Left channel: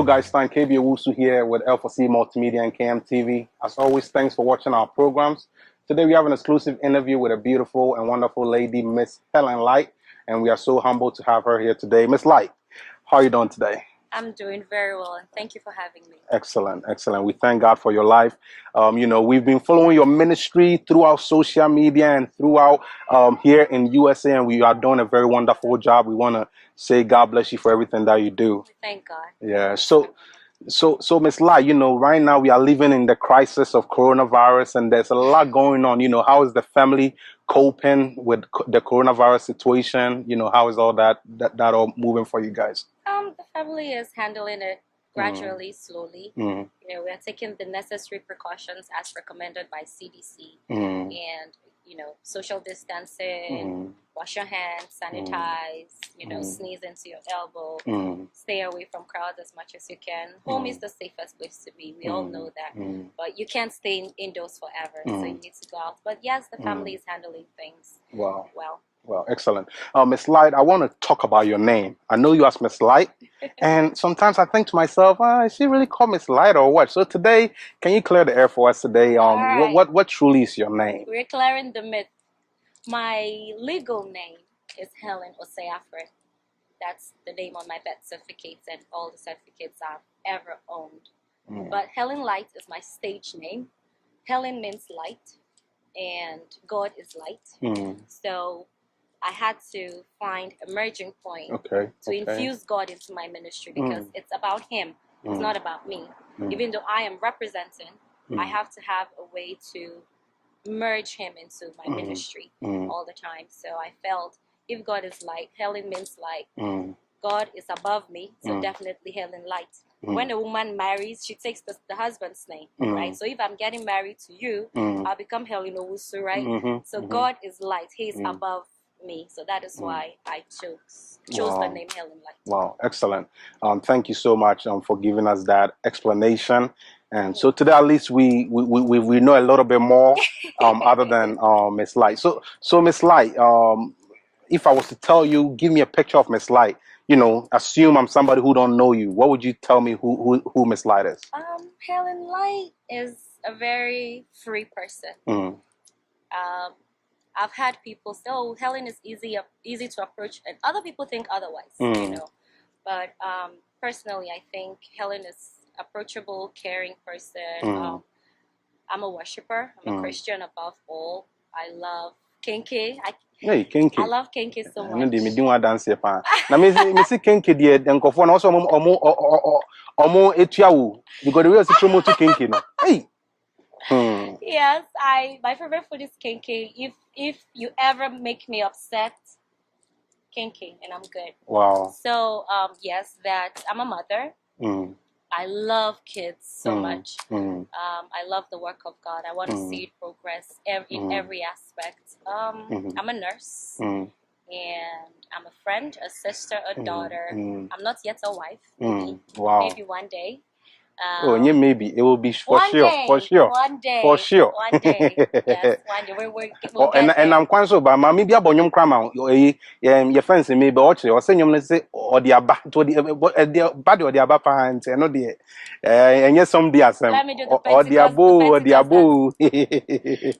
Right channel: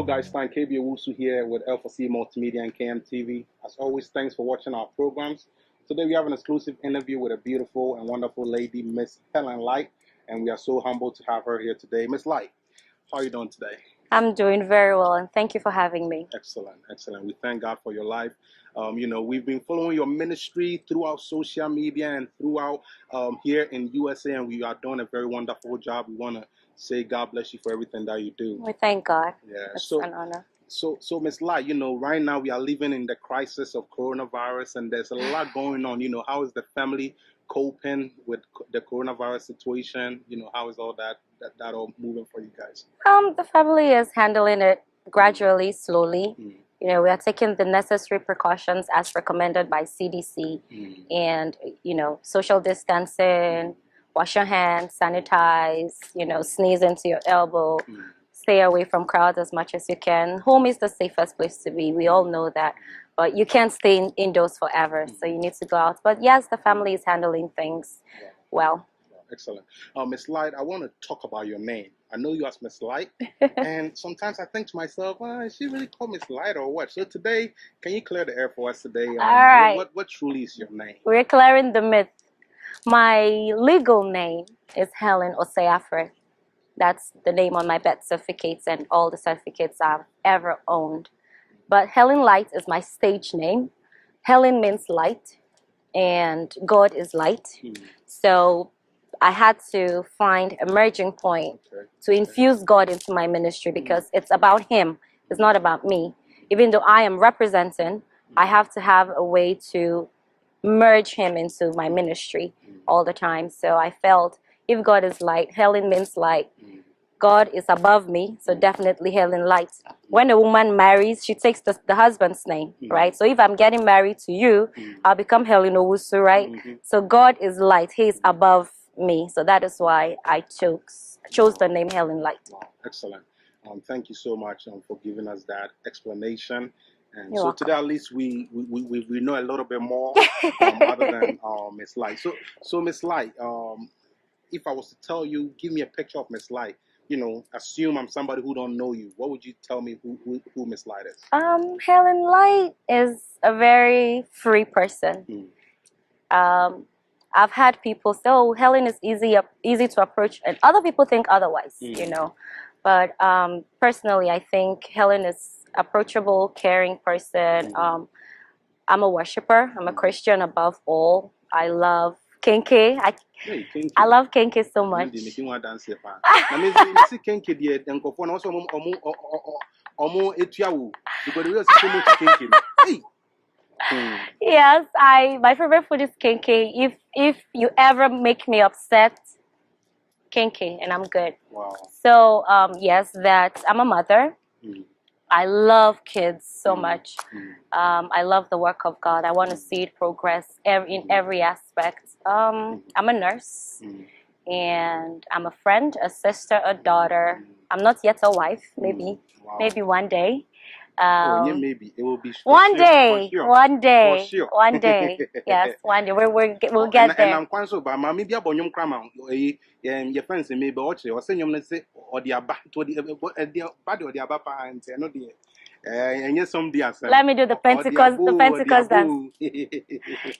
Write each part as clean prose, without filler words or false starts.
Hello guys, Stan KB Owusu here with L4C Multimedia and kmtv. As always, thanks for watching our programs. Today we have an exclusive interview with a beautiful and wonderful lady, Miss Helen Light, and we are so humbled to have her here today. Miss Light, how are you doing today? I'm doing very well, and thank you for having me. Excellent, excellent. We thank God for your life. We've been following your ministry throughout social media and throughout here in USA, and we are doing a very wonderful job. We want to say God bless you for everything that you do. We thank God. Yeah. It's an honor. So Miss Light, right now we are living in the crisis of coronavirus, and there's a lot going on. How is the family coping with the coronavirus situation? How is all that all moving for you guys? The family is handling it gradually, slowly. We are taking the necessary precautions as recommended by CDC, and social distancing, wash your hands, sanitize, sneeze into your elbow, stay away from crowds as much as you can. Home is the safest place to be. We all know that, but you can't stay indoors forever, so you need to go out. But yes, the family is handling things well. Well, excellent. Miss Light, I want to talk about your name. I know you as Miss Light, and sometimes I think to myself, is she really called Miss Light or what? So today, can you clear the air for us today? Right. What truly is your name? We're clearing the myth. My legal name is Helen Oseafre. That's the name on my birth certificates and all the certificates I've ever owned. But Helen Light is my stage name. Helen means light, and God is light. So I had to find a merging point to infuse God into my ministry, because it's about Him. It's not about me. Even though I am representing, I have to have a way to merge Him into my ministry all the time. So I felt if God is light, Helen means light. God is above me, so definitely Helen Light. When a woman marries, she takes the husband's name, right? So if I'm getting married to you, I'll become Helen Owusu, right? So God is light. He is above me. So that is why I chose the name Helen Light. Wow, excellent. Thank you so much for giving us that explanation. And You're so today, at least we know a little bit more other than Miss Light. So Miss Light, if I was to tell you, give me a picture of Miss Light, assume I'm somebody who don't know you, what would you tell me who Miss Light is? Helen Light is a very free person. I've had people say, "Oh, Helen is easy to approach," and other people think otherwise, But personally, I think Helen is approachable, caring person. I'm a worshiper. I'm a Christian above all. I love Kenke. I love Kenke so much. Yes, my favorite food is Kenke. If you ever make me upset, Kenke, and I'm good. Wow. So yes, that I'm a mother. I love kids so much. I love the work of God. I want to see it progress in every aspect. I'm a nurse, and I'm a friend, a sister, a daughter. I'm not yet a wife. Maybe one day. Maybe it will be for one sure, day, for sure, one day, for sure. One day. Yes, one day. We'll get there. And I'm quite so, but maybe about your grandma, your friends maybe watch or send you say or the abat to the body or the abapa and say no dear. And yes, some dear. Let me do the Pentecost.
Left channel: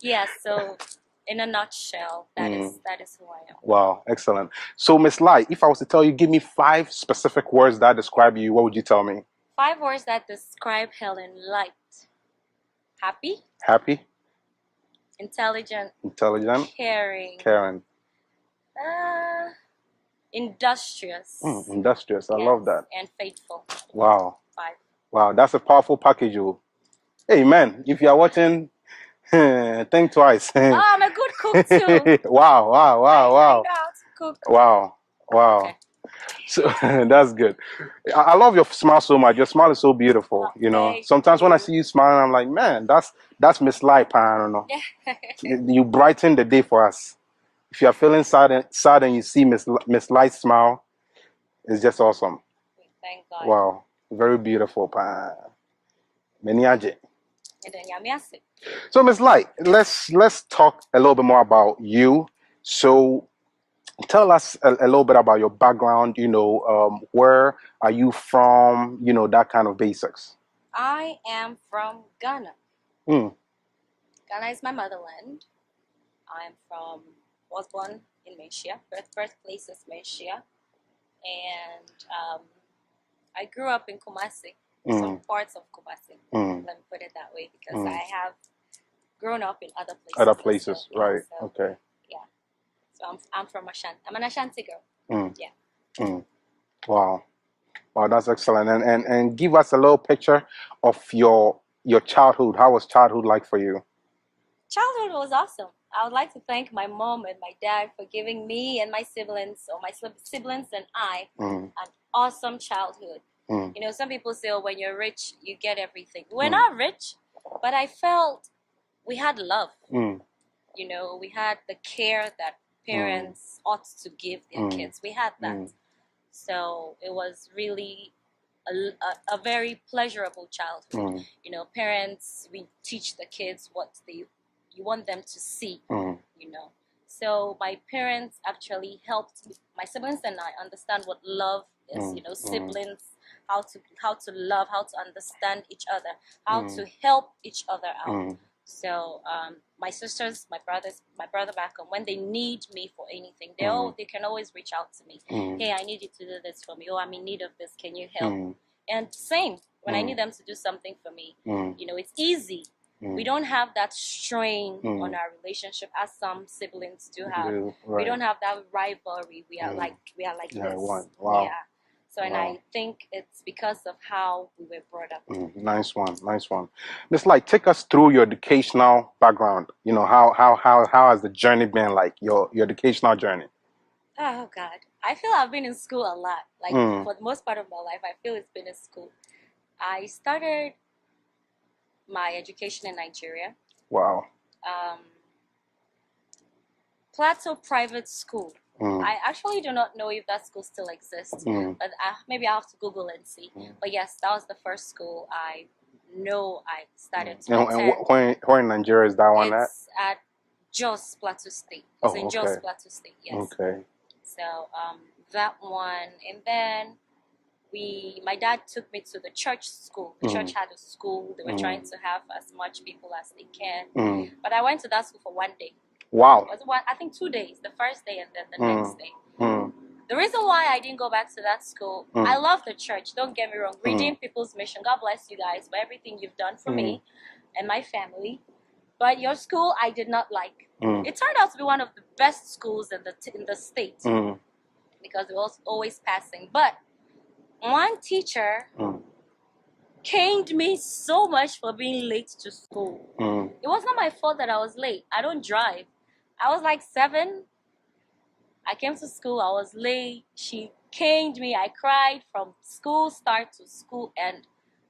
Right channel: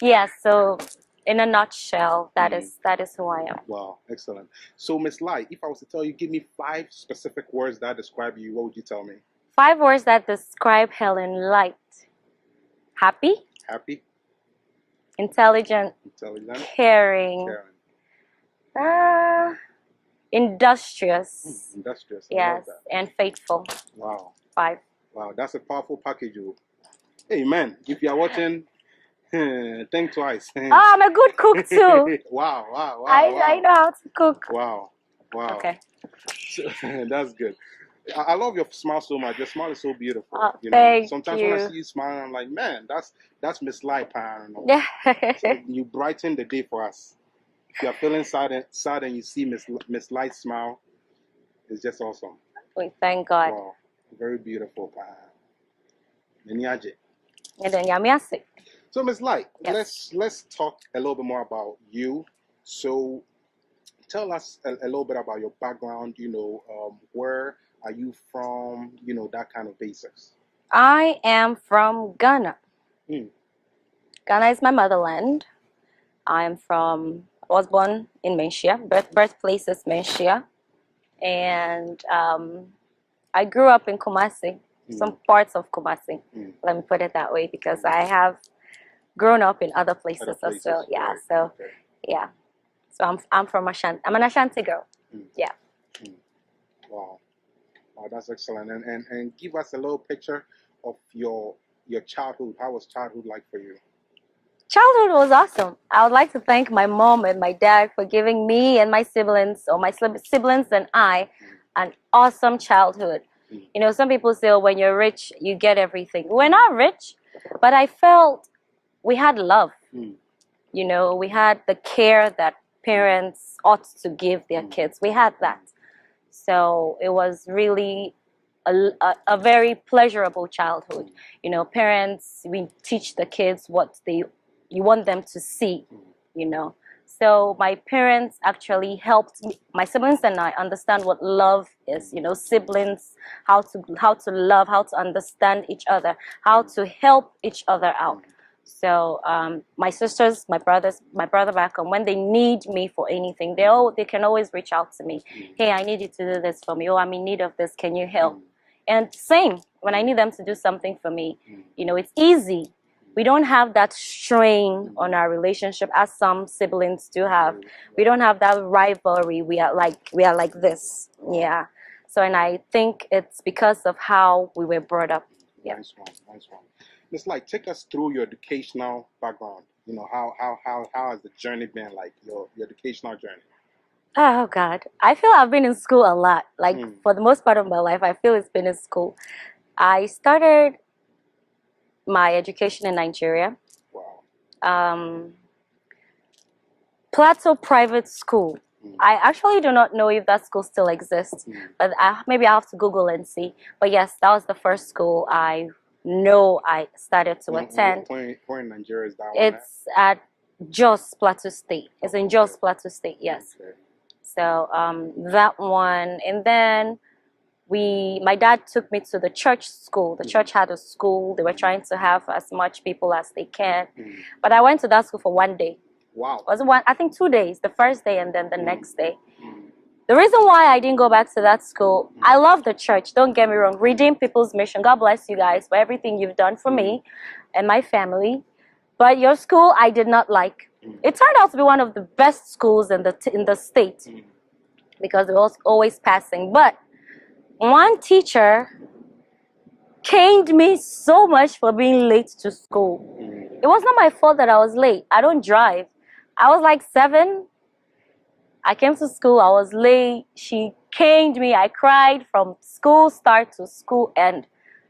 Yes. So, in a nutshell, that is who I am. Wow, excellent. So, Miss Light, if I was to tell you, give me 5 specific words that describe you, what would you tell me? 5 words that describe Helen Light. Happy. Happy. Intelligent. Intelligent. Caring. Caring. Industrious. Industrious. I love that. And faithful. Wow. 5. Wow, that's a powerful package. Amen. If you are watching, think twice. I'm a good cook too. Wow. I know how to cook. Wow. Okay. So that's good. I love your smile so much. Your smile is so beautiful. Sometimes when I see you smiling, I'm like, man, that's Miss Light. I don't know. So you brighten the day for us. If you are feeling sad and you see Miss Light smile, it's just awesome. We thank God. Wow, very beautiful. Many aje. So Miss Light, let's talk a little bit more about you. So tell us a little bit about your background, you know, where are you from, you know, that kind of basics. I am from Ghana. Ghana is my motherland. I was born in Menchia. Birthplace is Menchia. And I grew up in Kumasi, some parts of Kumasi. Let me put it that way, because I have grown up in other places. Yeah, right. So, yeah. So I'm from Ashanti. I'm an Ashanti girl. Yeah. Wow. Wow, that's excellent. And give us a little picture of your childhood. How was childhood like for you? Childhood was awesome. I would like to thank my mom and my dad for giving me and my siblings, or my siblings and I, an awesome childhood. You know, some people say, oh, when you're rich, you get everything. We're not rich, but I felt we had love. You know, we had the care that parents ought to give their kids. We had that. So it was really a very pleasurable childhood. You know, parents, we teach the kids what you want them to see, you know. So my parents actually helped me, my siblings and I, understand what love is, you know, siblings, how to love, how to understand each other, how to help each other out. So my sisters, my brother back home, when they need me for anything, they can always reach out to me. Hey, I need you to do this for me. Oh, I'm in need of this. Can you help? And same, when I need them to do something for me, you know, it's easy. We don't have that strain on our relationship as some siblings do have. We don't have that rivalry. We are like this. Wow. Yeah. So, and I think it's because of how we were brought up. Nice one, nice one. Miss Light, take us through your educational background. You know, how has the journey been, like your educational journey? Oh God, I feel I've been in school a lot. Like for the most part of my life, I feel it's been in school. I started my education in Nigeria. Wow. Plateau Private School. I actually do not know if that school still exists, but maybe I'll have to Google and see. But yes, that was the first school I know I started to attend. And where in Nigeria is that one at? It's at Jos Plateau State. It's in Jos Plateau State, yes. Okay. So that one, and then my dad took me to the church school. The church had a school. They were trying to have as much people as they can. But I went to that school for 1 day. Wow. Was I think 2 days, the first day and then the next day. The reason why I didn't go back to that school, I love the church, don't get me wrong. Redeem People's Mission. God bless you guys for everything you've done for me and my family. But your school, I did not like. It turned out to be one of the best schools in the state because it was always passing. But one teacher caned me so much for being late to school. It was not my fault that I was late. I don't drive. I was like 7. I came to school. I was late. She caned me. I cried from school start to school end.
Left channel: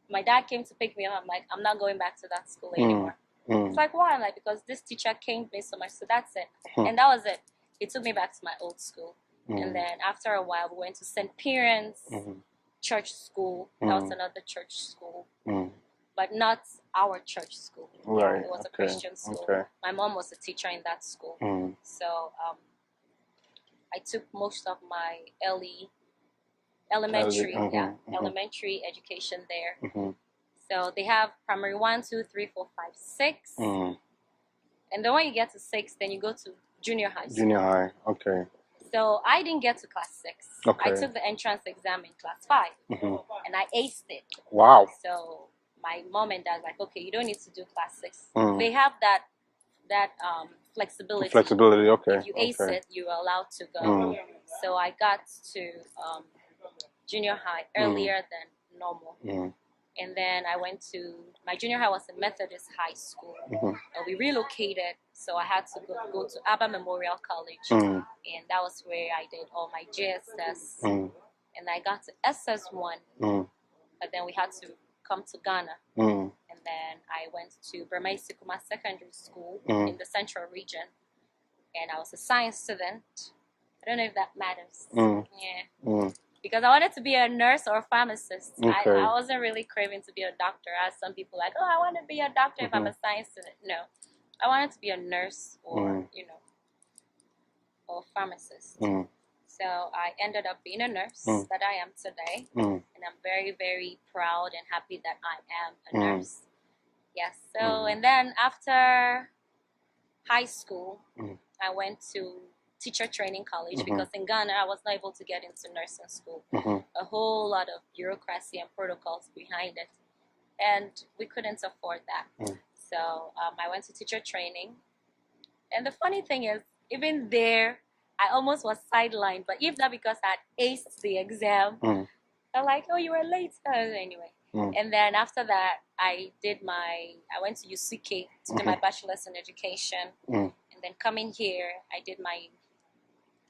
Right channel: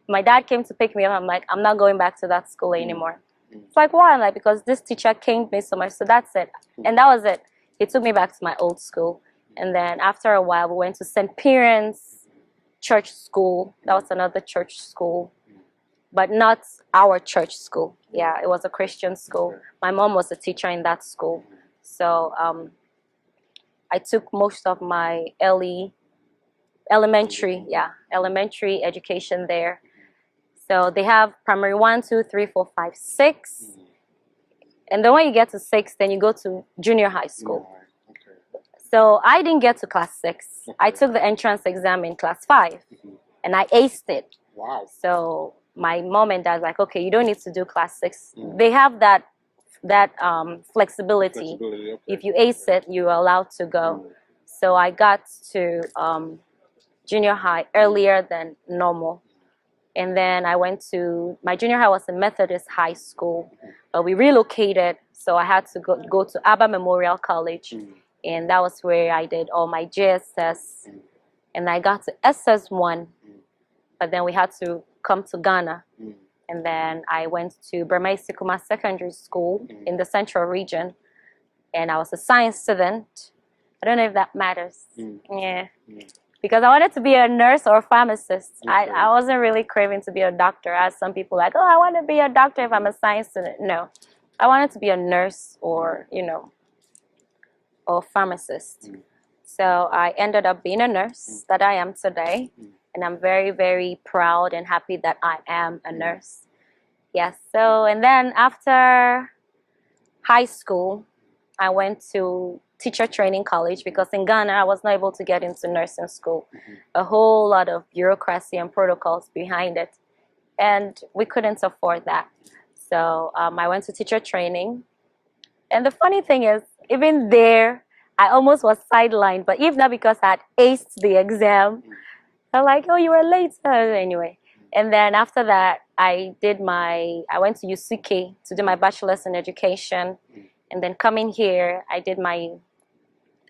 My dad came to pick me up. I'm like, I'm not going back to that school anymore. It's like, why? I'm like, because this teacher caned me so much. So that's it. And that was it. He took me back to my old school. And then after a while, we went to St. Piran's church school. That was another church school. But not our church school. Right. Yeah, it was a Christian school. My mom was a teacher in that school. So I took most of my elementary education there. So they have primary 1, 2, 3, 4, 5, 6. And then when you get to 6, then you go to junior high school. Junior high, okay. So I didn't get to class 6. I took the entrance exam in class 5. And I aced it. Wow. So my mom and dad like, okay, you don't need to do class 6. They have that flexibility. Flexibility, okay. If you ace it, you're allowed to go. So I got to junior high earlier than normal. And then I went to, my junior high was a Methodist high school, but we relocated. So I had to go to Abba Memorial College. And that was where I did all my JSS. And I got to SS1. But then we had to come to Ghana. And then I went to Burma Sikuma Secondary School in the Central Region. And I was a science student. I don't know if that matters. Yeah. Because I wanted to be a nurse or a pharmacist. I wasn't really craving to be a doctor, as some people like, oh, I want to be a doctor if I'm a science student. No. I wanted to be a nurse or, you know, or pharmacist. So I ended up being a nurse that I am today. And I'm very, very proud and happy that I am a nurse. Yes. So, and then after high school, I went to teacher training college because in Ghana, I was not able to get into nursing school. A whole lot of bureaucracy and protocols behind it. And we couldn't afford that. So I went to teacher training. And the funny thing is, even there, I almost was sidelined. But if not because I had aced the exam, they're like, oh, you were late. Anyway. And then after that, I went to UCK to do my bachelor's in education. And then coming here, I did my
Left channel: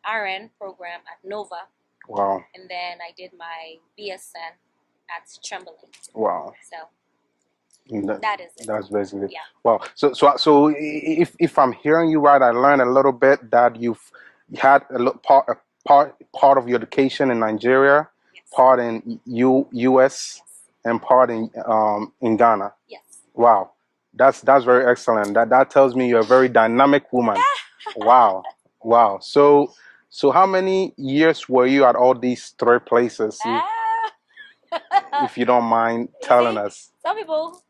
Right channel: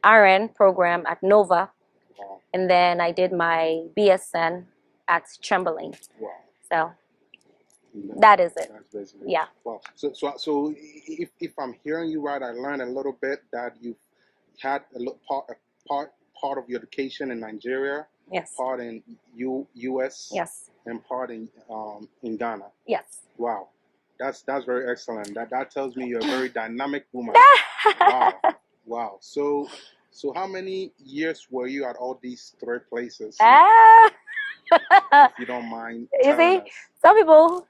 RN program at Nova. Wow. And then I did my BSN at Chamberlain. Wow. So that is it. That's basically. Yeah. Wow. So if I'm hearing you right, I learned a little bit that you've had a part of your education in Nigeria. Yes. Part in US. Yes. And part in Ghana. Yes. Wow. That's very excellent. That tells me you're a very dynamic woman. Wow. Wow. So how many years were you at all these 3 places? If you don't mind telling us. Some people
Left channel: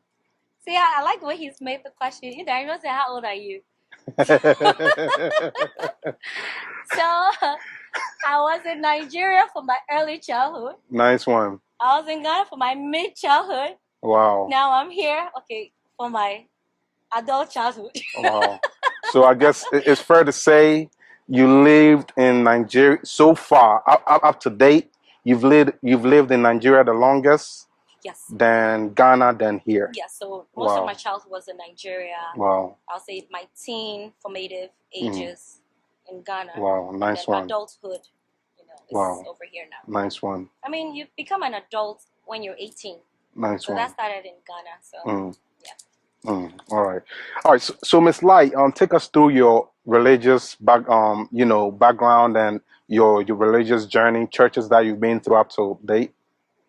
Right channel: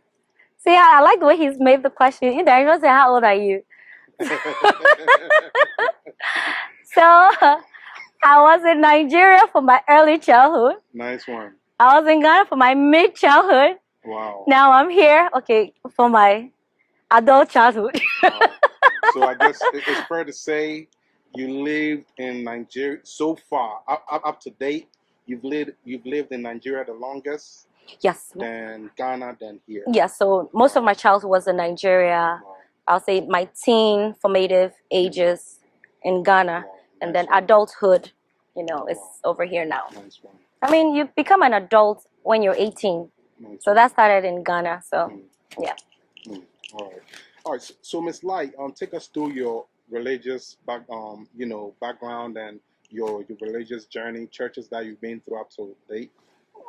see, I like the way he's made the question. I don't say, how old are you? So I was in Nigeria for my early childhood. Nice one. I was in Ghana for my mid-childhood. Wow. Now I'm here, for my adult childhood. Wow. So I guess it's fair to say you lived in Nigeria so far, up to date. You've lived in Nigeria the longest. Yes. Then Ghana, then here. Yes. So most of my childhood was in Nigeria. Wow. I'll say my teen formative ages in Ghana. Wow. Nice and then one. Adulthood, is over here now. Nice one. I mean, you become an adult when you're 18. Nice so one. That started in Ghana. So yeah. All right. So Miss Light, take us through your religious background and your religious journey, churches that you've been through up to date.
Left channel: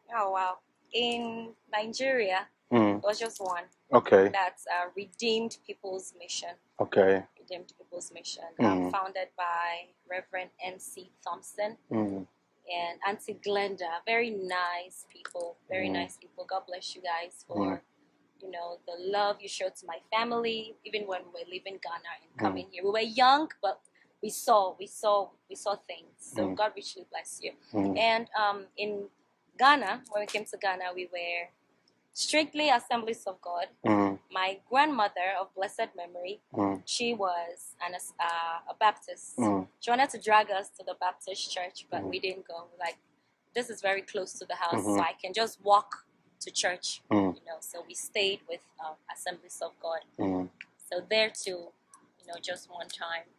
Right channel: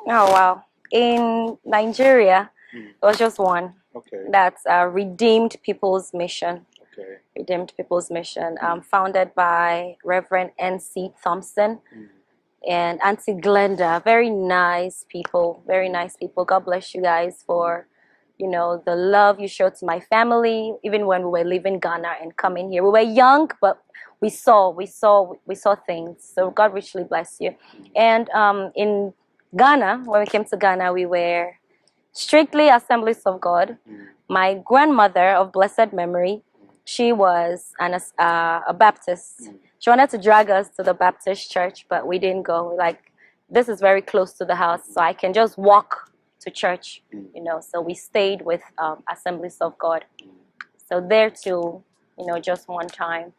Oh wow! In Nigeria, it was just one. Okay. That's Redeemed People's Mission. Okay. Redeemed People's Mission, founded by Reverend N.C. Thompson and Auntie Glenda. Very nice people. Very nice people. God bless you guys for. The love you showed to my family, even when we were leaving Ghana and coming here. We were young, but we saw things. So God richly bless you. And in Ghana, when we came to Ghana, we were strictly Assemblies of God. My grandmother of blessed memory, she was a Baptist. She wanted to drag us to the Baptist church, but we didn't go. Like, this is very close to the house, so I can just walk to church, so we stayed with Assemblies of God. So there too, just one time,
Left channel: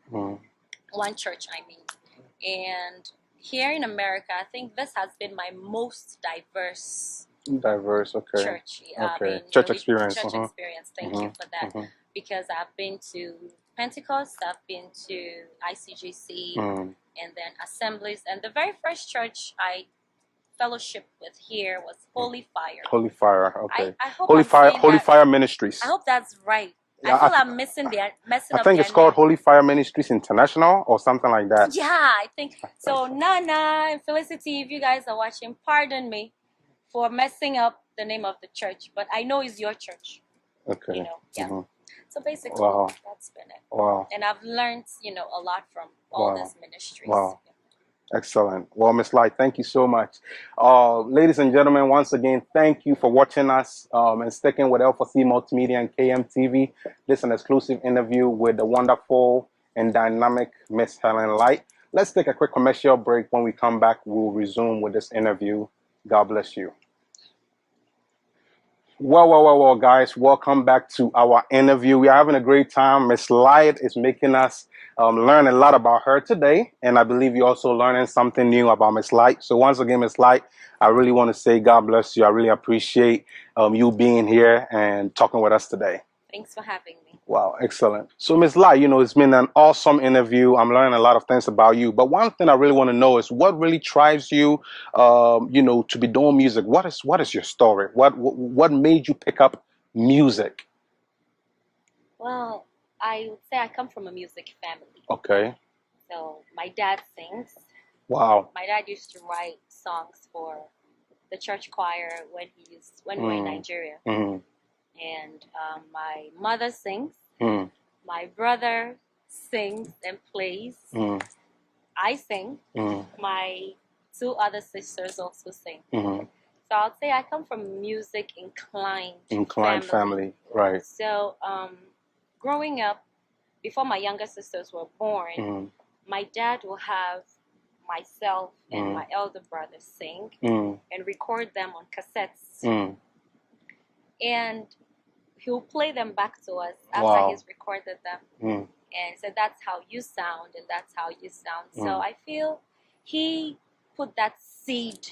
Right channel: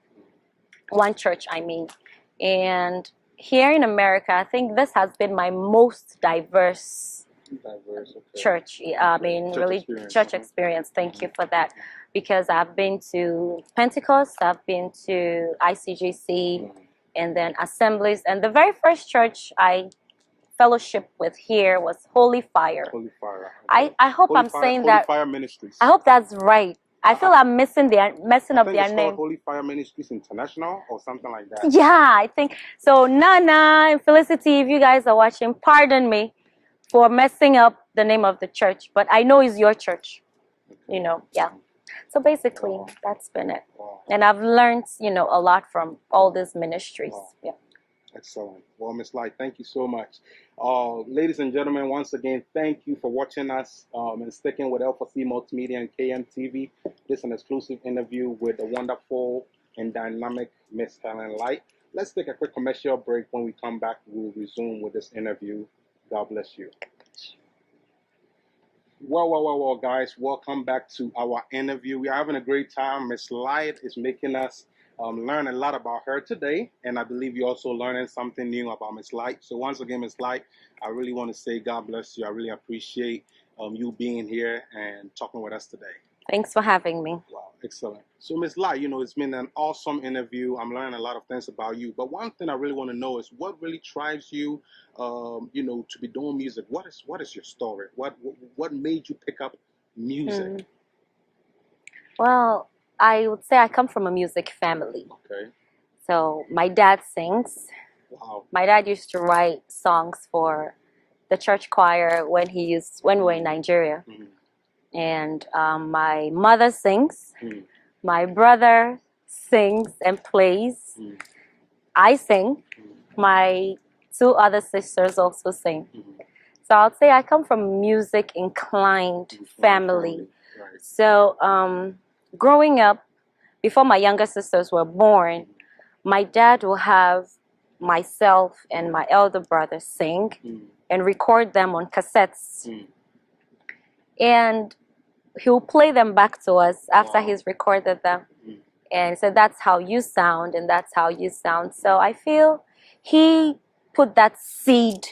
one church, I mean. And here in America, I think this has been my most diverse church. Church experience. Church experience. Thank you for that. Because I've been to Pentecost, I've been to ICGC, and then Assemblies. And the very first church I fellowship with here was Holy Fire. Holy Fire. Okay. I hope I'm saying Holy that. Fire Ministries. I hope that's right. I feel I'm messing up their name. I think it's called Holy Fire Ministries International or something like that. Yeah, I think so. Nana and Felicity, if you guys are watching, pardon me for messing up the name of the church, but I know it's your church. Okay. Yeah. So basically, that's been it. Wow. And I've learned, a lot from all these ministries. Wow. Yeah. Excellent. Well, Miss Light, thank you so much. Ladies and gentlemen, once again, thank you for watching us and sticking with L4C Multimedia and KMTV. This is an exclusive interview with the wonderful and dynamic Miss Helen Light. Let's take a quick commercial break. When we come back, we'll resume with this interview. God bless you. Well, guys, welcome back to our interview. We are having a great time. Miss Light is making us learn a lot about her today, and I believe you're also learning something new about Miss Light. So once again, Miss Light, I really want to say God bless you. I really appreciate you being here and talking with us today. Thanks for having me. Wow, excellent. So Miss Light, it's been an awesome interview. I'm learning a lot of things about you. But one thing I really want to know is what really drives you, to be doing music. What is your story? What made you pick up music? Well, I would say I come from a music family. Okay. So my dad sings. Wow. My dad used to write songs for the church choir when we were in Nigeria. And my mother sings. My brother sings and plays. I sing. My two other sisters also sing. So I'll say I come from a music inclined family. Right. So growing up, before my younger sisters were born, my dad will have myself and my elder brother sing and record them on cassettes. And he'll play them back to us after he's recorded them. And so that's how you sound, and that's how you sound. So I feel he put that seed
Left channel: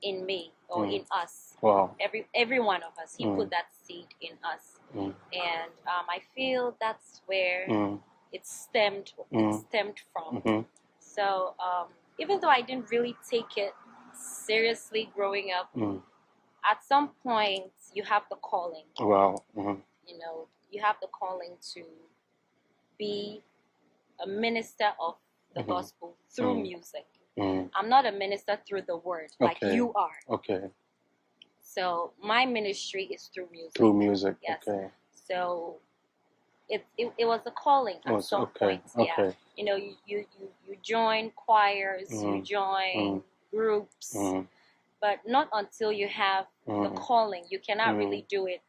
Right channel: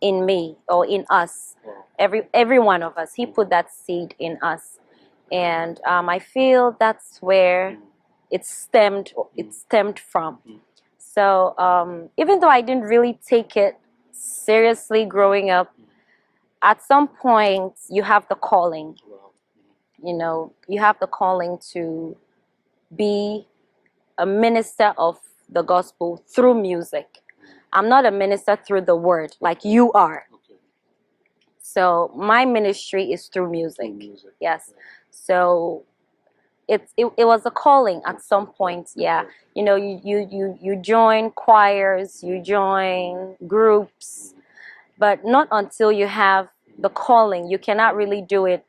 in me, or in us. Wow. Every one of us. He put that seed in us. And I feel that's where it stemmed from. So even though I didn't really take it seriously growing up, at some point you have the calling. Wow. You know, you have the calling to be a minister of the gospel through music. I'm not a minister through the word like you are. Okay. So my ministry is through music. Through music. Yes. Okay. So it was a calling at some point. Yeah. You know, you join choirs, you join groups, but not until you have the calling. You cannot really do it.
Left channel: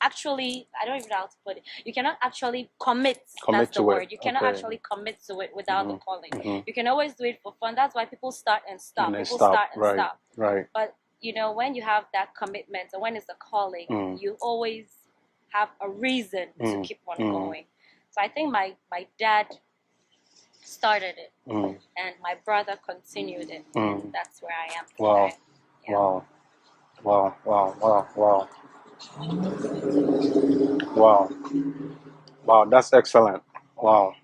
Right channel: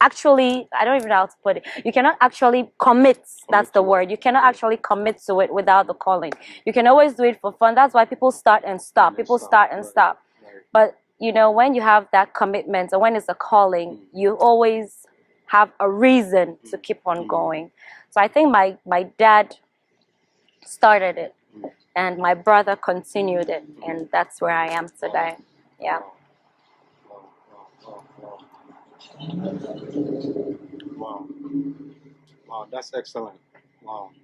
Actually, I don't even know how to put it. You cannot actually commit. That's the word. You cannot actually commit to it without the calling. You can always do it for fun. That's why people start and stop. People start and stop. Right. But you know, when you have that commitment, or when it's a calling, you always have a reason to keep on going. So I think my dad started it, and my brother continued it, and that's where I am today. Wow. Yeah. Wow. Wow. Wow. Wow. Wow. Wow. That's excellent. Wow.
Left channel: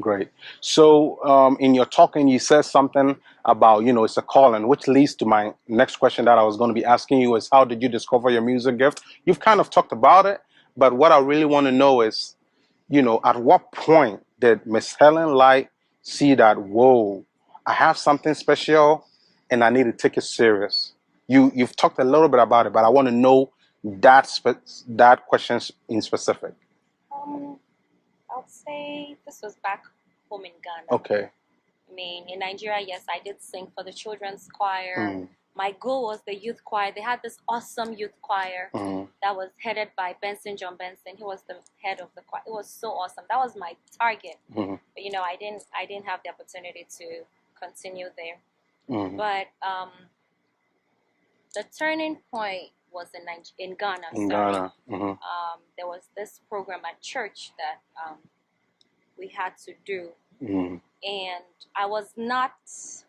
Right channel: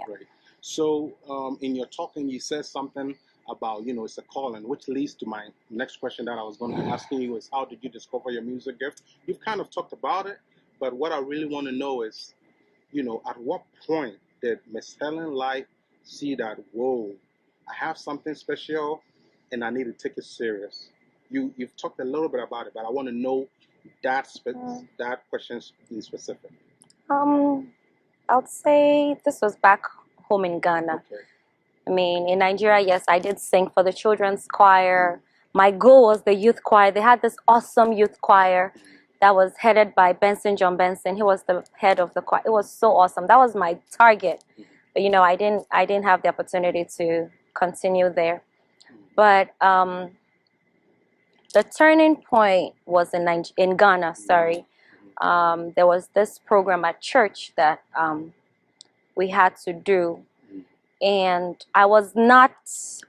Great. So in your talking, you said something about, you know, it's a calling, which leads to my next question that I was going to be asking you is, how did you discover your music gift? You've kind of talked about it, but what I really want to know is, you know, at what point did Miss Helen Light see that, whoa, I have something special and I need to take it serious? You've talked a little bit about it, but I want to know that question in specific. I'd say this was back home in Ghana. Okay. I mean, in Nigeria, yes, I did sing for the children's choir. My goal was the youth choir. They had this awesome youth choir that was headed by John Benson. He was the head of the choir. It was so awesome. That was my target. But you know, I didn't have the opportunity to continue there. But the turning point was in Ghana. There was this program at church that we had to do, and I was not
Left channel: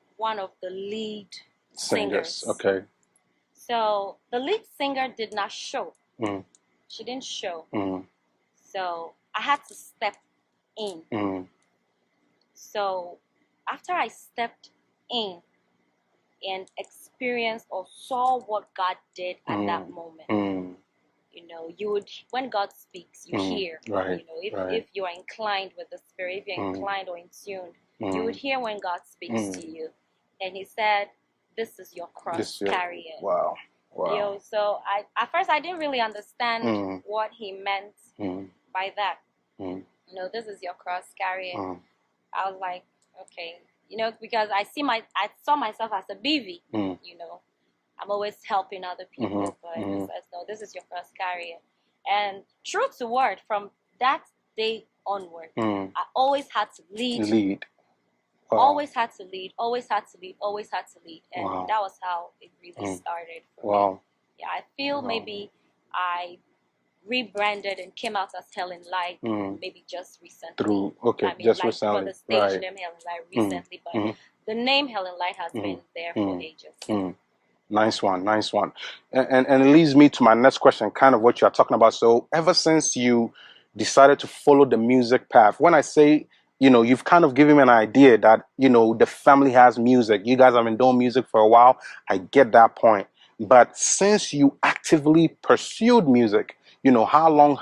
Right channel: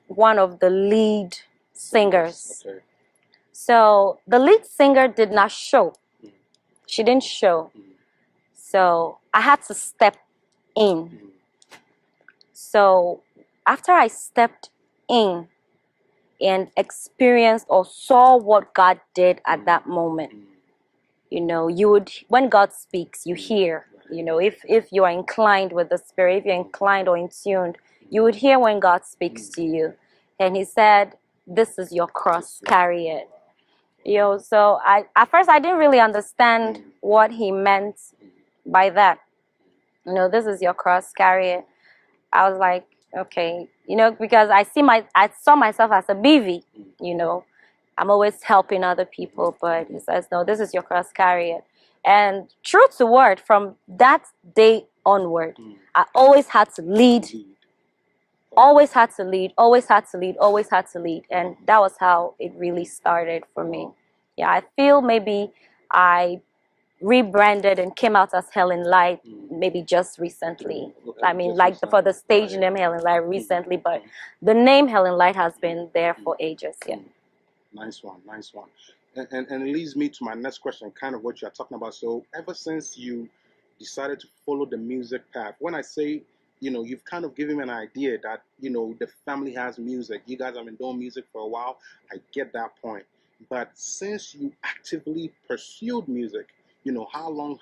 one of the lead singers. Okay. So the lead singer did not show. She didn't show. So I had to step in. So after I stepped in and experienced or saw what God did at that moment, you know, you would, when God speaks, you hear. You know, if you are inclined with the Spirit, if you're inclined or in tuned, you would hear when God speaks to you. And He said, "This is your cross, carry it." Wow. You know, so at first I didn't really understand what He meant by that. You know, this is your cross, carry it. I was like, okay, you know, because I saw myself as a BV. You know, I'm always helping other people, but He says, no, this is your cross, carry it. And true to word, from that day onward, I always had to lead. Always had to lead, always had to lead, always had to lead. And that was how it really started for me. Yeah, I feel maybe I rebranded and came out as Helen Light maybe just recently. I mean, like recently. For the stage name Helen Light recently, but the name Helen Light has been there for ages. Yeah. Nice one, nice one. And it leads me to my next question, kind of what you're talking about. So ever since you decided to follow the music path, when I say, you know, you've kind of given me an idea that, you know, the family has music. You guys have been doing music for a while. I get that point. But since you actively pursued music, you know, how long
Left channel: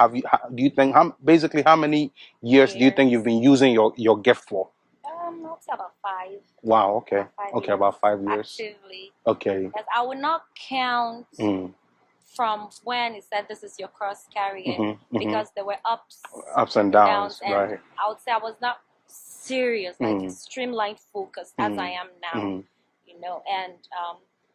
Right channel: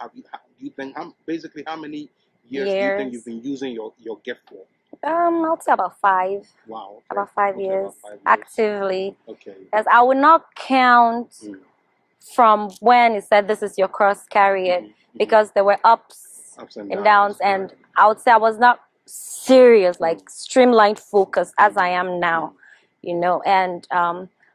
do you think, basically how many years do you think you've been using your gift for? I'll say about 5. Wow, okay. About 5 years. About 5 years. Actively. Okay. Because I would not count from when it said this is your cross, carry it, because there were ups and downs, and right. I would say I was not serious, like streamlined focused as I am now, you know. And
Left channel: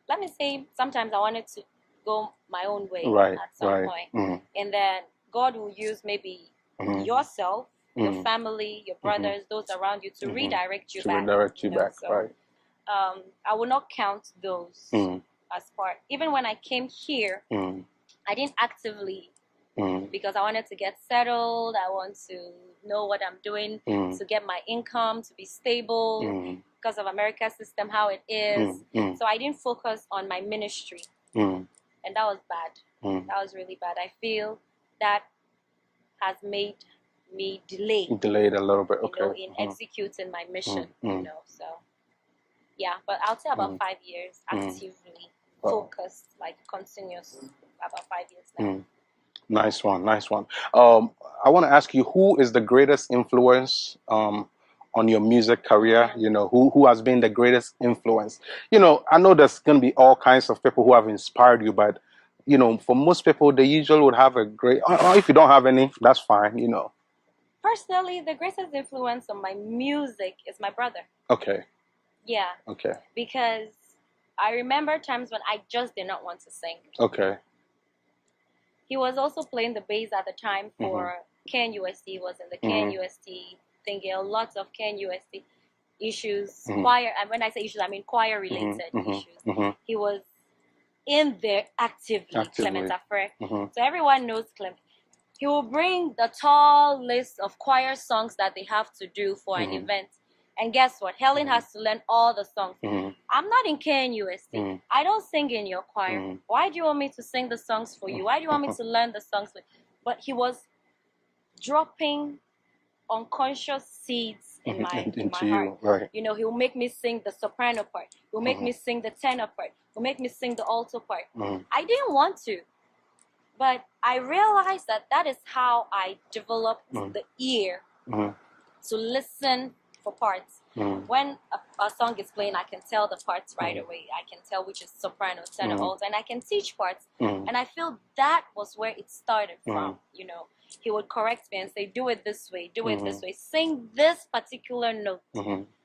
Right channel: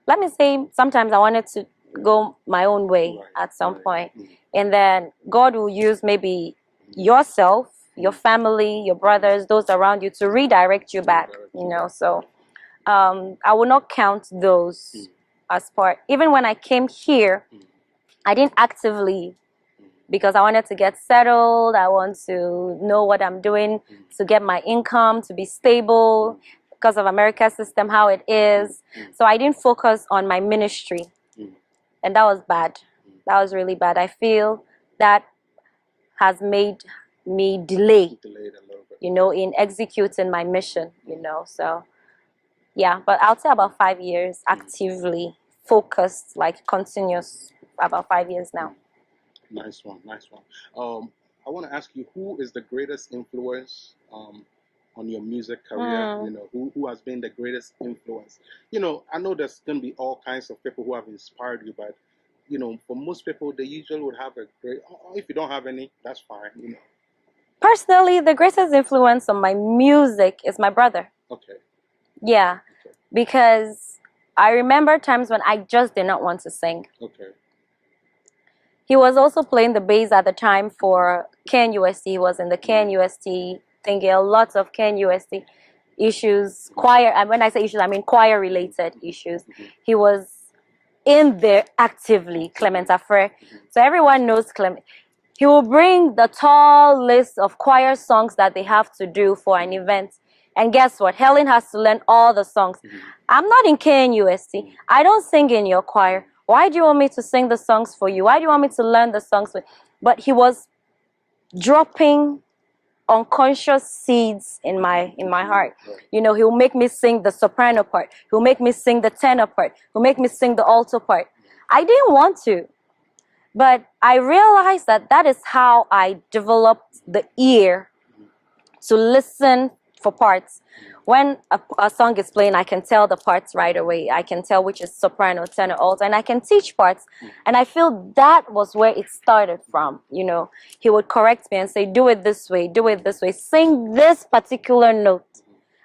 let me say, sometimes I wanted to go my own way at some point. And then God will use maybe yourself, your family, your brothers, those around you to redirect you back, you know. So I will not count those as part. Even when I came here, I didn't actively, because I wanted to get settled. I want to know what I'm doing, to get my income, to be stable, because of America's system, how it is. So I didn't focus on my ministry. And that was bad. That was really bad. I feel that has made me delayed a little bit, you know, in executing my mission, you know. So yeah, but I'll say about 5 years actively focused, like continuous, about 5 years now. Nice one, nice one. I want to ask you, who is the greatest influence on your music career? You know, who has been the greatest influence? You know, I know there's going to be all kinds of people who have inspired you, but you know, for most people, they usually would have a great, or if you don't have any, that's fine, you know. Personally, the greatest influence on my music is my brother. Okay. Yeah. Okay. Because I remember times when I just did not want to sing. Okay. He was also playing the bass at the time for KNUST. He was in the KNUST thinking a lot of KNUST issues, choir, and when I say issues, I mean choir-related issues. He was in there actively. Clement Afre. So everyone knows Clement. He will bring the tall list of choir songs that they have to do for an event. And guess what? Helen has to learn all the songs. I'm not in KNUST. I don't sing in your choir. Why do you want me to sing the songs for you? Why do you want me to learn the songs for you? But he was dropping unconscious seeds in my heart. Right. You know, he'll make me sing the soprano part. He'll make me sing the tenor part. He'll make me sing the alto part. I didn't want to. But I realized that that is how I developed the ear to listen for parts. When a song is playing, I can tell the parts right away. I can tell which is soprano, tenor, alto, and I can teach parts. And I feel that was where it started from. You know, he would correct me and say, do it this way, do it this way, sing this particular note.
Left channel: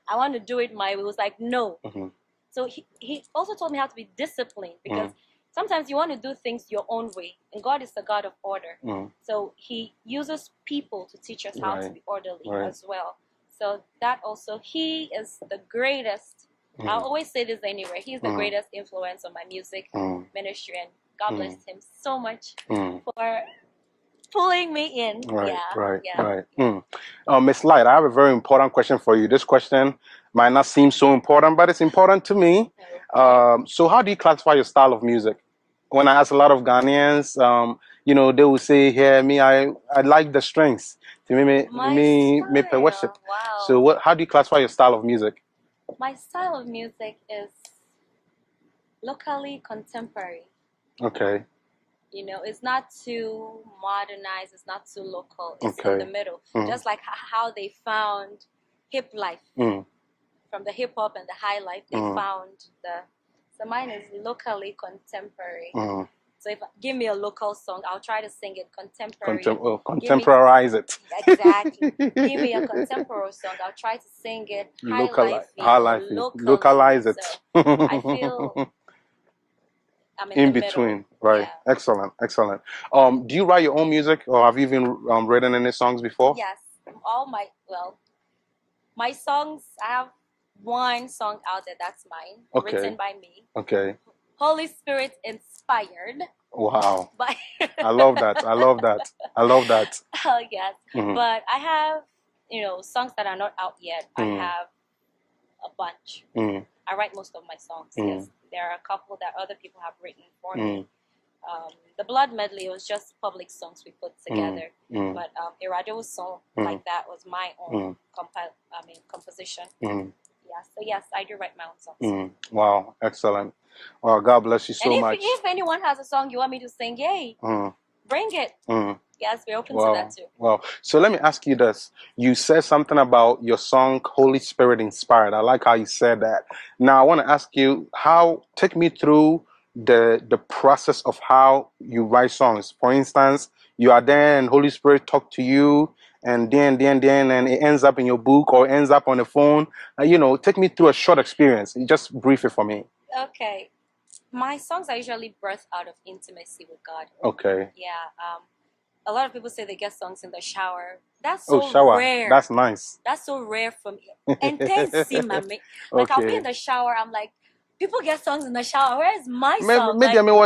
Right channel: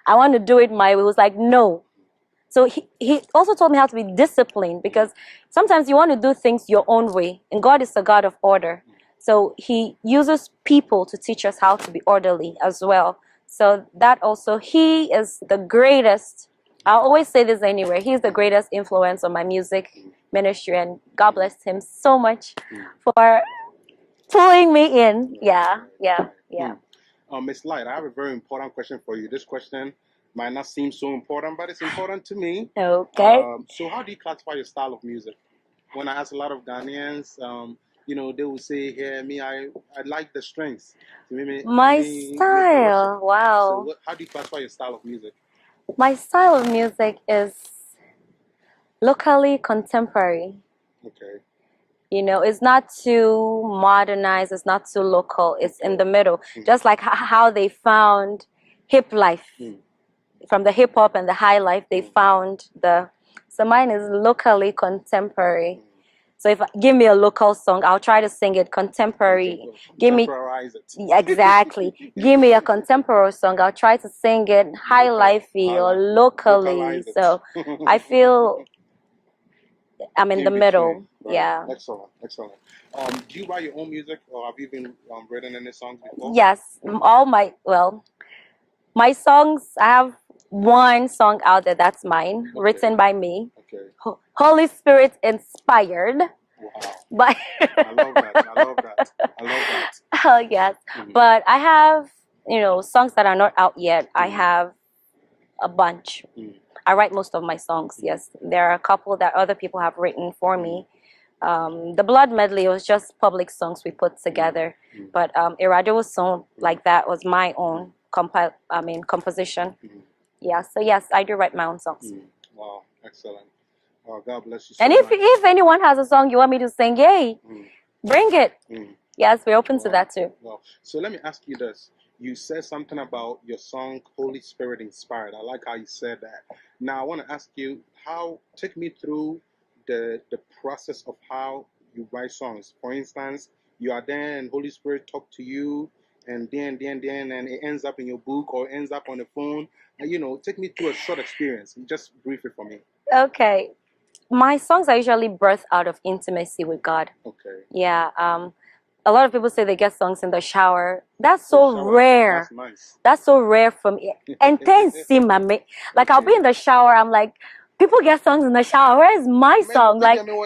I want to do it my way. He was like, no. So he also told me how to be disciplined, because sometimes you want to do things your own way, and God is a God of order. So he uses people to teach us how to be orderly as well. So that also, he is the greatest. I always say this anywhere. He's the greatest influence on my music ministry, and God bless him so much for pulling me in. Miss Light, I have a very important question for you. This question might not seem so important, but it's important to me. Okay. So how do you classify your style of music? When I ask a lot of Ghanaians, you know, they will say, "Here, me, I like the strings." My style, wow. So how do you classify your style of music? My style of music is locally contemporary. Okay. You know, it's not too modernized, it's not too local, it's in the middle. Just like how they found hip life. From the hip hop and the high life, they found so mine is locally contemporary. So if give me a local song, I'll try to sing it contemporary. Contemporize it. Exactly. Give me a contemporary song, I'll try to sing it high lifey or locally. Localize it. So I feel I'm in the middle. Right. Yeah. Excellent. Excellent. Do you write your own music, or have you even written any songs before? Yes. My songs, I have one song out there that's mine, written by me. Okay. Holy Spirit inspired. Wow. But I love that. I love that. I love that. Oh, yes. But I have, you know, songs that are not out yet. I have a bunch. I write most of my songs, yes. There are a couple that other people have written for me. The Blood Medley was just public songs we put together. But Iradewo's song like that was my own composition. Yeah, so yes, I do write my own songs. Wow, excellent. Well, God bless you so much. And if anyone has a song you want me to sing, yay, bring it. Yes, we're open to that too. Well, so let me ask you this. You said something about your song Holy Spirit Inspired. I like how you said that. Now I want to ask you take me through the process of how you write songs. For instance, you are there and Holy Spirit talk to you and then and it ends up in your book or ends up on the phone. Take me through a short experience. Just brief it for me. Okay. My songs are usually birthed out of intimacy with God. Okay. Yeah. A lot of people say they get songs in the shower. That's so rare. That's nice. That's so rare for me. And then see, like okay. I'll be in the shower. I'm like, people get songs in the shower. Where is my song? Like, people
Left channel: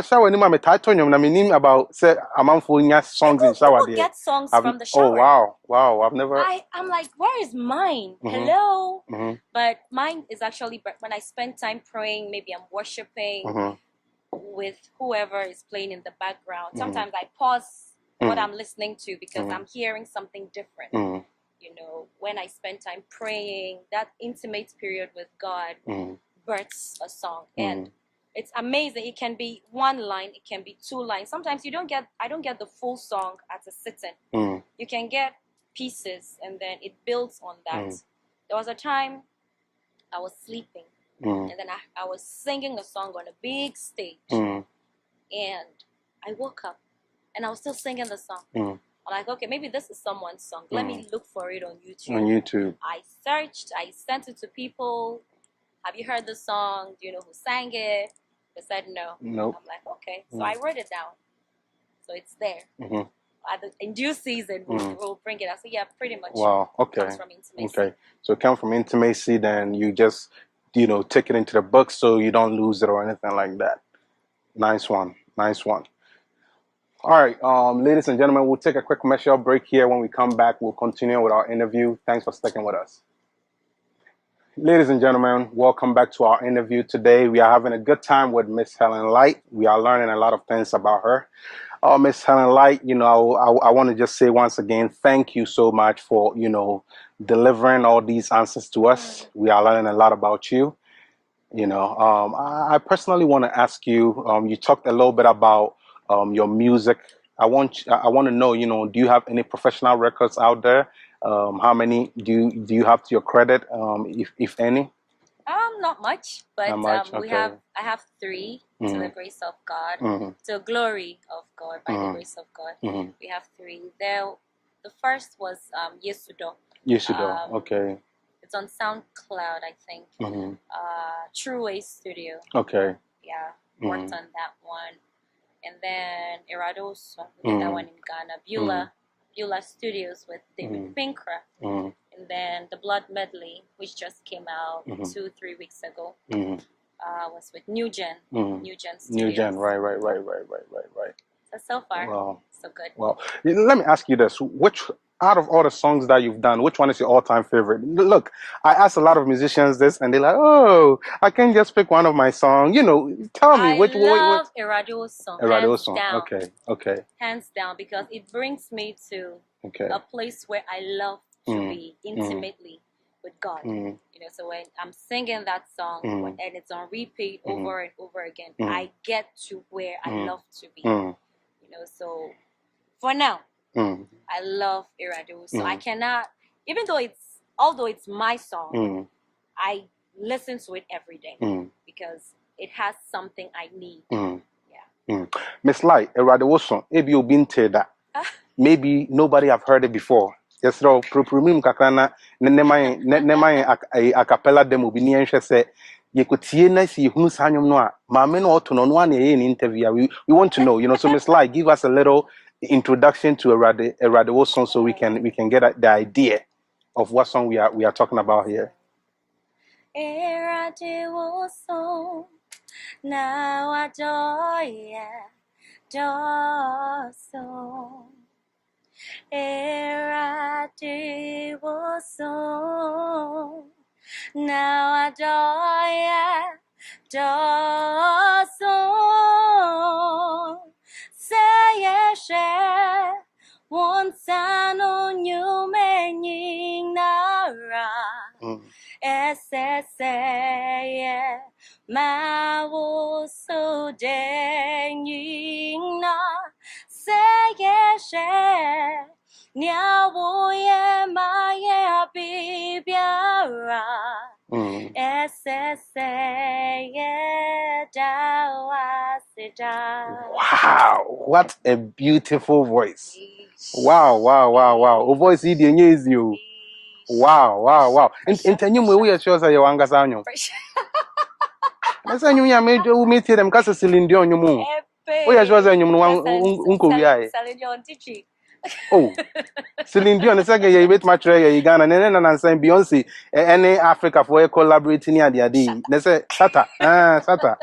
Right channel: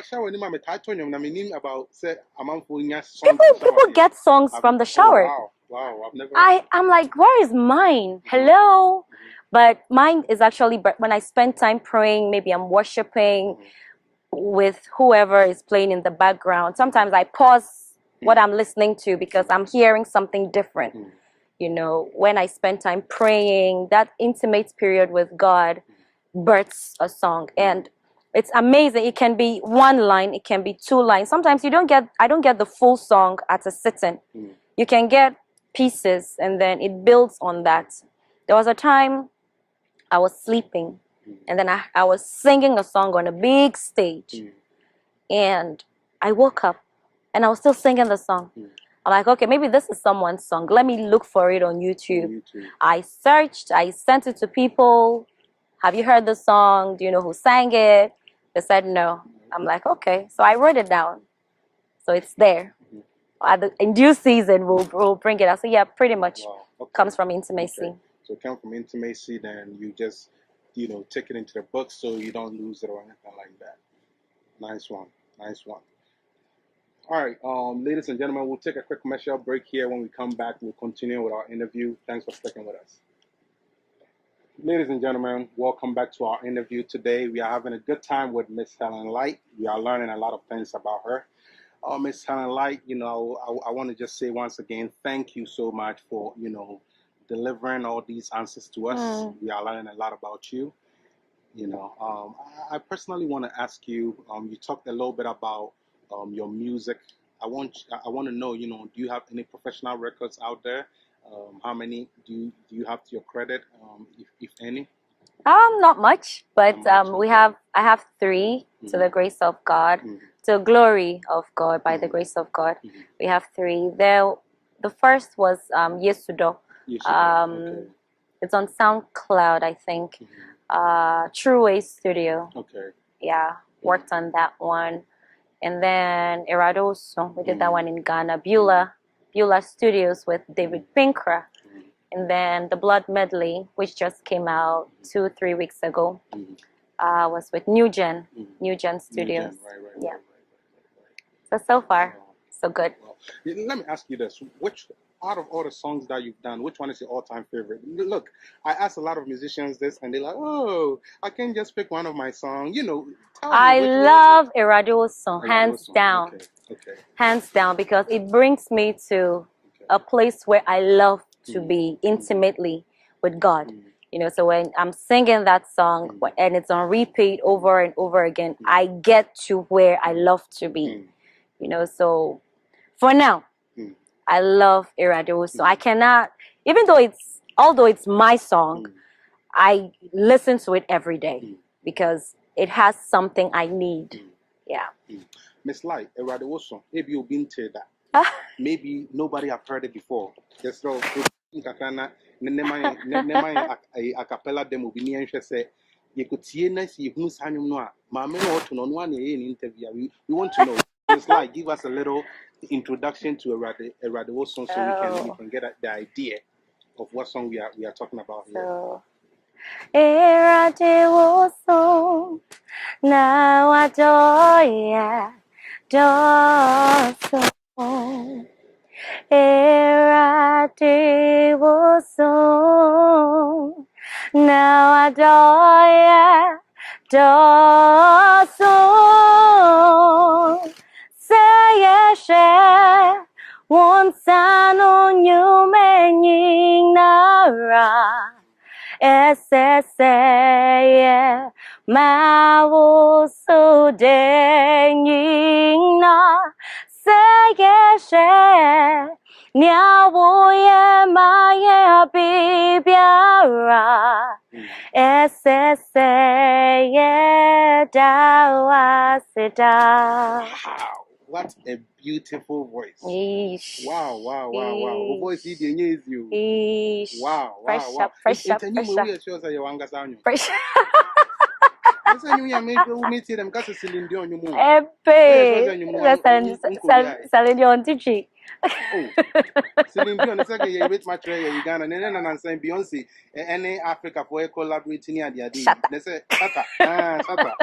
get songs from the shower. Oh wow! I've never. I'm like, where is mine? Hello. But mine is actually when I spend time praying. Maybe I'm worshiping with whoever is playing in the background. Sometimes I pause what I'm listening to because I'm hearing something different. When I spend time praying, that intimate period with God births a song. And it's amazing. It can be one line, it can be two lines. Sometimes I don't get the full song at a sitting. You can get pieces and then it builds on that. There was a time I was sleeping and then I was singing a song on a big stage and I woke up and I was still singing the song. I'm like, okay, maybe this is someone's song. Let me look for it on YouTube. I searched, I sent it to people. Have you heard the song? Do you know who sang it? They said no. Nope. I'm like, okay. So I wrote it down. So it's there. In due season, we'll bring it out. So yeah, pretty much comes from intimacy. Okay. So it comes from intimacy, then you just, take it into the book so you don't lose it or anything like that. Nice one. All right, ladies and gentlemen, we'll take a quick commercial break here. When we come back, we'll continue with our interview. Thanks for sticking with us. Ladies and gentlemen, welcome back to our interview today. We are having a good time with Miss Helen Light. We are learning a lot of things about her. Miss Helen Light, I want to just say once again, thank you so much for, delivering all these answers to us. We are learning a lot about you. I personally want to ask you, you talked a little bit about your music. I want to know, do you have any professional records out there? How many do you have to your credit, if any? Not much, but I have 3 to the grace of God, to the glory of God, by the grace of God. We have 3. The first was Yesudo. Okay. It's on SoundCloud, I think. True Way Studio. Okay. Yeah, worked on that one. And then Eradoso, we did that one in Ghana. Beulah Studios with David Pinkra. And then the Blood Medley, which just came out 2-3 weeks ago, was with New Gen Studios. New Gen, right. So far, so good. Well, let me ask you this. Out of all the songs that you've done, which one is your all-time favorite? Look, I asked a lot of musicians this, and they're like, "Oh, I can't just pick one of my songs." Tell me. I love Erado's song, hands down. Okay. Hands down, because it brings me to a place where I love to be intimately with God. So when I'm singing that song and it's on repeat over and over again, I get to where I love to be. So for now, I love Eradoso. I cannot, although it's my song, I listen to it every day because it has something I need. Yeah. Miss Light, Eradoso, maybe you've been to that. Maybe nobody have heard it before. Yes, so kakrana nema a cappella demo bi ni enhwe se ye kotie na si hunu sanyom no a maame no oto no no na ye interview. We want to know, so Miss Light, give us a little introduction to Erado's song so we can get the idea of what song we are talking about here. Erado's song now adoya song. Erado's song now adoya song. Say yes, once I know you meaning nara. Say ma wo so denying na. Say Mageshe Nyawoye Maya Bibiara Wow, what a beautiful voice. Eesh. Wow. O voice is you. Wow. Pressure. We are sure that you want to Pressure. I say you made you meet them because Celine Dion you move. We are sure that you Celine Dion teaching. Oh, Celine Dion is like you bet much you Ghana and saying Beyonce any Africa for collaborating near the idea. They say Sata. Sata.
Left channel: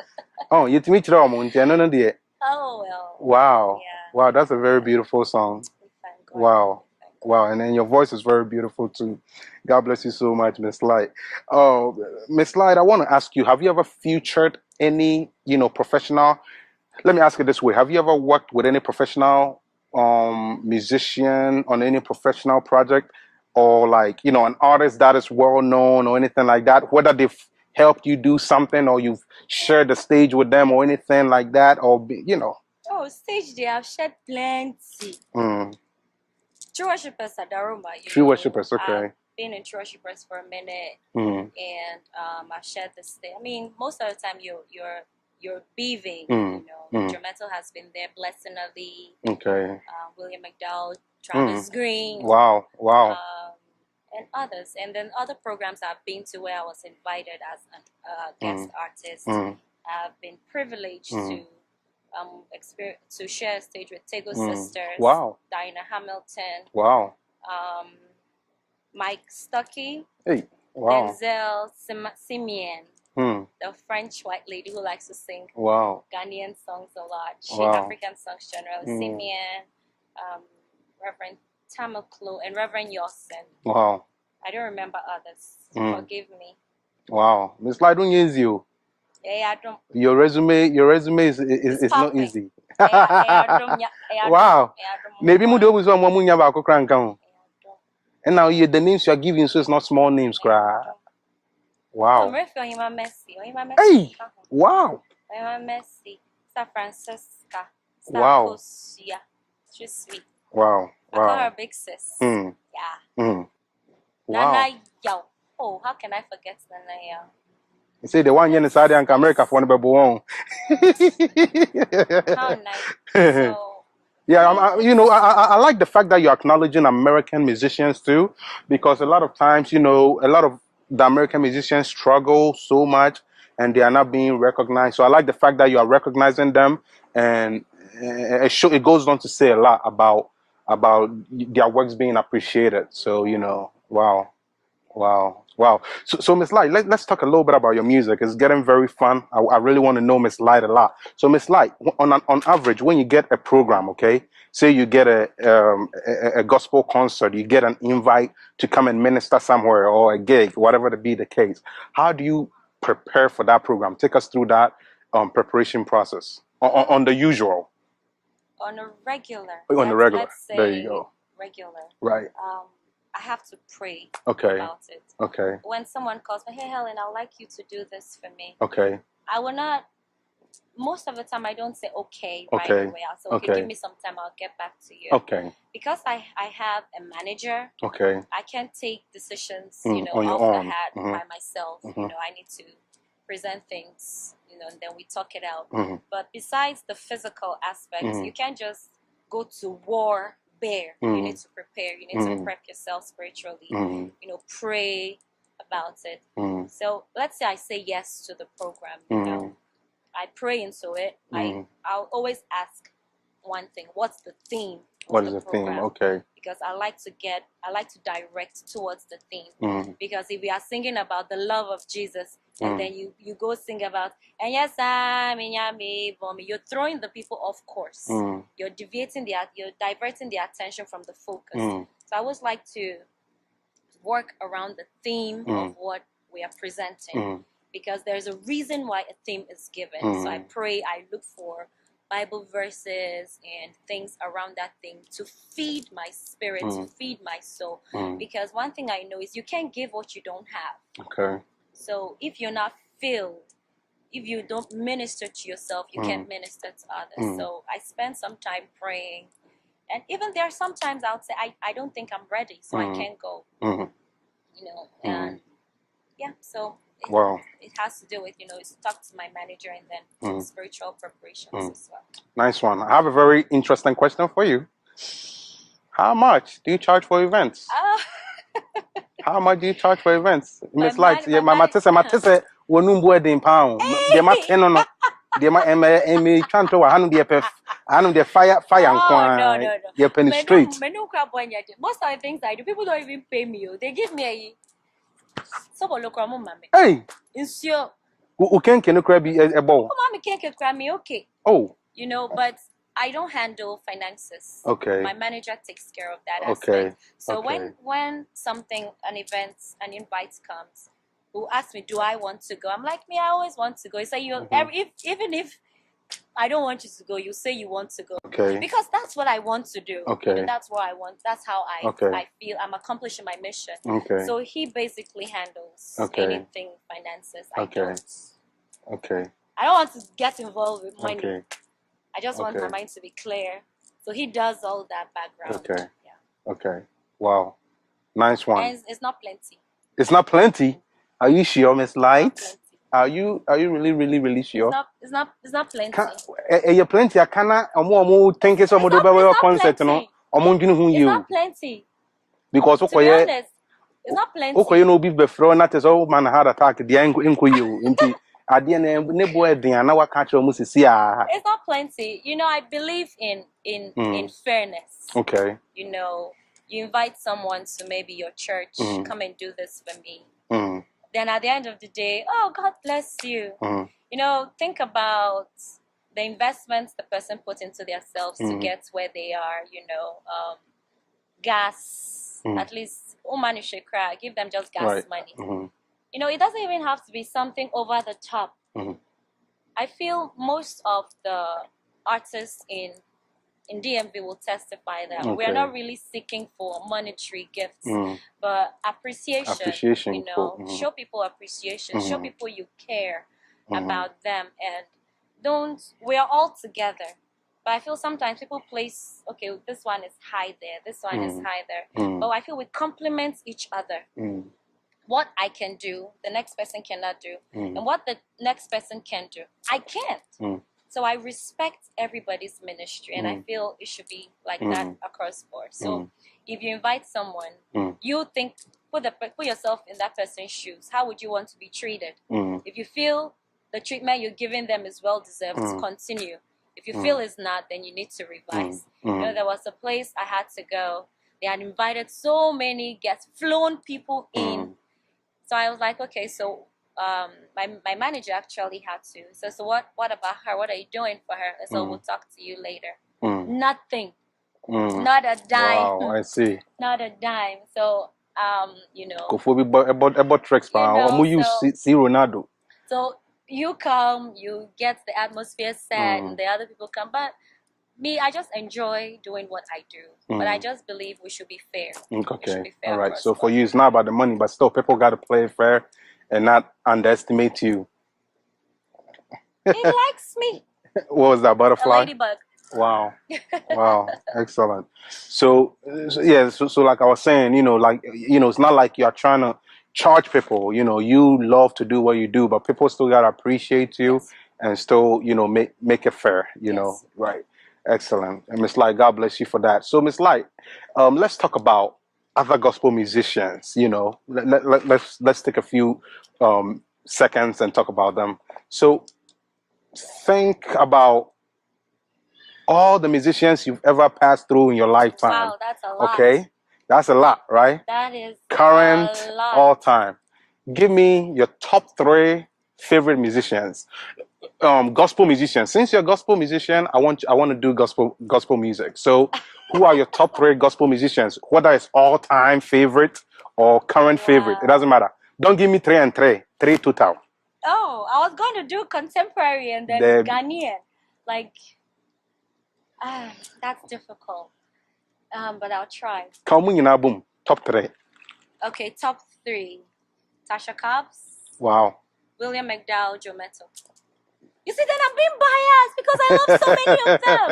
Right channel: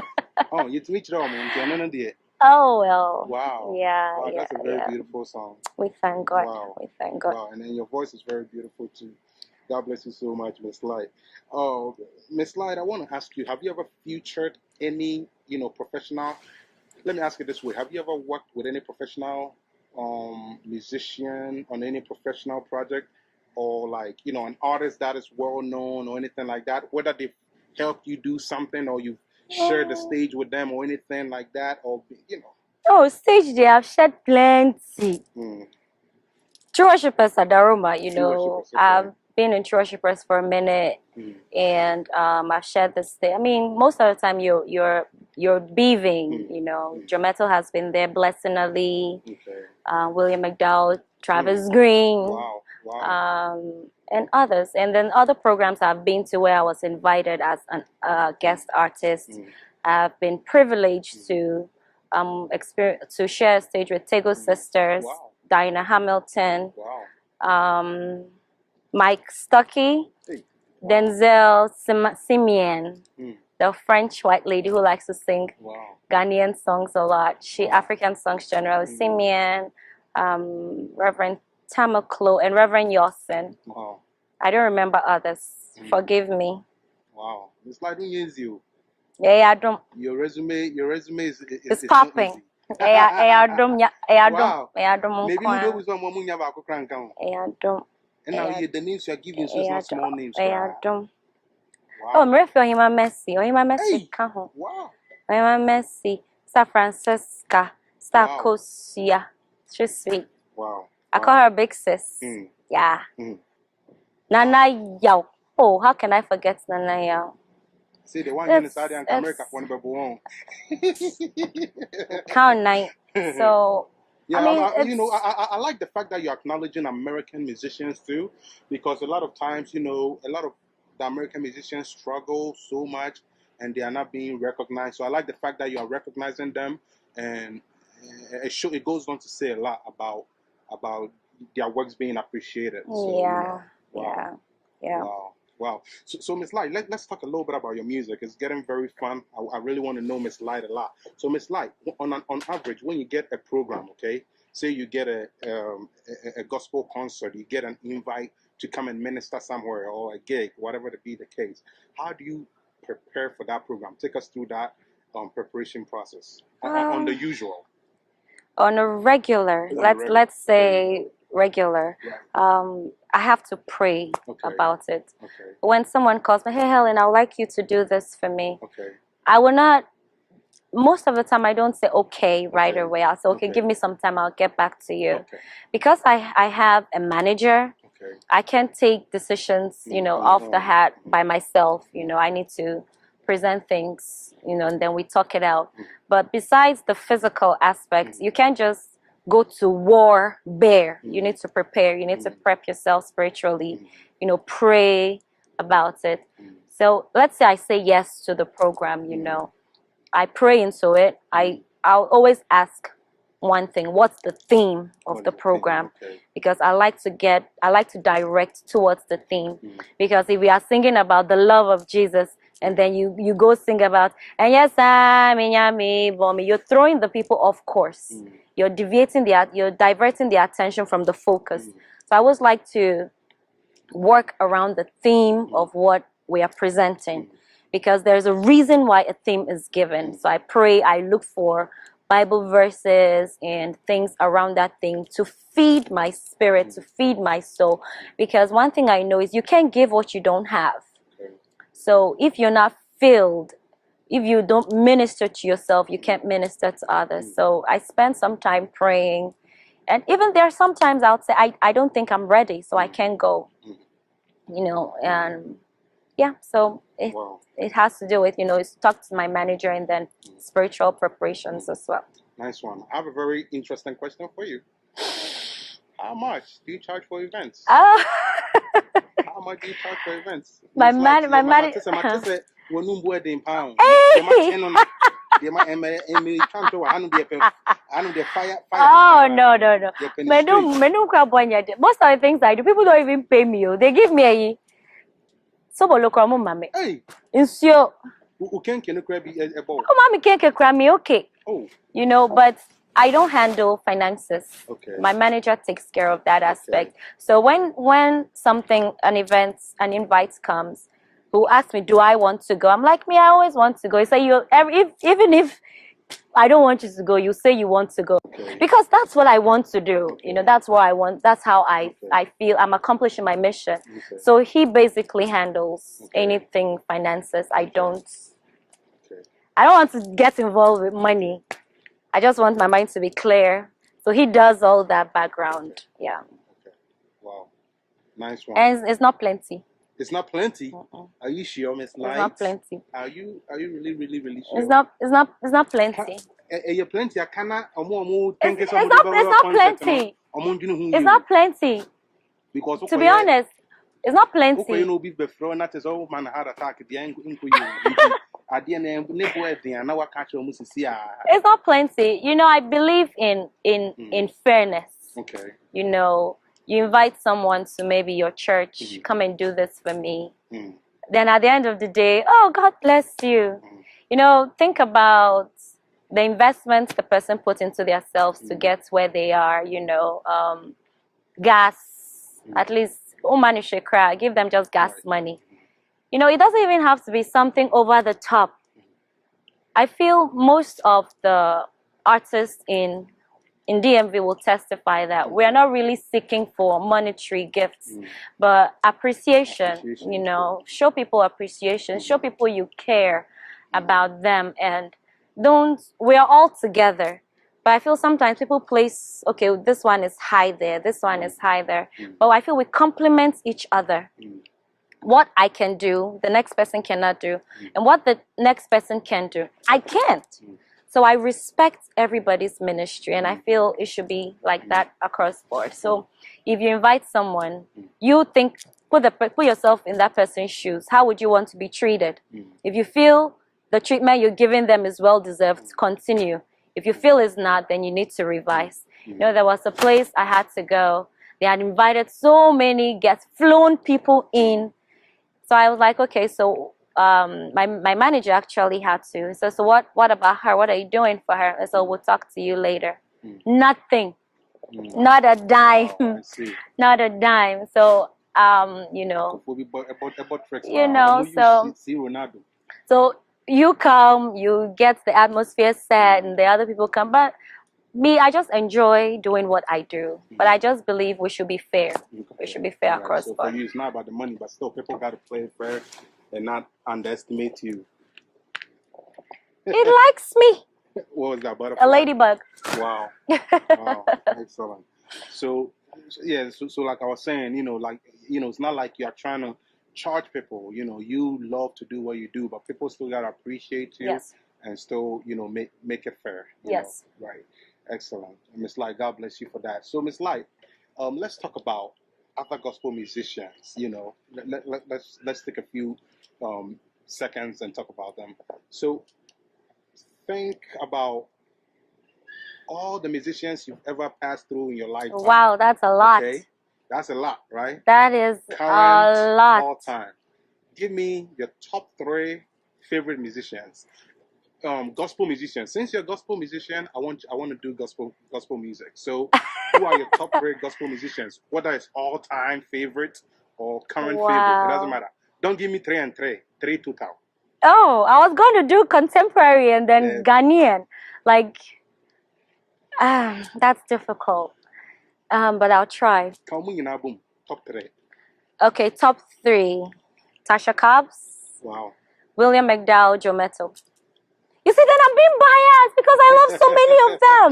Oh, you to meet Rome and no dear. Oh well. Wow. Yeah. Wow, that's a very beautiful song. We thank God. Wow. We thank God. Wow, and then your voice is very beautiful too. God bless you so much, Miss Light. Oh, Miss Light, I want to ask you: have you ever featured any, professional? Let me ask you this way: have you ever worked with any professional musician on any professional project, or like an artist that is well known or anything like that? Whether they've helped you do something or you've shared the stage with them or anything like that, or Oh, stage they have shared plenty. True Worshippers at Daruma, True Worshippers, okay. I've been in True Worshippers for a minute, and I've shared the stage. I mean, most of the time you're beaving, Joe Metal has been there, Blessing Ali, okay, William McDowell, Travis Green, wow, and others. And then other programs I've been to where I was invited as a guest artist. I've been privileged to share a stage with Tego Sisters, Dinah Hamilton, Mike Stuckey, Denzel Simeon, the French white lady who likes to sing Ghanaian songs a lot. African songs generally. Simeon, Reverend Tamaklo, and Reverend Yosin. Wow. I don't remember others. Forgive me. Wow. Miss Light, don't use you. Yeah, I don't. Your resume is not easy. Wow. Maybe Mudo was on Mamunya Bako Crankam. And now the names you are giving, so it's not small names. Wow. Oh, I'm referring him a Messi. Or him a Messi. Wow. I'm a Messi. Sa Francisca. Sa Kosia. She's sweet. Wow. I call her Big Sis. Yeah. Nana Yao. Oh, how can I forget Nana Yao? You say the one here in Saudi and America for one baby one. How nice. So yeah, I like the fact that you're acknowledging American musicians too, because a lot of times, a lot of the American musicians struggle so much and they are not being recognized. So I like the fact that you are recognizing them, and it goes on to say a lot about their works being appreciated. So wow. Yeah. Wow. So Miss Light, let's talk a little bit about your music. It's getting very fun. I really want to know Miss Light a lot. So Miss Light, on average, when you get a program, okay, say you get a gospel concert, you get an invite to come and minister somewhere, or a gig, whatever to be the case, how do you prepare for that program? Take us through that preparation process on the usual. On a regular, let's say regular. Right. I have to pray about it. Okay. When someone calls me, hey Helen, I would like you to do this for me. Okay. I will not. Most of the time, I don't say okay right away. I'll say, okay, give me some time. I'll get back to you. Okay. Because I have a manager. Okay. I can't take decisions, off the hat by myself. I need to present things, and then we talk it out. But besides the physical aspects, you can't just go to war bare. You need to prepare. You need to prep yourself spiritually. Pray about it. So let's say I say yes to the program. I pray into it. I'll always ask one thing: what's the theme of the program? Okay. Because I like to direct towards the theme. Because if we are singing about the love of Jesus, and then you go sing about, and yes, you're throwing the people off course. You're diverting their attention from the focus. So I always like to work around the theme of what we are presenting, because there's a reason why a theme is given. So I pray, I look for Bible verses and things around that thing to feed my spirit, to feed my soul. Because one thing I know is you can't give what you don't have. Okay. So if you're not filled, if you don't minister to yourself, you can't minister to others. So I spend some time praying And even there, sometimes I would say, I don't think I'm ready, so I can't go. You know, and yeah, so it has to do with, you know, it's talk to my manager and then spiritual preparations as well. Nice one. I have a very interesting question for you. How much do you charge for events? How much do you charge for events? My fire. Oh, no. Most of the things I do, people don't even pay me. They give me a so mami. Hey, insio. Who can be a bowl? Oh, mommy can't cry me, okay. Oh, you know, but I don't handle finances. Okay. My manager takes care of that aspect. Okay. So when something, an invite comes, who asks me, do I want to go? I'm like, me, I always want to go. He said, even if I don't want you to go, you say you want to go. Okay. Because that's what I want to do. Okay. You know, that's what I want. That's how I feel I'm accomplishing my mission. Okay. So he basically handles anything finances. I don't. Okay. I don't want to get involved with money. Okay. I just want my mind to be clear. So he does all that background. Okay. Yeah. Okay. Wow. Nice one. And it's not plenty. It's not plenty. Are you sure, Miss Light? It's not plenty. Are you really sure? It's not plenty. You plenty. I cannot. Think it's not plenty. It's not plenty. Because to be honest, it's not plenty. Okay, you know, be before not as old man heart attack. The it's not plenty. You know, I believe in fairness. Okay. You know, you invite someone to maybe your church, come and do this for me. Then at the end of the day, oh, God bless you. You know, think about the investments the person put into themselves to get where they are, you know, gas, at least, give them just gas money. You know, it doesn't even have to be something over the top. I feel most of the artists in DMV will testify that we are not really seeking for monetary gifts, but appreciation, you know, show people appreciation, show people you care about them, and we are all together. But I feel sometimes people place, okay, this one is high there, this one is high there. But I feel we complement each other. What I can do, the next person cannot do. And what the next person can do, I can't. So I respect everybody's ministry, and I feel it should be like that across board. So if you invite someone, you think, put yourself in that person's shoes. How would you want to be treated? If you feel the treatment you're giving them is well-deserved, continue. If you feel it's not, then you need to revise. You know, there was a place I had to go. They had invited so many guests, flown people in. So I was like, okay, so my manager actually had to. So what about her? What are you doing for her? And so we'll talk to you later. Nothing. Not a dime. Wow, I see. Not a dime. So you know. So you come, you get the atmosphere set, and the other people come. But me, I just enjoy doing what I do. But I just believe we should be fair. Okay. We should be fair. All right. So for you, it's not about the money, but still, people got to play fair and not underestimate you. It likes me. What was that, butterfly? A ladybug. Wow. Wow. Excellent. So like I was saying, you know, it's not like you're trying to charge people. You know, you love to do what you do, but people still got to appreciate you and still, you know, make it fair, you know. Right. Excellent. And Miss Light, God bless you for that. So Miss Light, let's talk about other gospel musicians. You know, let's take a few seconds and talk about them. So think about all the musicians you've ever passed through in your lifetime. Wow, that's a lot. Okay, that's a lot, right? That is current, a lot. All time. Give me your top 3 favorite musicians. Gospel musicians. Since you're a gospel musician, I want to do gospel music. So, who are your top 3 gospel musicians? Whether it's all-time favorite or current favorite, it doesn't matter. Don't give me 3 and 3. 3 total. Oh, I was going to do contemporary and then Ghanaian. Like, that's difficult. But I'll try. Boom. Top 3. Okay, top 3. Tasha Cobbs. Wow. William McDowell, Joe Mettle. You see, then I'm being biased because I love so many of them.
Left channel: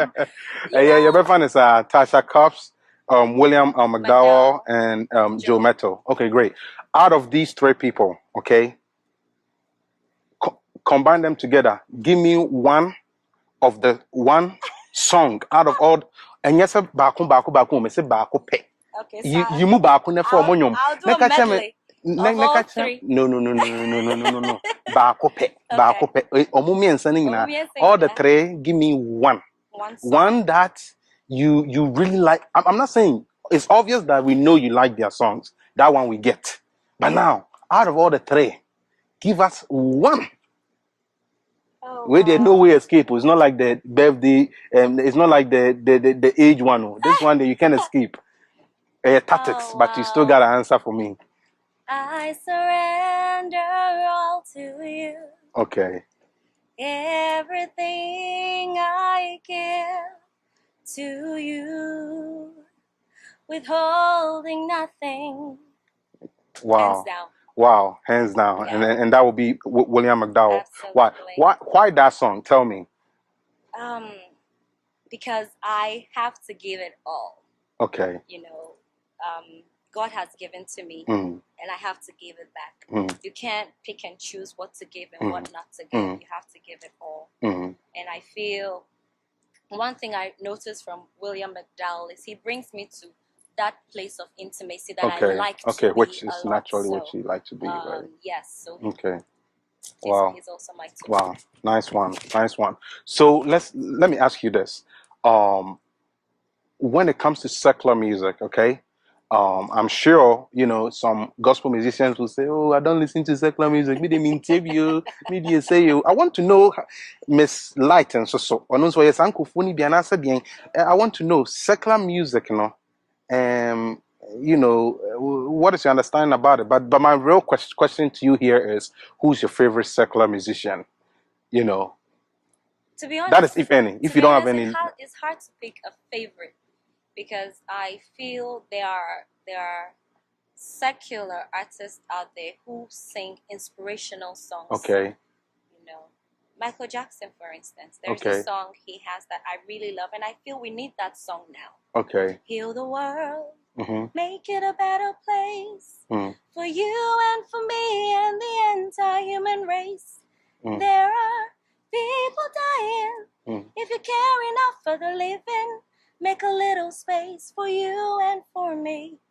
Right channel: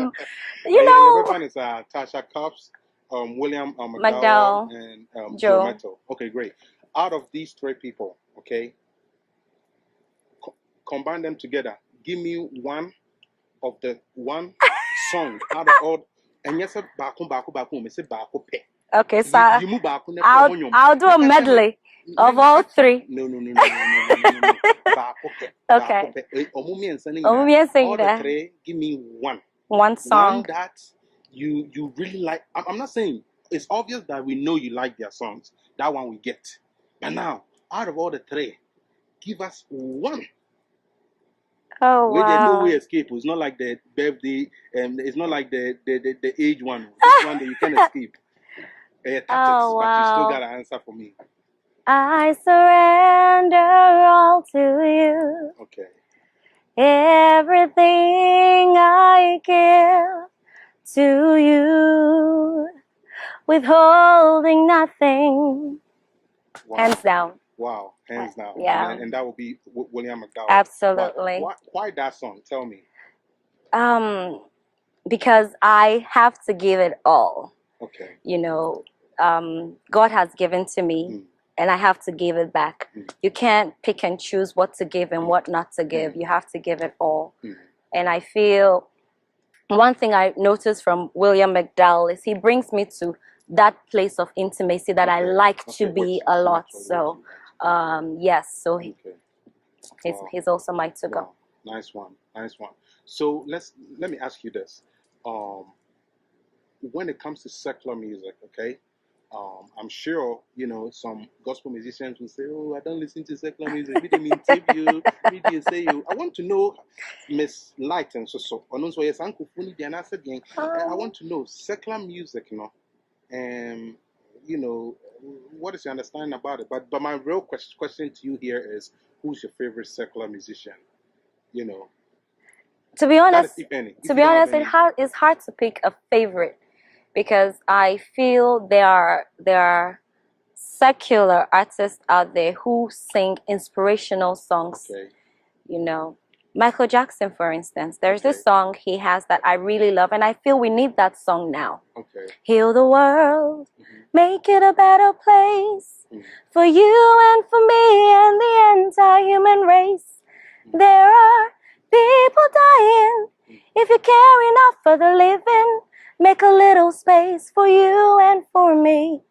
You know? Yeah, your best friend is Tasha Cobbs, William McDowell, and Joe Metto. Okay, great. Out of these three people, okay, combine them together. Give me one song out of all. And yes, baku, me say baku pe. Okay, so you move baku ne for monyom. I'll do a medley of all three. No. Baku pe. Baku pe. Omumi and sending all the three. Give me one song. One that you really like. I'm not saying it's obvious that we know you like their songs. That one we get. But now, out of all the three, give us one. Oh, where there's no way escape. It's not like the birthday. It's not like the age one. This one that you can escape. Tactics, but you still got an answer for me. I surrender all to you. Okay. Everything I give to you, withholding nothing. Wow. Hands down. Wow, hands down. Yeah. And that would be William McDowell. Absolutely. Why that song? Tell me. Because I have to give it all. Okay. You know, God has given to me, and I have to give it back. You can't pick and choose what to give and what not to give. You have to give it all. And I feel one thing I noticed from William McDowell is he brings me to that place of intimacy that I like to be a lot. So, yes. So he's also my type. Wow, nice one. So let me ask you this: when it comes to secular music, okay, I'm sure some gospel musicians will say, "Oh, I don't listen to secular music. Me they mean you, me they say you." I want to know, Miss Light and so. I want to know secular music, what is your understanding about it? But my real question to you here is, who's your favorite secular musician? To be honest, that is, if any. If you don't have any, it's hard to pick a favorite because I feel there are secular artists out there who sing inspirational songs. Okay. Michael Jackson, for instance, there's a song he has that I really love, and I feel we need that song now. Okay. Heal the world, make it a better place for you and for me and the entire human race. There are people dying. If you care enough for the living, make a little space for you and for me.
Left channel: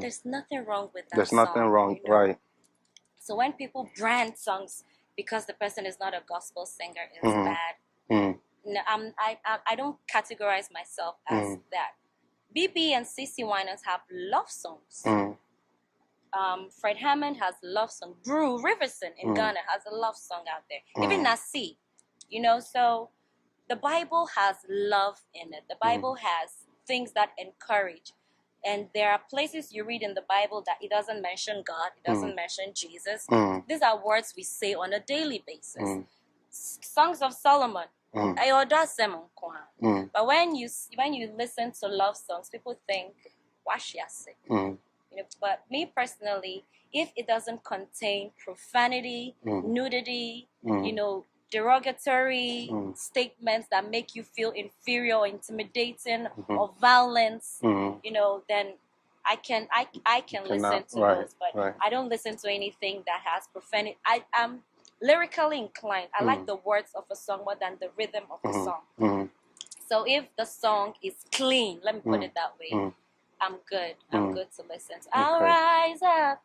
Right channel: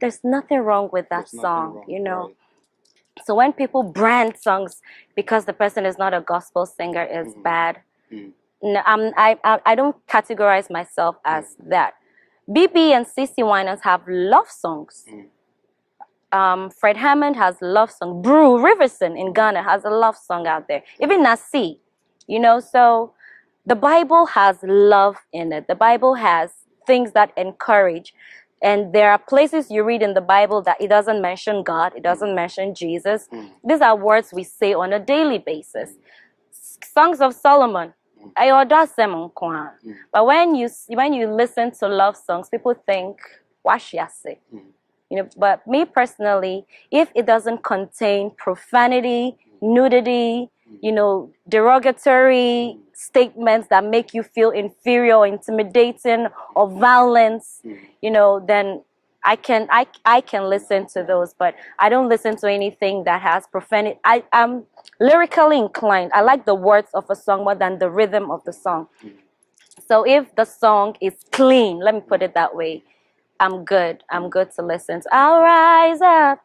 There's nothing wrong with that song. There's nothing wrong, right? So when people brand songs because the person is not a gospel singer is bad. No, I don't categorize myself as that. BB and CeCe Winans have love songs. Fred Hammond has love song. Brew Riverson in Ghana has a love song out there. Even Nasi, so the Bible has love in it. The Bible has things that encourage. And there are places you read in the Bible that it doesn't mention God, it doesn't mention Jesus. These are words we say on a daily basis. Songs of Solomon. But when you listen to love songs, people think, "Washiase." But me personally, if it doesn't contain profanity, nudity, derogatory statements that make you feel inferior or intimidating or violence, then I can listen to those. But I don't listen to anything that has profanity. I'm lyrically inclined. I like the words of a song more than the rhythm of the song. So if the song is clean, let me put it that way, I'm good. I'm good to listen to. I'll rise up.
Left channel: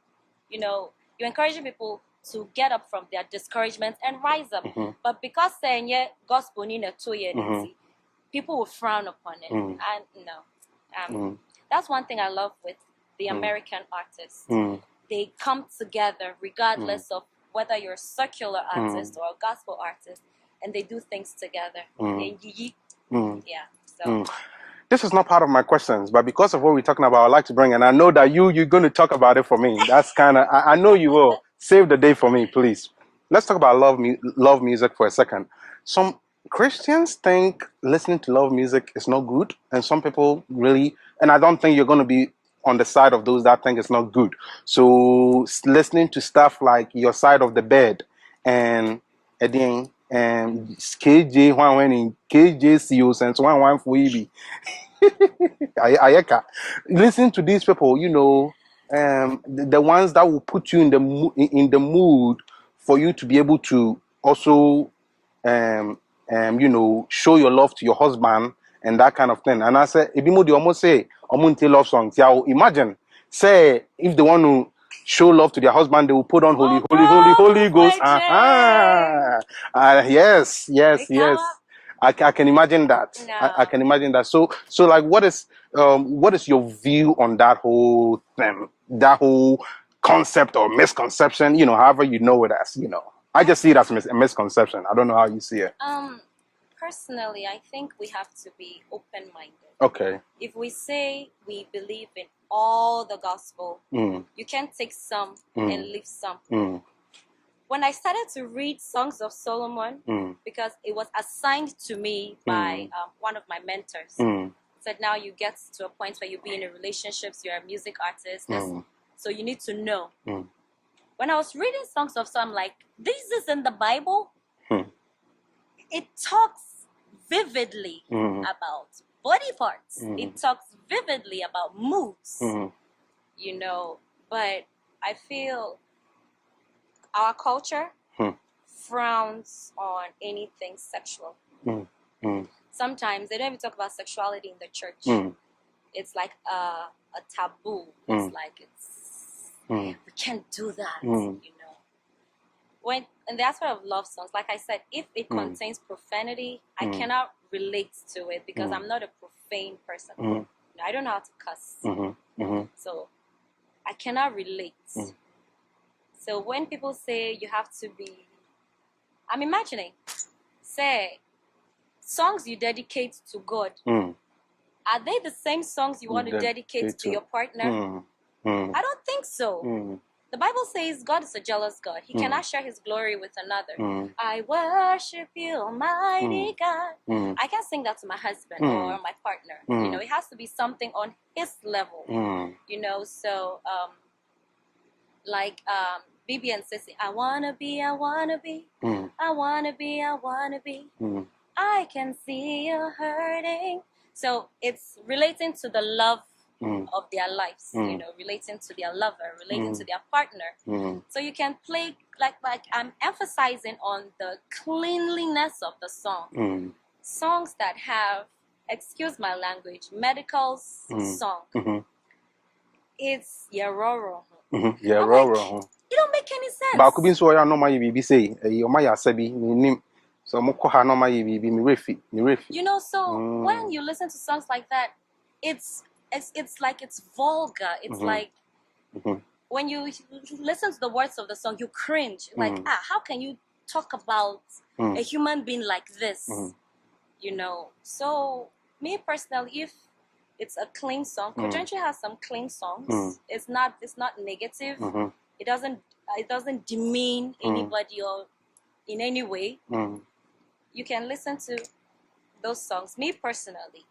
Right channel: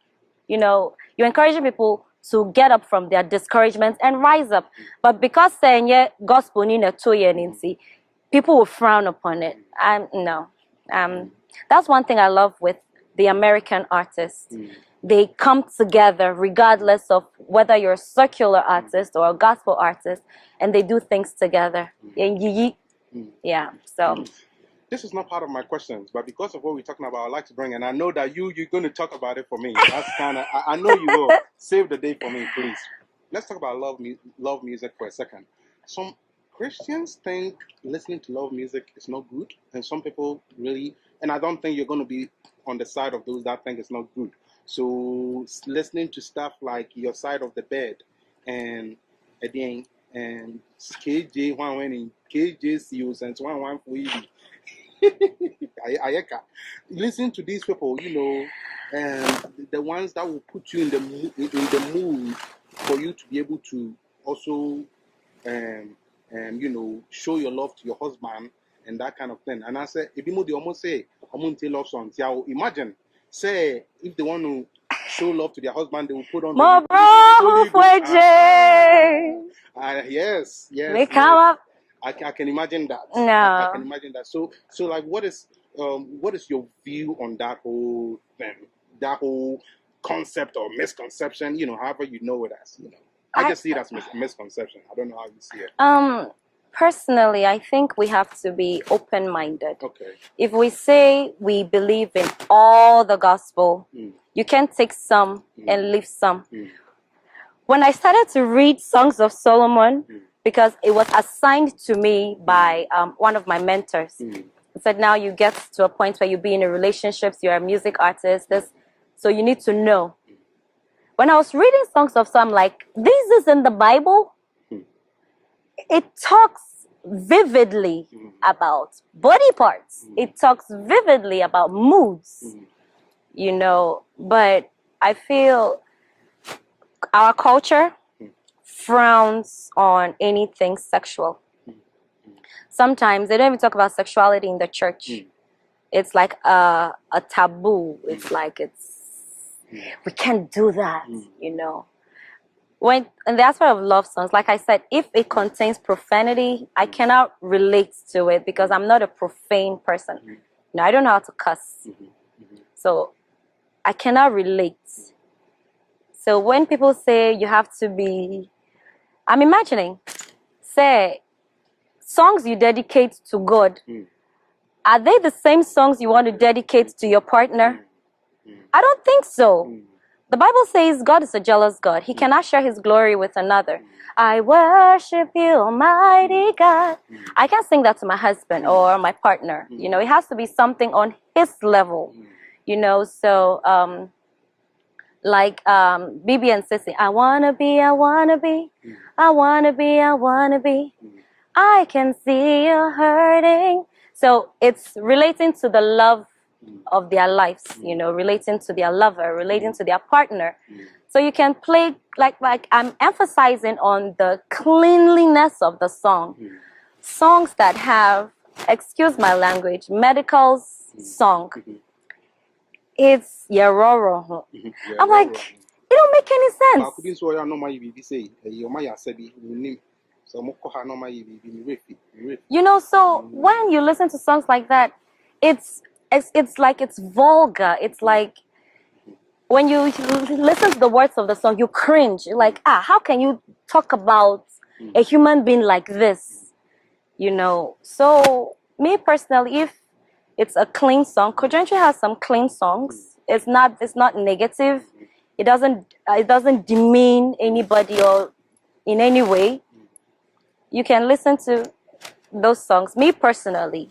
You're encouraging people to get up from their discouragement and rise up. But because saying gospel people will frown upon it. That's one thing I love with the American artists. They come together regardless of whether you're a secular artist or a gospel artist, and they do things together. Yeah. So. This is not part of my questions, but because of what we're talking about, I'd like to bring, and I know that you're going to talk about it for me. That's kind of, I know you will. Save the day for me, please. Let's talk about love music for a second. Some Christians think listening to love music is not good, and some people really, and I don't think you're going to be on the side of those that think it's not good. So listening to stuff like Your Side of the Bed and KJ when in KJCO since one for EB. Ayeka. Listen to these people, you know, the ones that will put you in the mood for you to be able to also you know, show your love to your husband and that kind of thing. And I said, if you almost say Omunti love songs, yeah, imagine, say if they want to show love to their husband, they will put on Holy Ghost. Yes. I can imagine that. No. I can imagine that. So like, what is your view on that whole thing, that whole concept or misconception? You know, however you know it as, you know. I just see it as a misconception. I don't know how you see it. Personally, I think we have to be open-minded. Okay. If we say we believe in all the gospel, you can take some and leave some. When I started to read Songs of Solomon, because it was assigned to me by one of my mentors, he said, now you get to a point where you be in a relationship, you're a music artist, so you need to know. When I was reading Songs of Solomon, like, this is in the Bible. It talks vividly about body parts. It talks vividly about moods, you know. But I feel our culture frowns on anything sexual. Sometimes they don't even talk about sexuality in the church. It's like a taboo. It's like we can't do that, you know. In the aspect of love songs, like I said, if it contains profanity, I cannot relate to it because I'm not a profane person. No, I don't know how to cuss. So I cannot relate. So when people say you have to be, I'm imagining, say, songs you dedicate to God, are they the same songs you want to dedicate to your partner? I don't think so. The Bible says God is a jealous God. He cannot share his glory with another. I worship you, Almighty God. I can't sing that to my husband or my partner. You know, it has to be something on his level. You know, so like Bibi and Sissy, I wanna be, I wanna be, I wanna be, I wanna be. I can see you hurting. So it's relating to the love of their lives, you know, relating to their lover, relating to their partner. So you can play, like I'm emphasizing on the cleanliness of the song. Songs that have, excuse my language, medical song. It's yaroro. I'm like, it don't make any sense. You know, so when you listen to songs like that, it's like it's vulgar. It's like when you listen to the words of the song, you cringe. You're like, how can you talk about a human being like this? You know, so me personally, if it's a clean song, Kojentry has some clean songs. It's not negative. It doesn't demean anybody or in any way. You can listen to those songs. Me personally,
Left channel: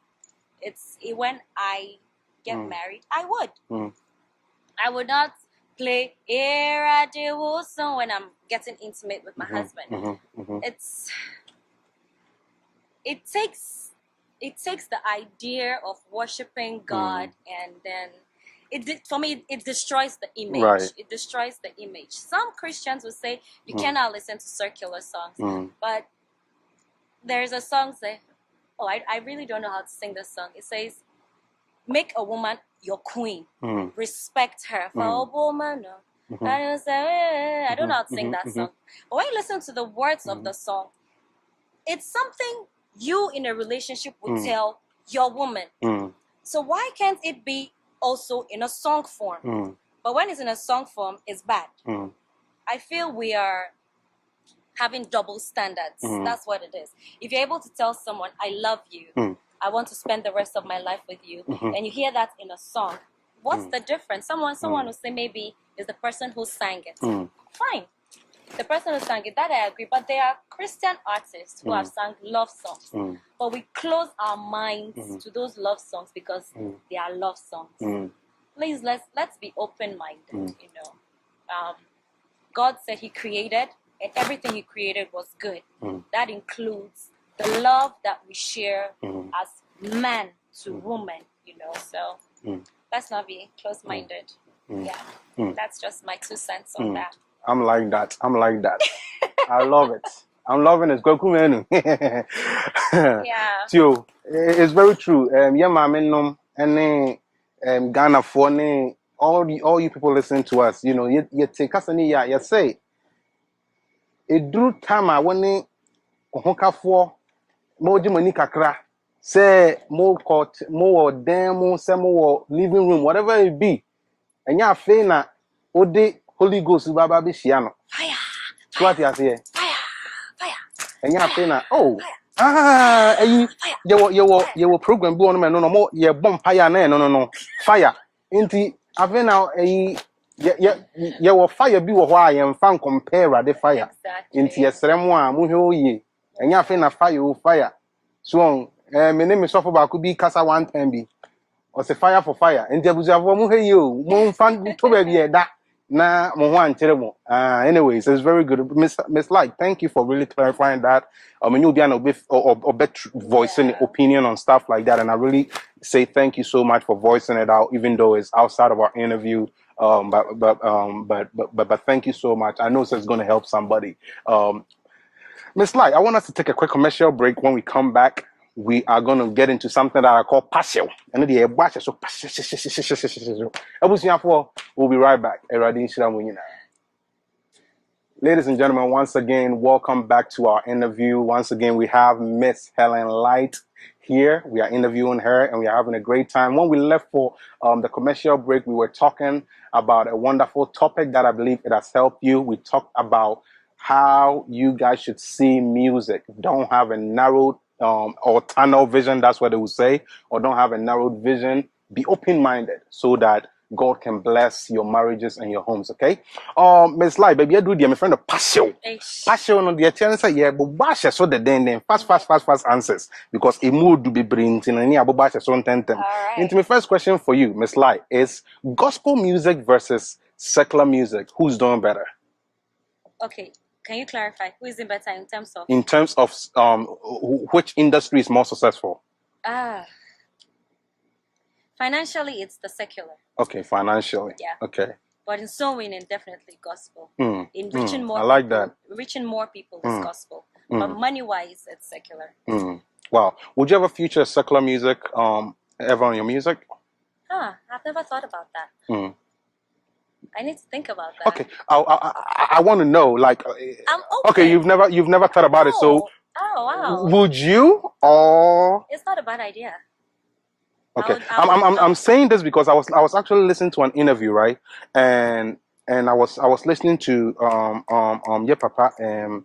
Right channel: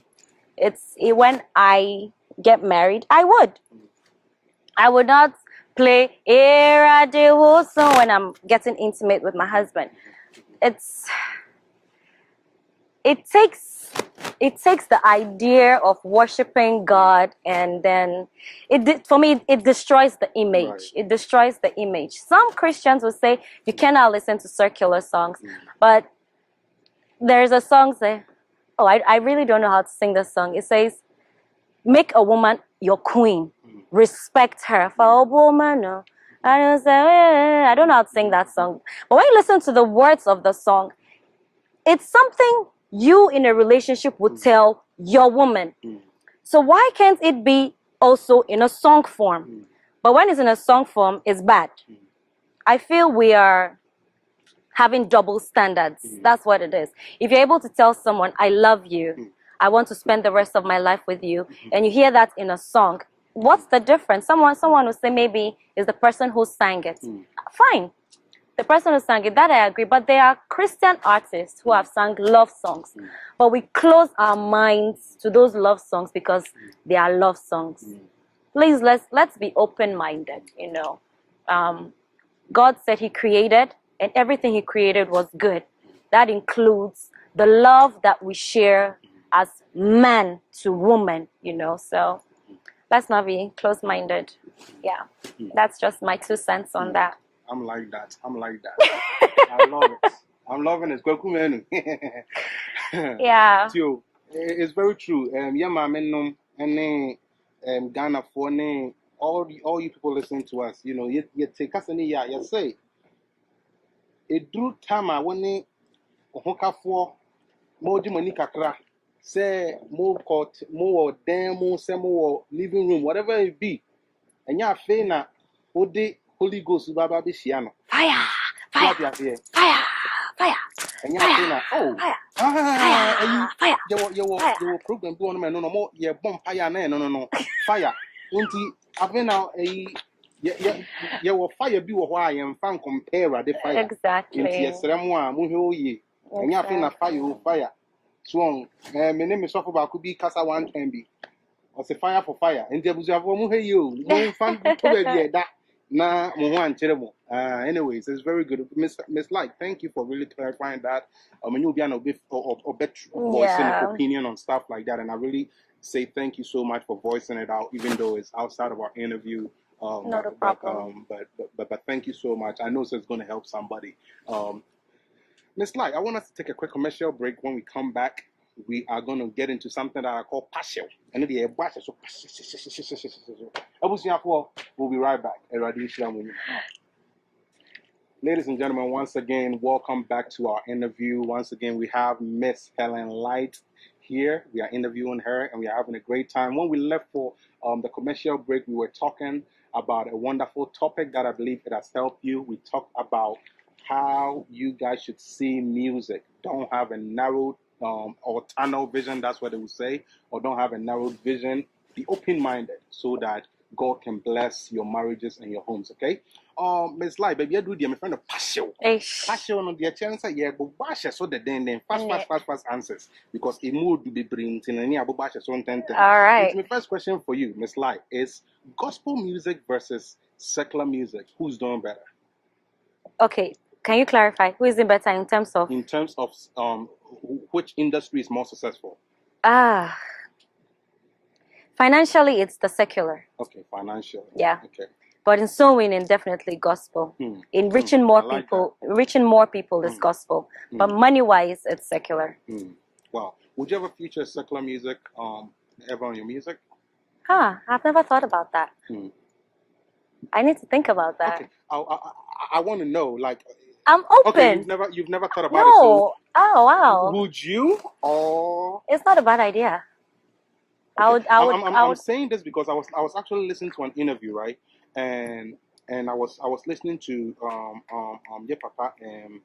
when I get married, I would not play Era de Woso when I'm getting intimate with my husband. It takes the idea of worshiping God, and then for me it destroys the image. Right. It destroys the image. Some Christians will say you cannot listen to secular songs, but there's a song say, I really don't know how to sing this song. It says, make a woman your queen. Respect her. For a woman, no. I don't know how to sing that song. But when you listen to the words of the song, it's something you in a relationship would tell your woman. So why can't it be also in a song form? But when it's in a song form, it's bad. I feel we are having double standards. That's what it is. If you're able to tell someone, I love you, I want to spend the rest of my life with you, and you hear that in a song, what's the difference? Someone will say maybe it's the person who sang it. Fine. The person who sang it, that I agree. But there are Christian artists who have sung love songs. But we close our minds to those love songs because they are love songs. Please, let's be open-minded, you know. God said he created and everything he created was good. That includes the love that we share as man to woman, you know. So let's not be close-minded. Yeah, that's just my 2 cents on that. I'm like that. I love it. I'm loving it. Yeah. Tio, it's very true. Yeah, my men and Ghana for all you people listening to us, you know, you take us any you say it drew time I when hoka for more money kakra say more court more demo some more living room whatever it be and ya fe na ode Holy Ghost baba be shiano Fire. What you say Fire. And ya fe na Fire. you program be on me no more ye bomb fire na no fire inti ave na you will fire be why and fan compare the fire Exactly. inti yesremo a mu hwe oye and ya fe na fire so my name is Sofo Baku bi kasa one time bi or say fire for fire and Jebusiafo mu hwe yo mu fan to be da na mo ho anchere mo anyways it's very good Miss Light, thank you for really clarifying that you'll be an voicing opinion on stuff like that, and I really say thank you so much for voicing it out even though it's outside of our interview. But thank you so much. I know it's going to help somebody. Miss Light, I want us to take a quick commercial break. When we come back, we are going to get into something that I call partial. And the so we'll be right back. Ladies and gentlemen, once again, welcome back to our interview. Once again, we have Miss Helen Light here. We are interviewing her and we are having a great time. When we left for the commercial break, we were talking about a wonderful topic that I believe it has helped you. We talked about how you guys should see music. Don't have a narrowed or tunnel vision, that's what they would say, or don't have a narrowed vision. Be open-minded so that God can bless your marriages and your homes, okay? Miss Light, baby, I do my friend of passion. Passion on the chance, but bash so the then fast answers because a mood to be bringing and any bash so 10. All right. And my first question for you, Miss Light, is gospel music versus secular music. Who's doing better? Okay, can you clarify who is it better in terms of? In terms of which industry is more successful? Financially, it's the secular. Okay, financially. Yeah. Okay. But in soul winning, definitely gospel. In reaching more people, reaching more people is gospel. But money-wise, it's secular. Wow. Would you ever feature secular music ever on your music? I've never thought about that. I need to think about that. Okay. I want to know, like. I'm open. Okay, you've never thought about it, so. Oh wow. Would you or? It's not a bad idea. Okay. I'm saying this because I was actually listening to an interview, right? And I was listening to your papa how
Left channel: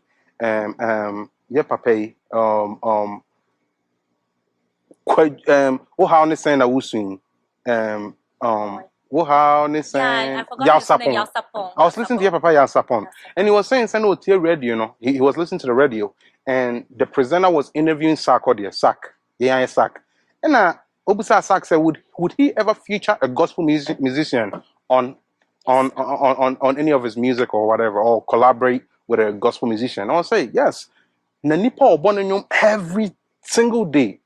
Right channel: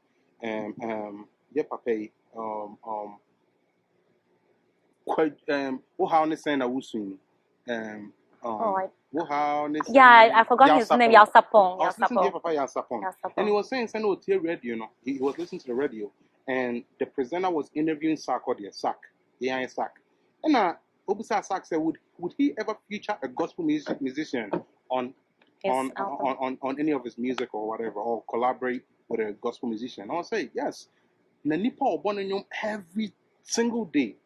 they saying that we swing I forgot his name. Yalsapong. I was listening to your papa Yalsapong, and he was saying radio, you know. He was listening to the radio, and the presenter was interviewing Sak. And Obusa Sak said, would he ever feature a gospel musician on any of his music or whatever, or collaborate with a gospel musician? I'll say yes. Nanipa Obonanyum every single day.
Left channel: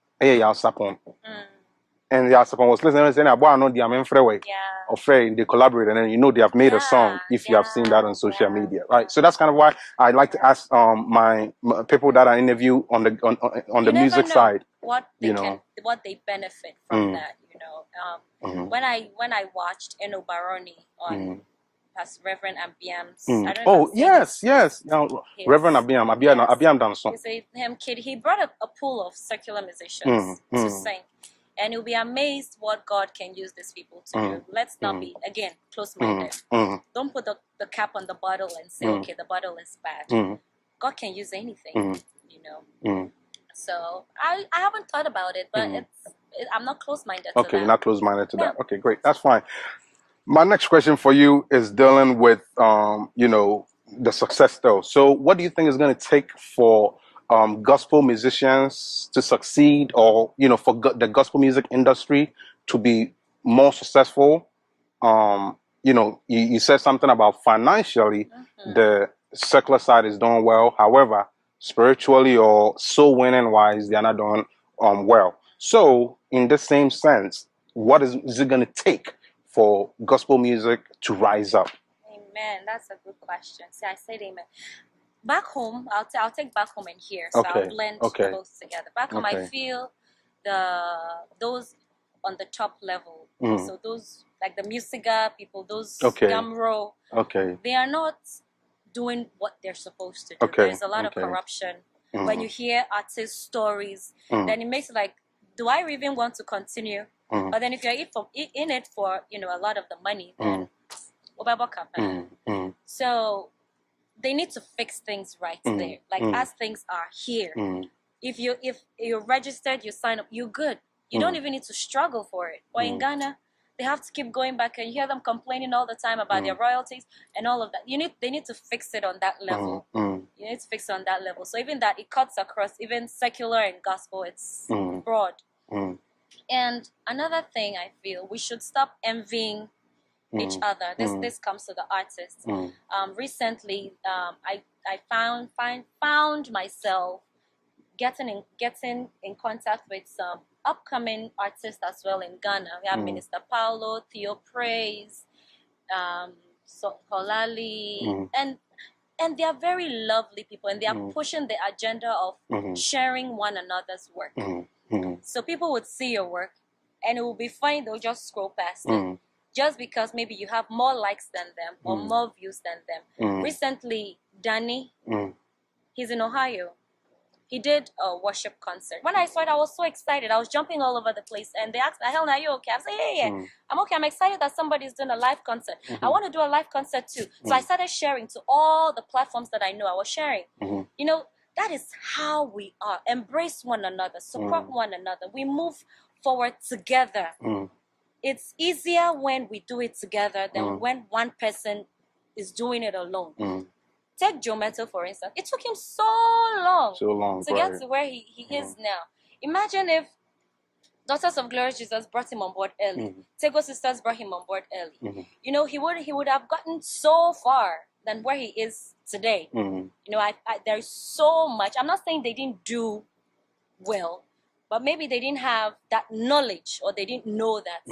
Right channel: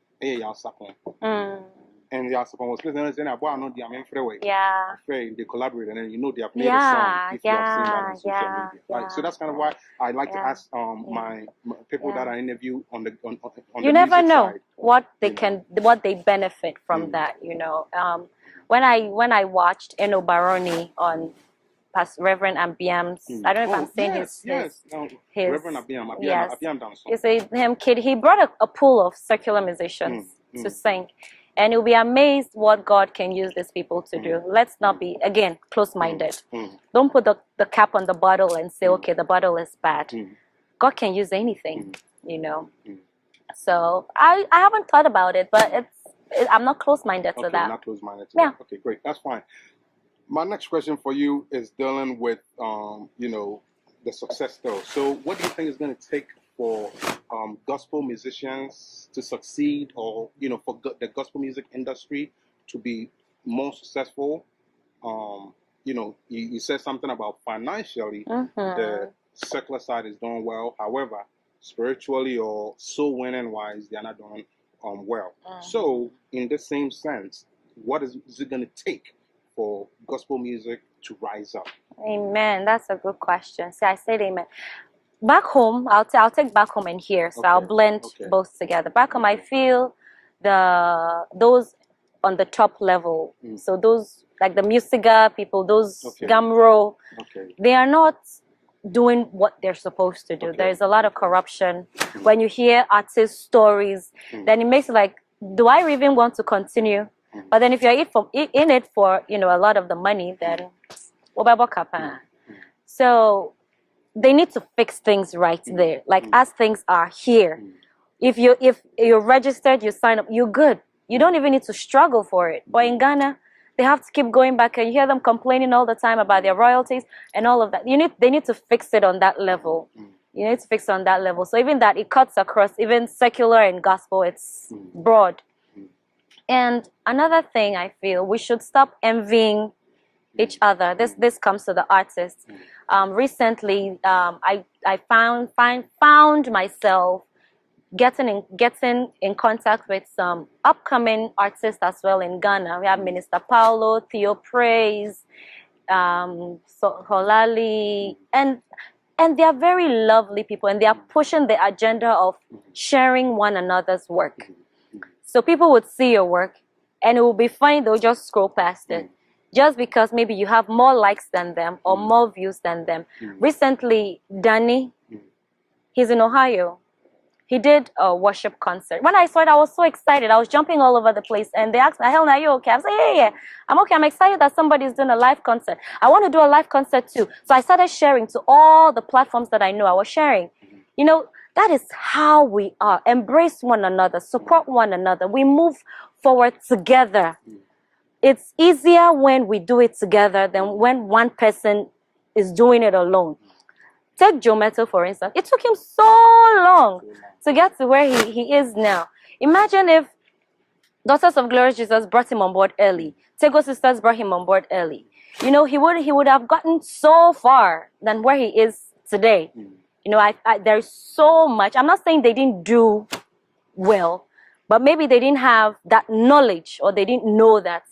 And Yasapon was listening and saying, "I know the Amen Freeway." Yeah. Afraid they collaborated, and you know they have made a song. If you have seen that on social media, right? So that's kind of why I like to ask my people that I interview on the music side. What they benefit from that, you know. When I watched Eno Baroni on Reverend Abiam's, I don't know. Yes. Now, Reverend Abiam done song. You see him, kid. He brought a pool of secular musicians to sing. And you'll be amazed what God can use these people to do. Let's not be, again, close-minded. Don't put the cap on the bottle and say, okay, the bottle is bad. God can use anything, you know. So I haven't thought about it, but I'm not close-minded to that. Okay, you're not close-minded to that. Okay, great. That's fine. My next question for you is dealing with, you know, the success though. So what do you think is going to take for gospel musicians to succeed, or, you know, for the gospel music industry to be more successful? You know, you said something about financially, secular side is doing well. However, spiritually or soul winning wise, they're not doing well. So, in the same sense, what is it going to take for gospel music to rise up? Amen. That's a good question. See, I said amen. Back home, I'll take back home and here, so I'll blend both together. Back home, I feel those on the top level. So those like the Musiga people, those Gamro, they are not doing what they're supposed to do. There's a lot of corruption. When you hear artist stories, then it makes it like, do I even want to continue? But then if you're in it for a lot of the money, then so they need to fix things right there. Like as things are here, if you're registered, you sign up, you're good. You don't even need to struggle for it. But in Ghana, they have to keep going back, and you hear them complaining all the time about their royalties and all of that. They need to fix it on that level. You need to fix it on that level. So even that, it cuts across even secular and gospel. It's broad. And another thing I feel, we should stop envying each other. This comes to the artists. Recently, I found myself getting in contact with some upcoming artists as well in Ghana. We have Minister Paulo, Theo Praise, Holali, and they are very lovely people, and they are pushing the agenda of sharing one another's work. So people would see your work, and it will be fine. They'll just scroll past it. Just because maybe you have more likes than them or more views than them. Recently, Danny, he's in Ohio. He did a worship concert. When I saw it, I was so excited. I was jumping all over the place. And they asked me, Helen, are you okay? I said, yeah. I'm okay. I'm excited that somebody's doing a live concert. I want to do a live concert too. So I started sharing to all the platforms that I knew. I was sharing. That is how we are. Embrace one another. Support one another. We move forward together. It's easier when we do it together than when one person is doing it alone. Take Joe Metto, for instance. It took him so long to get to where he is now. Imagine if Daughters of Glorious Jesus brought him on board early. Tego Sisters brought him on board early. He would have gotten so far than where he is today. There's so much. I'm not saying they didn't do well, but maybe they didn't have that knowledge, or they didn't know that,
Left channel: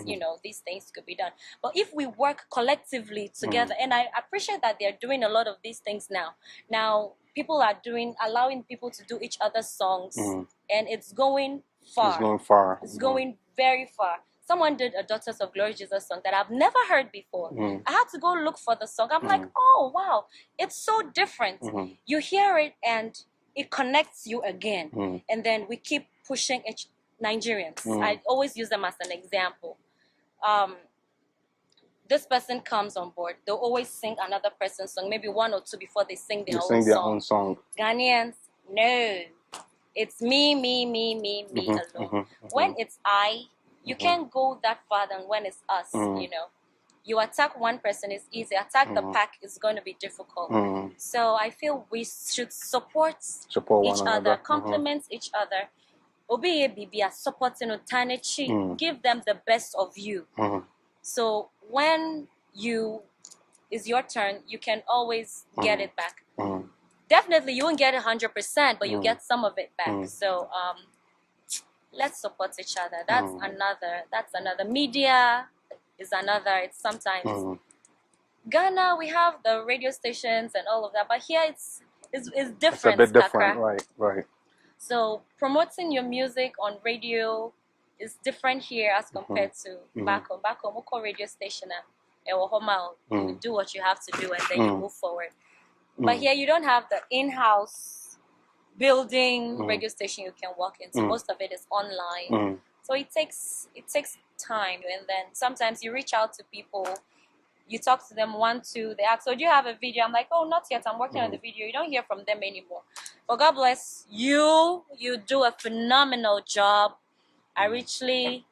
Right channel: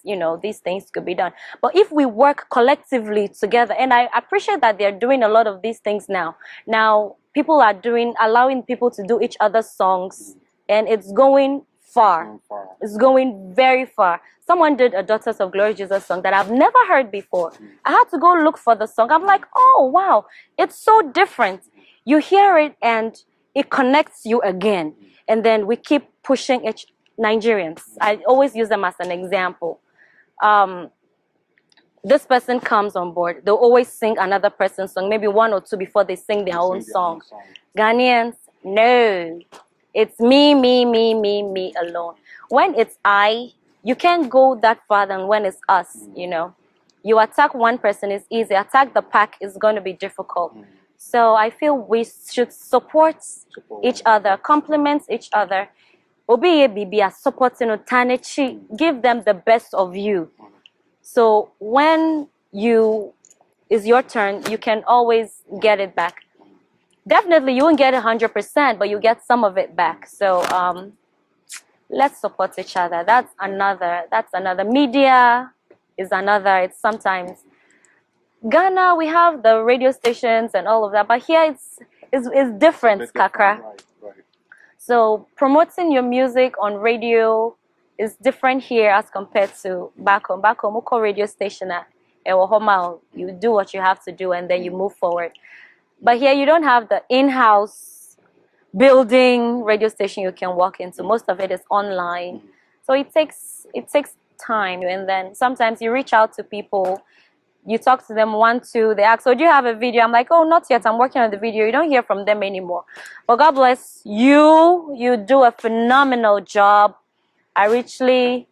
these things could be done. But if we work collectively together, and I appreciate that they're doing a lot of these things now. Now, people are allowing people to do each other's songs, and it's going far. It's going very far. Someone did a Daughters of Glory Jesus song that I've never heard before. I had to go look for the song. I'm like, oh, wow, it's so different. You hear it, and it connects you again. And then we keep pushing Nigerians. I always use them as an example. This person comes on board. They'll always sing another person's song, maybe one or two before they sing their own song. Ghanaians, no. It's me alone. When it's you can't go that far than when it's us, You attack one person is easy. Attack the pack is going to be difficult. So I feel we should support each other, compliment each other. Supporting give them the best of you. So when it's your turn, you can always get it back. Definitely, you won't get 100%, but you get some of it back. So let's support each other. That's another. Media is another. It's sometimes Ghana, we have the radio stations and all of that, but here it's different. It's a bit different, right. So promoting your music on radio is different here as compared to back home. Back home, we call radio station you do what you have to do, and then you move forward. But here you don't have the in-house building radio station you can walk into. Most of it is online. So it takes time, and then sometimes you reach out to people, you talk to them 1, 2, they ask, so do you have a video? I'm like, oh, not yet, I'm working on the video. You don't hear from them anymore. But God bless you. You do a phenomenal job. I richly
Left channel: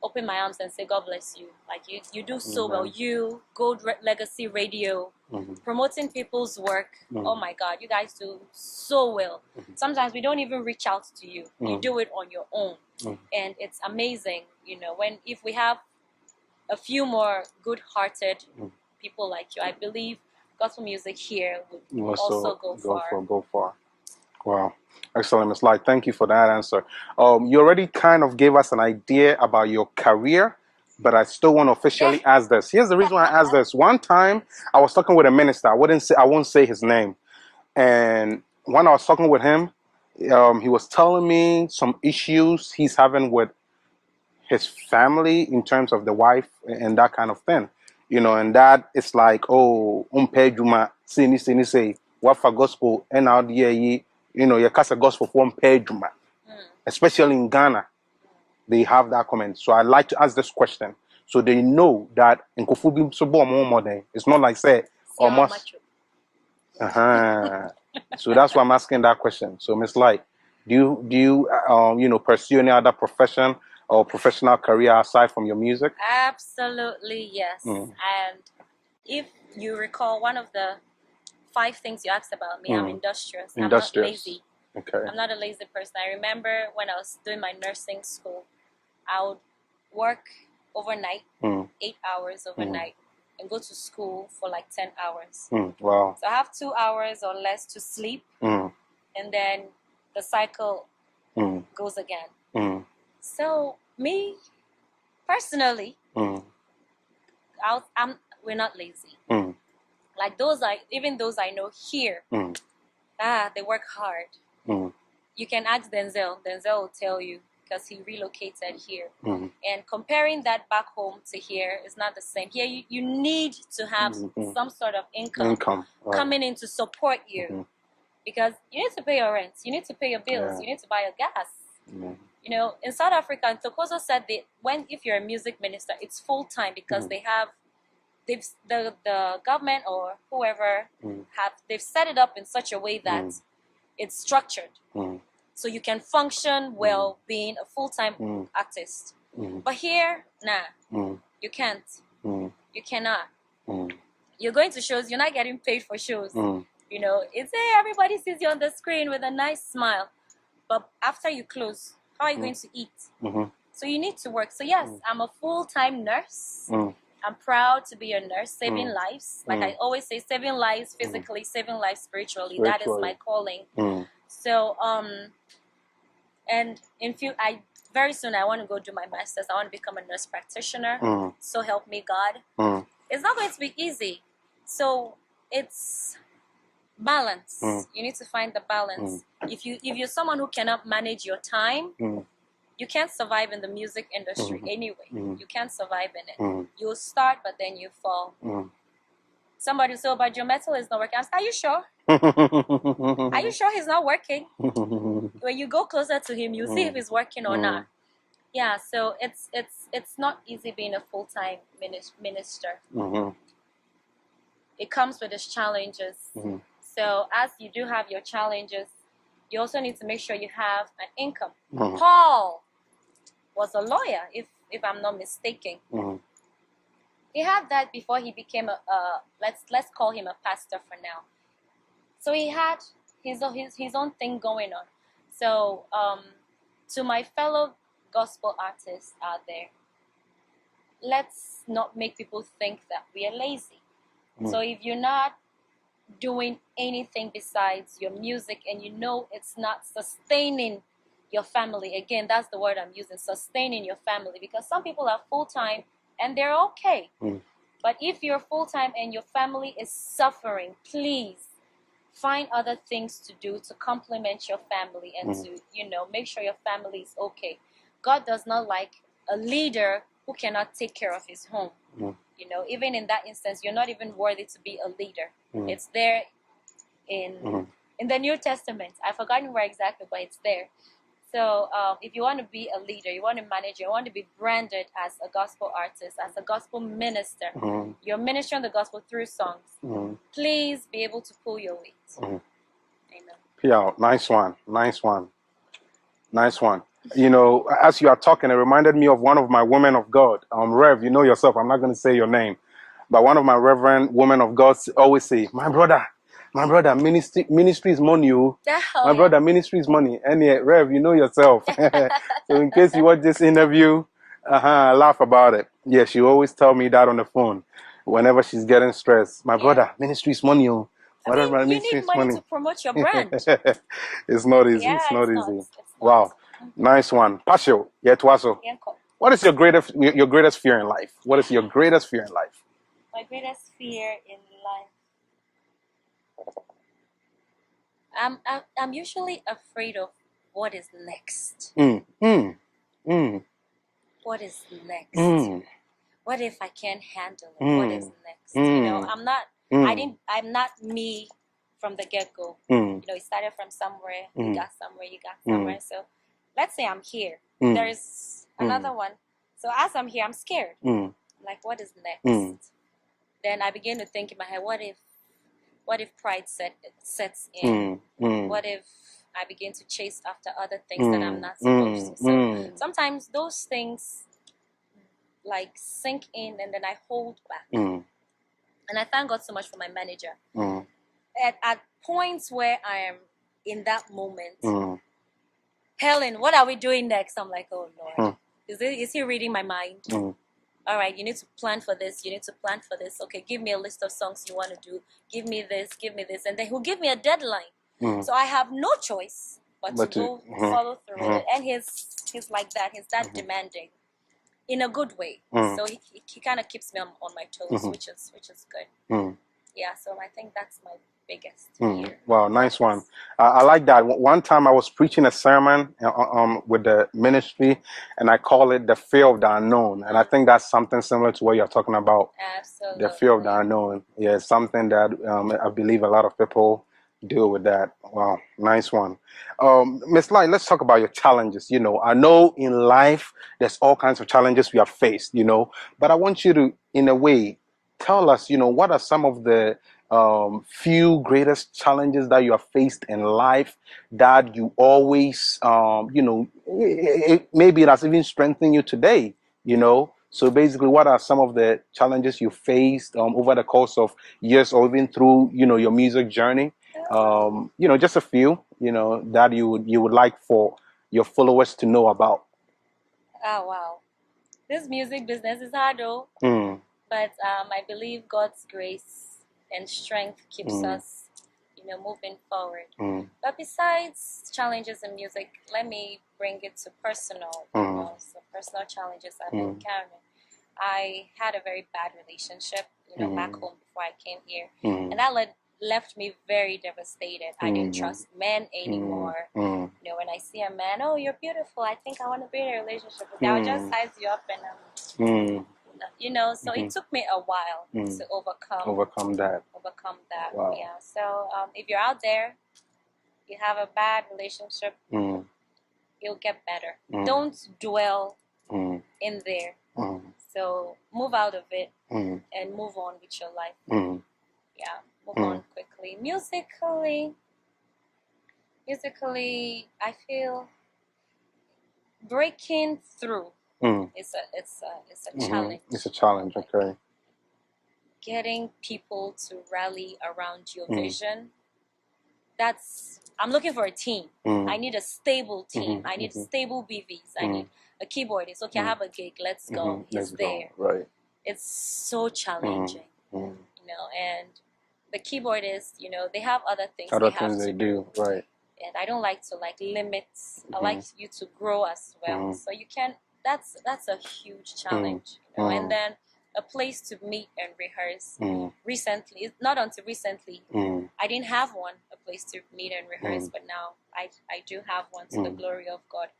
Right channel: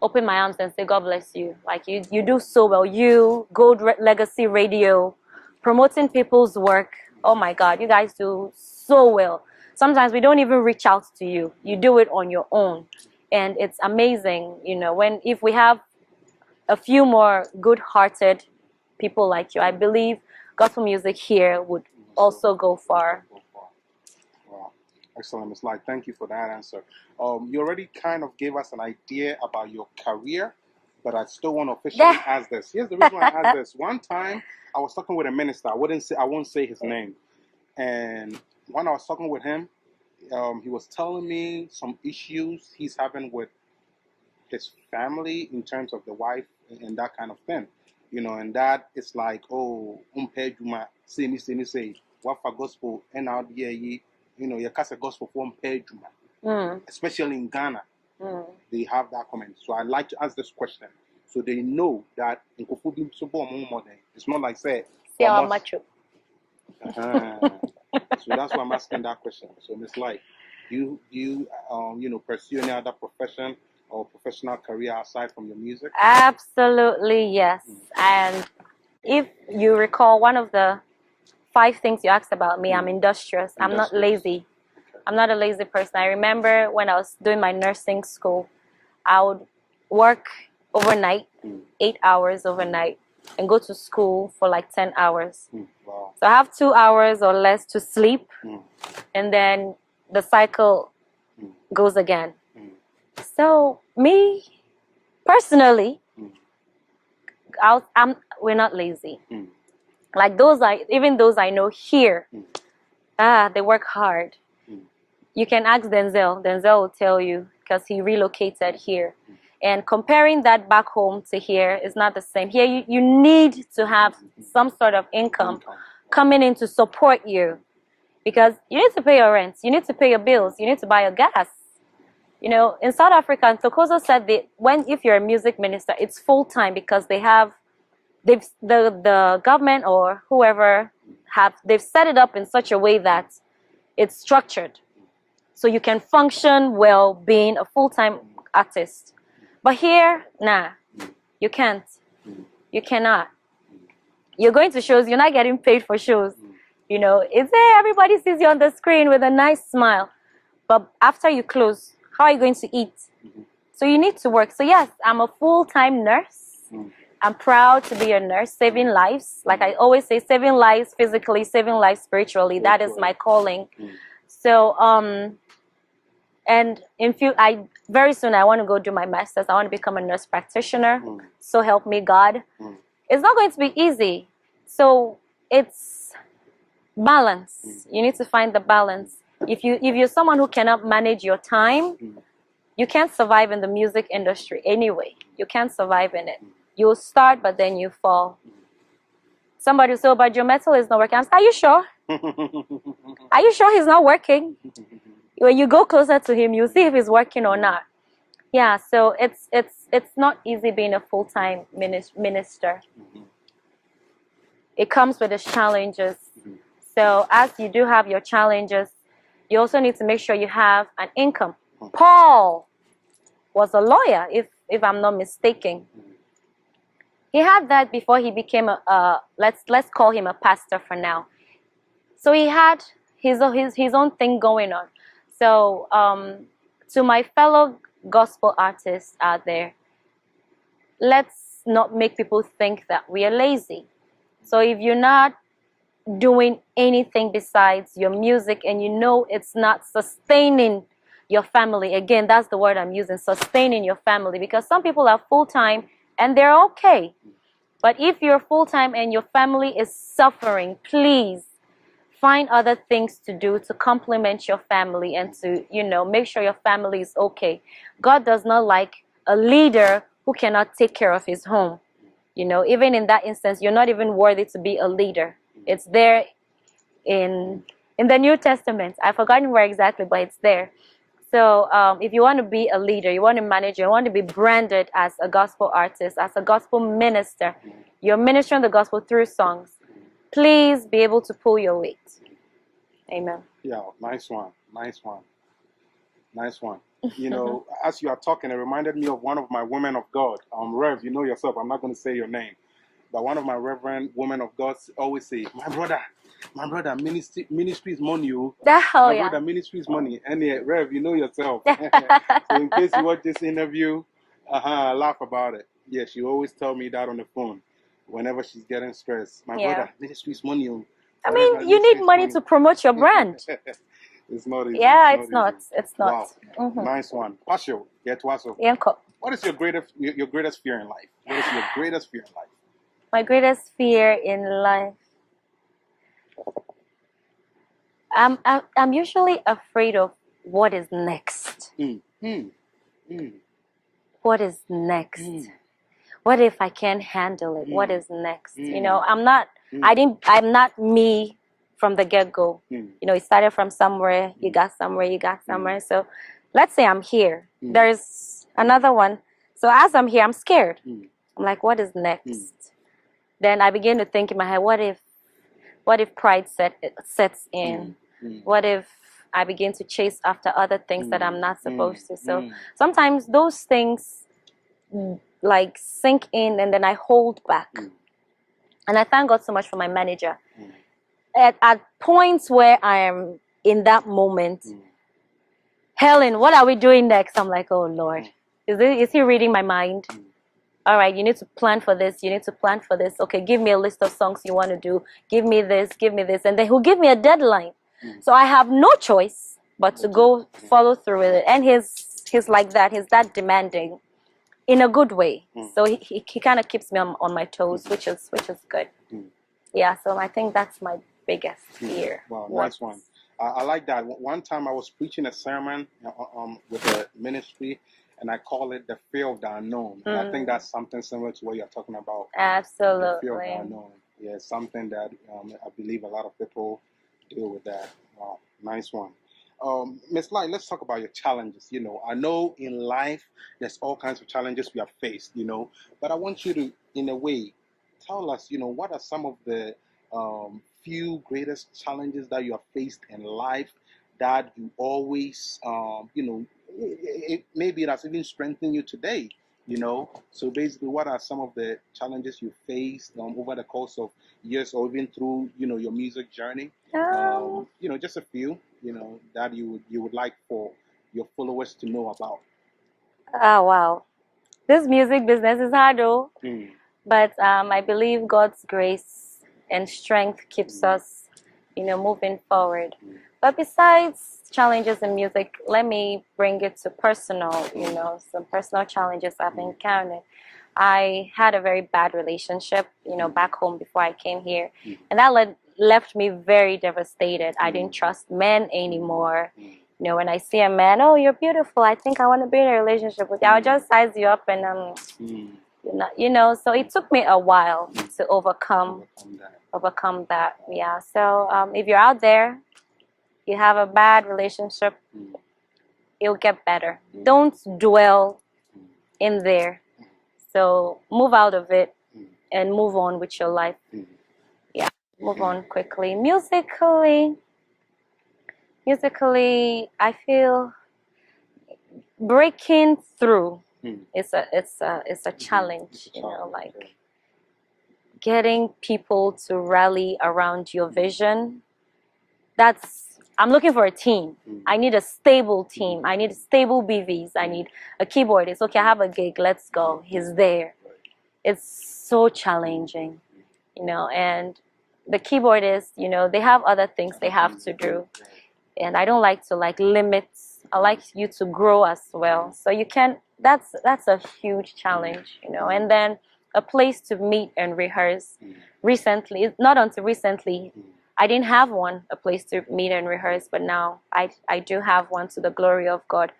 open my arms and say, God bless you. Like, you do so well. You, Gold Legacy Radio, promoting people's work. Oh my God, you guys do so well. Sometimes we don't even reach out to you. You do it on your own. And it's amazing, if we have a few more good-hearted people like you, I believe gospel music here would also go far. Go far. Wow. Excellent, Ms. Light. Thank you for that answer. You already kind of gave us an idea about your career, but I still want to officially ask this. Here's the reason why I asked this. One time, I was talking with a minister. I won't say his name. And when I was talking with him, he was telling me some issues he's having with his family in terms of the wife and that kind of thing. You know, and that it's like, oh, juma, say, what for gospel, and now you know, you cast a gospel for juma. Especially in Ghana, they have that comment. So I'd like to ask this question so they know that in Kofubi it's not like say almost. So that's why I'm asking that question. So Miss Light, do you you know, pursue any other profession or professional career aside from your music? Absolutely, yes. And if you recall, one of the 5 things you asked about me, I'm industrious. I'm not lazy. Okay. I'm not a lazy person. I remember when I was doing my nursing school, I would work overnight, 8 hours overnight, and go to school for like 10 hours. Wow. So I have 2 hours or less to sleep, and then the cycle goes again. So me, personally, we're not lazy. Like even those I know here, they work hard. You can ask Denzel. Denzel will tell you because he relocated here. And comparing that back home to here is not the same. Here you need to have some sort of income coming in to support you because you need to pay your rent, you need to pay your bills, you need to buy your gas. You know, in South Africa, Tokozo said that if you're a music minister, it's full time because the government or whoever they've set it up in such a way that it's structured. So you can function well being a full-time artist. But here, nah, you can't. You cannot. You're going to shows, you're not getting paid for shows. You know, it's there, everybody sees you on the screen with a nice smile. But after you close, how are you going to eat? So you need to work. So yes, I'm a full-time nurse. I'm proud to be a nurse, saving lives. Like I always say, saving lives physically, saving lives spiritually. That is my calling. So, and very soon I want to go do my master's. I want to become a nurse practitioner. So help me God. It's not going to be easy. So it's balance. You need to find the balance. If you're someone who cannot manage your time, you can't survive in the music industry anyway. You can't survive in it. You'll start, but then you fall. Somebody will say, oh, but your metal is not working. I'm saying, are you sure? Are you sure he's not working? When you go closer to him, you'll see if he's working or not. Yeah, so it's not easy being a full-time minister. It comes with its challenges. So as you do have your challenges, you also need to make sure you have an income. Paul was a lawyer, if I'm not mistaken. He had that before he became let's call him a pastor for now. So he had his own thing going on. So to my fellow gospel artists out there, let's not make people think that we are lazy. So if you're not doing anything besides your music and you know it's not sustaining your family, again, that's the word I'm using, sustaining your family, because some people are full-time and they're okay. But if you're full-time and your family is suffering, please find other things to do to complement your family and to, you know, make sure your family is okay. God does not like a leader who cannot take care of his home. You know, even in that instance, you're not even worthy to be a leader. It's there in the New Testament. I've forgotten where exactly, but it's there. So if you want to be a leader, you want to manage, you want to be branded as a gospel artist, as a gospel minister, you're ministering the gospel through songs, please be able to pull your weight. Amen. Yeah, nice one. Nice one. Nice one. You know, as you are talking, it reminded me of one of my women of God. Rev, you know yourself, I'm not going to say your name. But one of my reverend women of God always say, my brother, ministry is money. My brother, ministry is money. And yeah, Rev, you know yourself. So in case you watch this interview, laugh about it. Yeah, she always tell me that on the phone. whenever she's getting stressed. My brother, ministry's money. Oh. I mean, you need money to promote your brand. It's not easy. Yeah, it's not easy. It's not. Wow, nice one. Pasio, Yetwaso. What is your greatest fear in life? What is your greatest fear in life? My greatest fear in life. I'm usually afraid of what is next. What is next? What if I can't handle it? What is next? You know, I'm not me from the get-go. You know, it started from somewhere, you got somewhere. So let's say I'm here. There's another one. So as I'm here, I'm scared. I'm like, what is next? Then I begin to think in my head, what if pride sets in? What if I begin to chase after other things that I'm not supposed to? So sometimes those things like sink in and then I hold back. And I thank God so much for my manager. At points where I am in that moment, Helen, what are we doing next? I'm like, oh Lord, is he reading my mind? All right, you need to plan for this. You need to plan for this. Okay, give me a list of songs you want to do. Give me this. And then he'll give me a deadline. So I have no choice but to go follow through with it. And he's like that. He's that demanding in a good way. So he kind of keeps me on my toes, which is good. Yeah, so I think that's my biggest fear. Wow, nice one. I like that. One time I was preaching a sermon with the ministry, and I call it the fear of the unknown. And I think that's something similar to what you're talking about. Absolutely. The fear of the unknown. Yeah, it's something that I believe a lot of people deal with that. Wow, nice one. Miss Light, let's talk about your challenges. You know, I know in life there's all kinds of challenges we have faced, you know, but I want you to, in a way, tell us, you know, what are some of the few greatest challenges that you have faced in life that you always, you know, maybe it has even strengthened you today, you know? So basically, what are some of the challenges you faced over the course of years or even through, you know, your music journey? You know, just a few, you know, that you would like for your followers to know about. Oh, wow. This music business is hard, though. But I believe God's grace and strength keeps us, you know, moving forward. But besides challenges in music, let me bring it to personal, you know, some personal challenges I've encountered. I had a very bad relationship, you know, back home before I came here. And that left me very devastated. I didn't trust men anymore. You know, when I see a man, oh, you're beautiful, I think I want to be in a relationship with you. I'll just size you up and you know, so it took me a while to overcome that. Wow. Yeah. So if you're out there, you have a bad relationship, it'll get better. Don't dwell in there. So move out of it and move on with your life. Yeah, move on quickly. Musically, I feel breaking through. It's a challenge. It's a challenge, you know, like okay. Getting people to rally around your vision. I'm looking for a team. I need a stable team. I need stable BVs. I need a keyboardist. Okay, I have a gig. Let's go. He's there. Right. It's so challenging, you know, and the keyboardists, you know, they have other things they have to do. Right. And I don't like to limit. I like you to grow as well. So you can, that's a huge challenge, you know, and then a place to meet and rehearse. Recently, not until recently, I didn't have a place to meet and rehearse, but now I do have one, to the glory of God.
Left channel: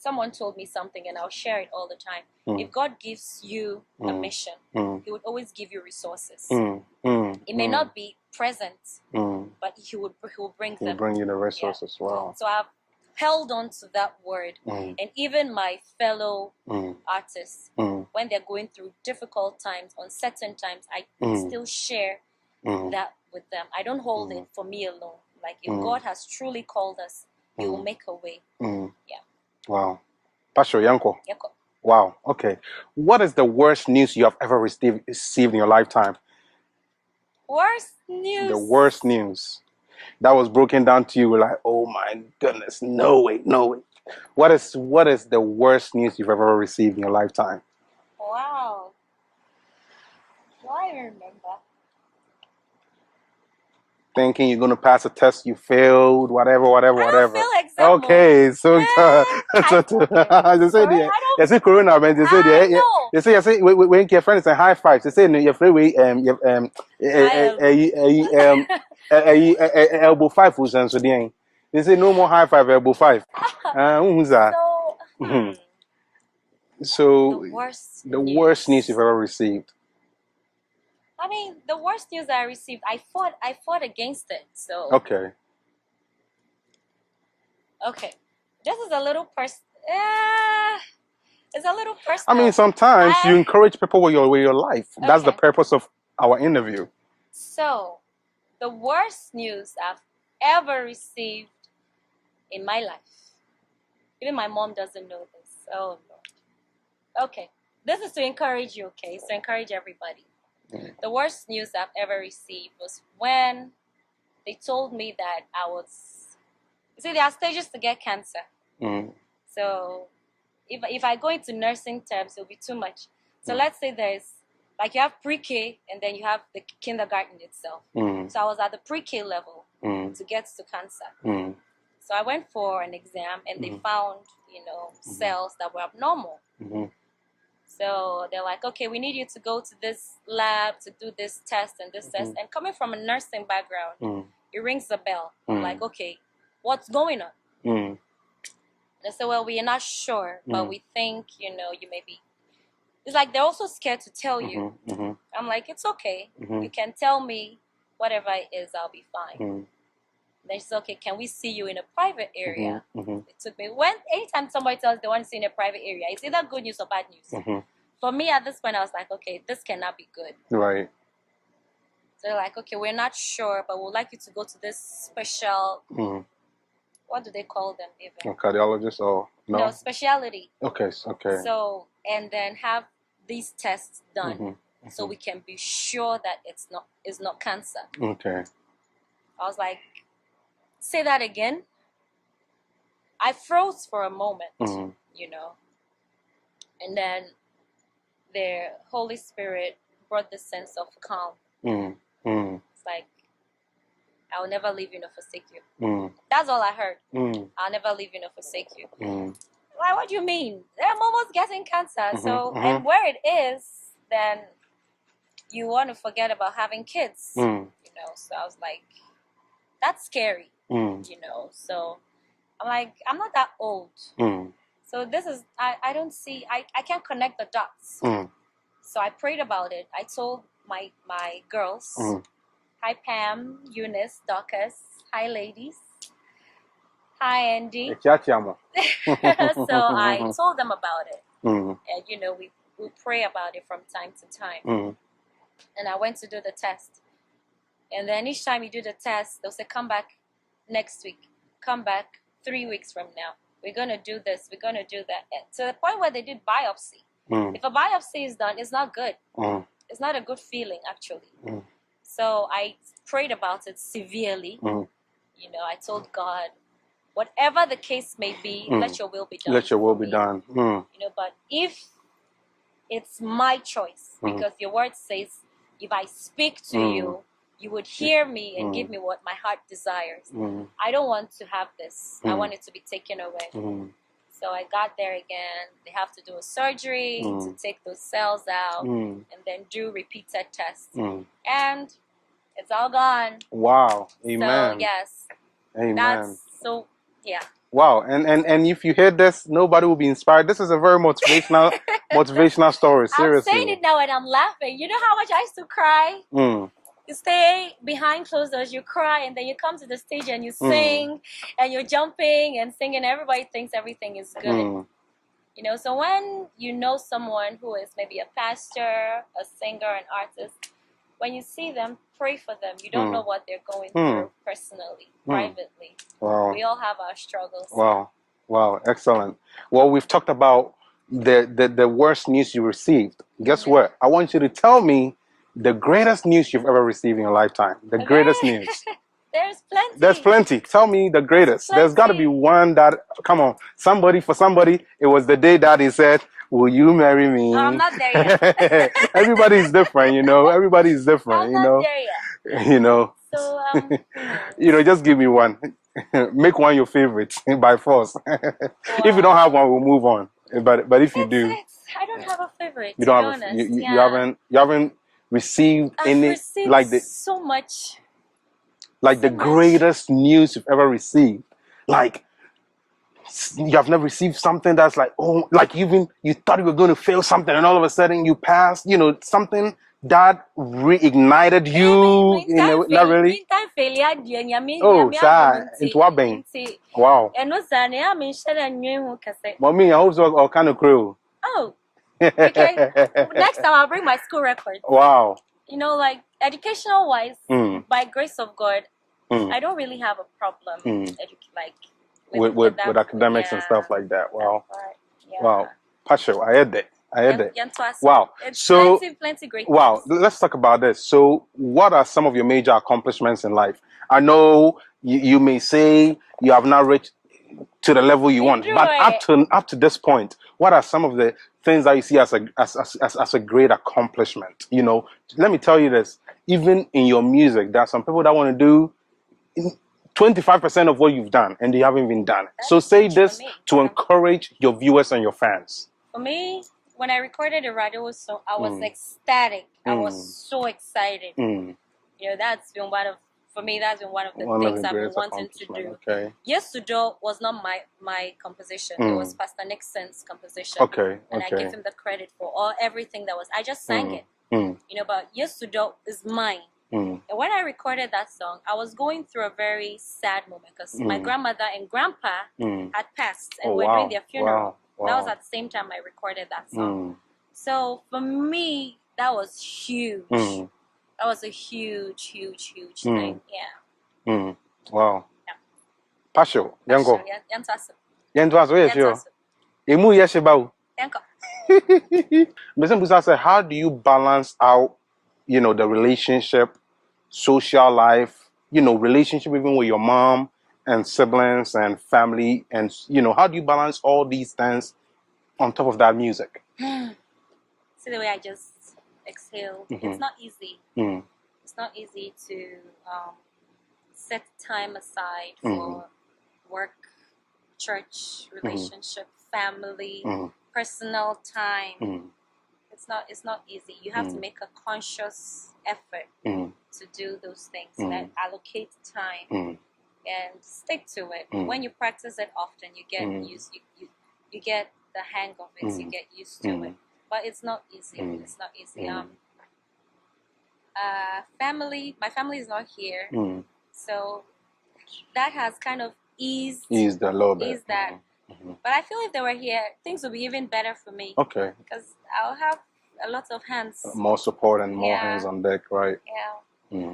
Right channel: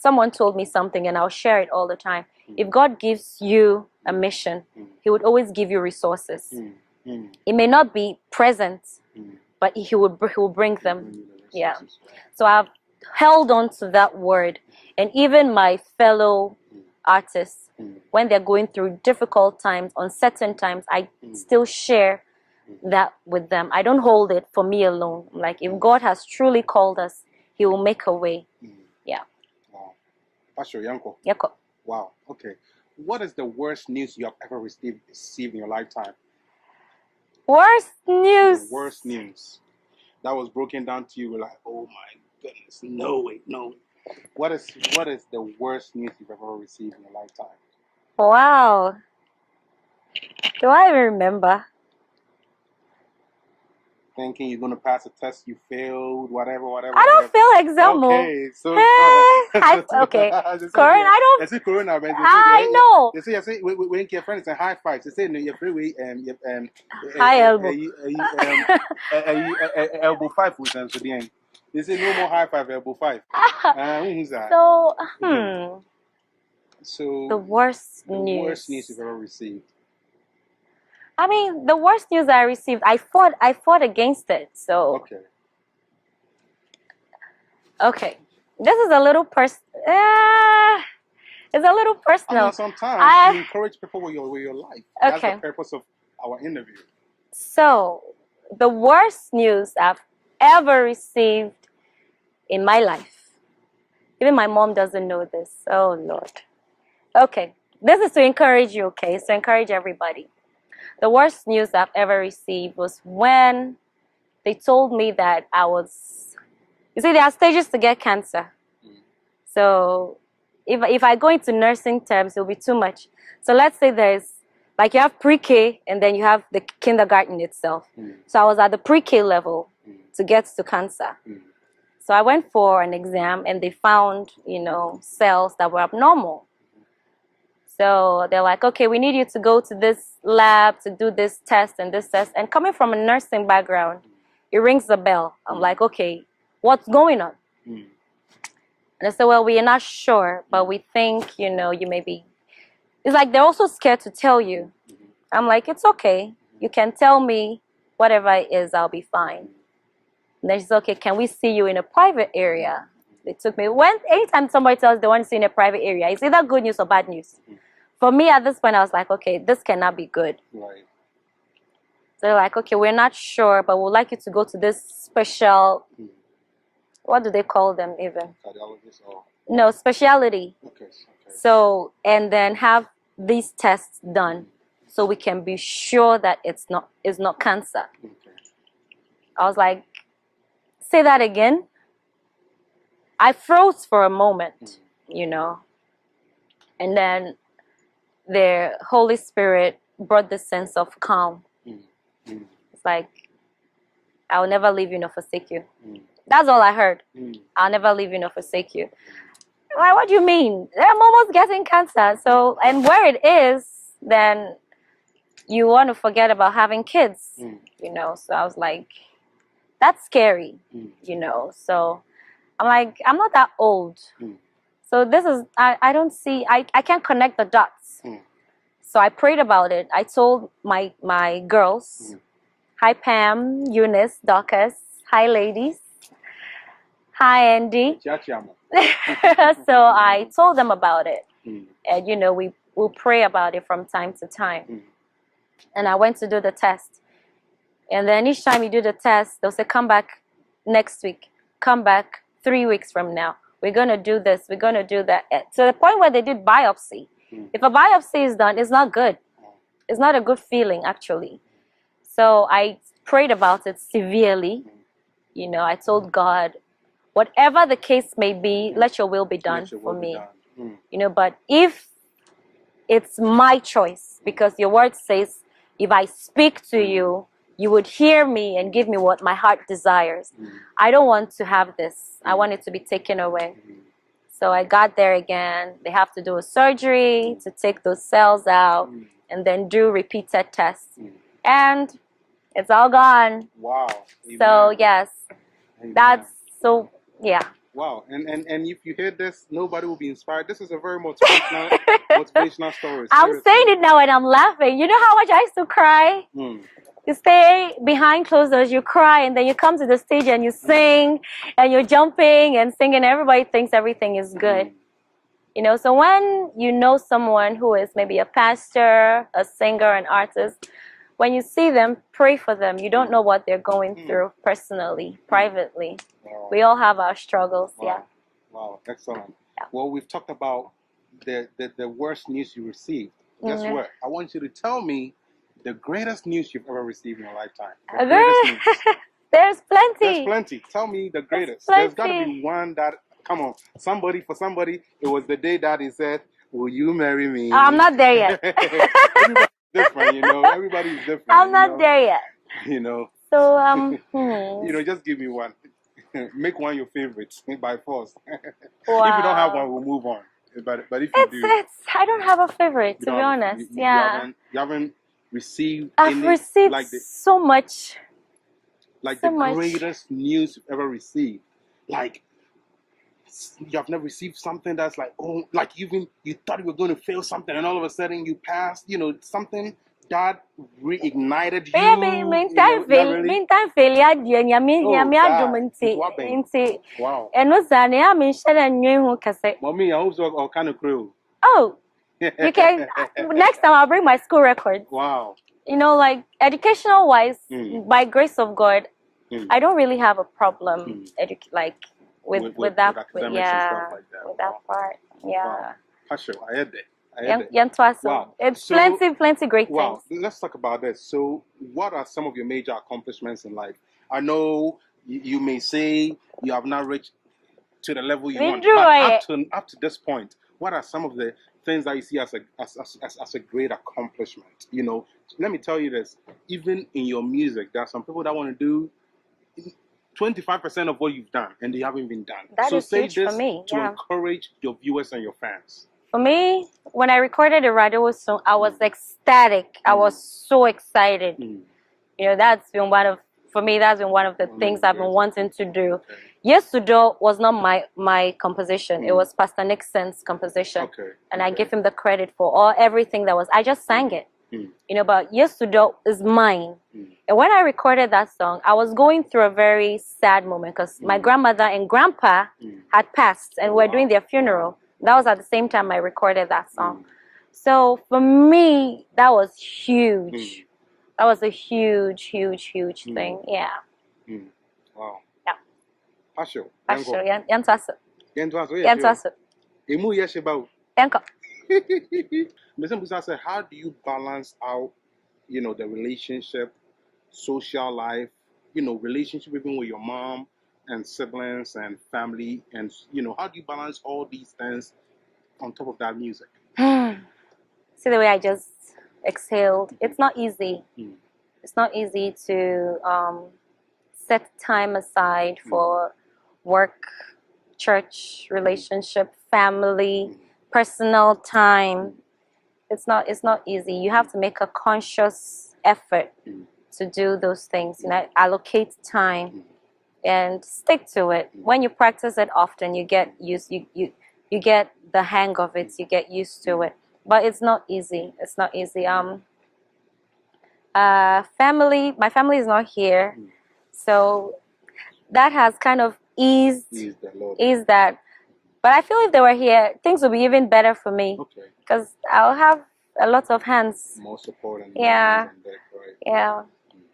Someone told me something, and I'll share it all the time. If God gives you a mission, He would always give you resources. It may not be present, but He will bring them. He'll bring you the resources. Yeah. Wow. So I've held on to that word. And even my fellow artists, when they're going through difficult times, uncertain times, I still share that with them. I don't hold it for me alone. Like, if God has truly called us, He will make a way. Yeah. Wow. Pastor Yanko. Yako. Wow. Okay. What is the worst news you have ever received in your lifetime? Worst news? The worst news that was broken down to you, like, oh my goodness, no way. What is the worst news you've ever received in your lifetime? Wow. Do I even remember? Thinking you're going to pass a test, you failed, whatever. I don't feel exam. Okay, so okay. Corona, I don't. They say Corona, man. They say I know. They say when your friends say high five. They say no, your friend High elbow. Elbow five was so they say no more high five, elbow five. Who's that? So the worst news you've ever received. I mean, the worst news I received, I fought against it. So okay, this is a little it's a little personal. I mean, sometimes you encourage people with your life. Okay. That's the purpose of our interview. So, the worst news I've ever received in my life. Even my mom doesn't know this. Oh Lord. Okay, this is to encourage you. Okay, it's to encourage everybody. The worst news I've ever received was when they told me that I was, you see, there are stages to get cancer. So if I go into nursing terms, it'll be too much. So let's say there's, like you have pre-K and then you have the kindergarten itself. So I was at the pre-K level to get to cancer. So I went for an exam and they found, you know, cells that were abnormal. So they're like, okay, we need you to go to this lab to do this test and this test. And coming from a nursing background, it rings a bell. I'm like, okay, what's going on? And I said, well, we are not sure, but we think, you know, you may be. It's like they're also scared to tell you. I'm like, it's okay. You can tell me whatever it is, I'll be fine. And then she said, okay, can we see you in a private area? They took me. Anytime somebody tells they want to see in a private area, it's either good news or bad news. For me, at this point, I was like, okay, this cannot be good. Right. So they're like, okay, we're not sure, but we'd like you to go to this special, what do they call them even? A cardiologist or? No, specialty. Okay, okay. So, and then have these tests done so we can be sure that it's not cancer. Okay. I was like, say that again. I froze for a moment, you know, and then the Holy Spirit brought this sense of calm. It's like, I'll never leave you nor forsake you. That's all I heard. I'll never leave you nor forsake you. Like, what do you mean? I'm almost getting cancer. So, and where it is, then you want to forget about having kids, you know. So I was like, that's scary, you know. So I'm like, I'm not that old. So this is, I don't see, I can't connect the dots. So I prayed about it. I told my girls, hi Pam, Eunice, Dorcas, hi ladies, hi Andy. So I told them about it. And you know, we'll pray about it from time to time. And I went to do the test. And then each time you do the test, they'll say, come back next week. Come back 3 weeks from now. We're going to do this. We're going to do that. To the point where they did biopsy. If a biopsy is done, it's not good. It's not a good feeling, actually. So I prayed about it severely. You know, I told God, whatever the case may be, let your will be done. Let your will be done. You know, but if it's my choice, because your word says, if I speak to you, you would hear me and give me what my heart desires. I don't want to have this. I want it to be taken away. So I got there again. They have to do a surgery to take those cells out and then do repeated tests. And it's all gone. Wow. Amen. So, yes. Amen. That's so, yeah. Wow. And if you hear this, nobody will be inspired. This is a very motivational motivational story. Seriously. I'm saying it now and I'm laughing. You know how much I used to cry? You stay behind closed doors, you cry, and then you come to the stage and you sing, and you're jumping and singing. Everybody thinks everything is good. You know, so when you know someone who is maybe a pastor, a singer, an artist, when you see them, pray for them. You don't know what they're going through personally, privately. Wow. We all have our struggles. Wow. Yeah. Wow. Excellent. Well, we've talked about the worst news you received. Guess what? I want you to tell me the greatest news you've ever received in your lifetime. The greatest news. There's plenty. There's plenty. Tell me the greatest. There's got to be one that, come on, for somebody, it was the day that he said, will you marry me? I'm not there yet. Everybody's different, you know. Everybody's different. I'm not there yet. You know. So, you know, just give me one. Make one your favorite by force. Wow. If you don't have one, we'll move on. But if you do, I don't have a favorite. To be honest, you haven't received received like so much. Like the greatest news you've ever received. Like you have never received something that's like, oh, like even you thought you were going to fail something and all of a sudden you passed, you know, something that reignited you. Not really. Wow. Mommy, I hope so, all kind of crew. Oh, okay. Next time I'll bring my school records. Wow. You know, like educational wise, by grace of God, I don't really have a problem with academics and stuff like that. Wow. Yeah. Wow. Passion, I heard that. Wow. It's plenty great things. Wow. Let's talk about this. So what are some of your major accomplishments in life? I know you may say you have not reached to the level you want, but up to this point, what are some of the things that you see as a great accomplishment? You know, let me tell you this, even in your music, there are some people that want to do 25% of what you've done and they haven't even done. So say this to encourage your viewers and your fans. For me, when I recorded the radio song, I was ecstatic. I was so excited. You know, that's been one of the things I've been wanting to do. Okay. Yes to Do was not my composition. It was Pastor Nixon's composition. And I give him the credit for everything that was. I just sang it. You know, but Yes to Do is mine. And when I recorded that song, I was going through a very sad moment because my grandmother and grandpa had passed and we're doing their funeral. Wow. That was at the same time I recorded that song. So for me, that was huge. That was a huge thing. Yeah. Wow. Yeah. Pasho. Yanko. How do you balance out, you know, the relationship, social life, you know, relationship even with your mom and siblings and family, and you know, how do you balance all these things on top of that music? See the way I just exhaled. It's not easy. It's not easy to set time aside for work, church, relationship, family, personal time. It's not easy. You have to make a conscious effort to do those things. You know, allocate time and stick to it. When you practice it often, you get used. You get the hang of it. You get used to it. But it's not easy. It's not easy. Family. My family is not here, so that has kind of eased that. But I feel if they were here, things would be even better for me. Okay. Because I'll have a lot of hands. More support and more hands on deck, right? Yeah.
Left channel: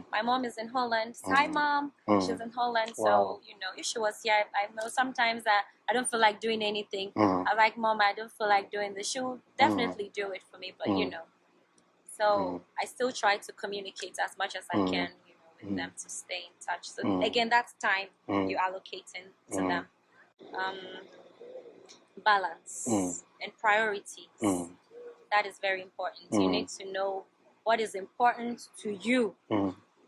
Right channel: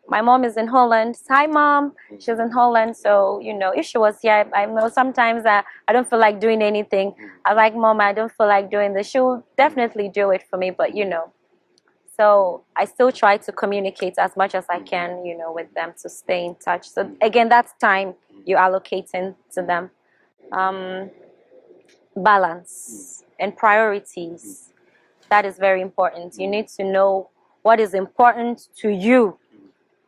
My mom is in Holland. Hi, Mom. She's in Holland. So, you know, if she was here, I know sometimes I don't feel like doing anything. I'm like, Mom, I don't feel like doing this. She will definitely do it for me, but, you know. So I still try to communicate as much as I can, you know, with them to stay in touch. So, again, that's time you're allocating to them. Balance and priorities. That is very important. You need to know what is important to you,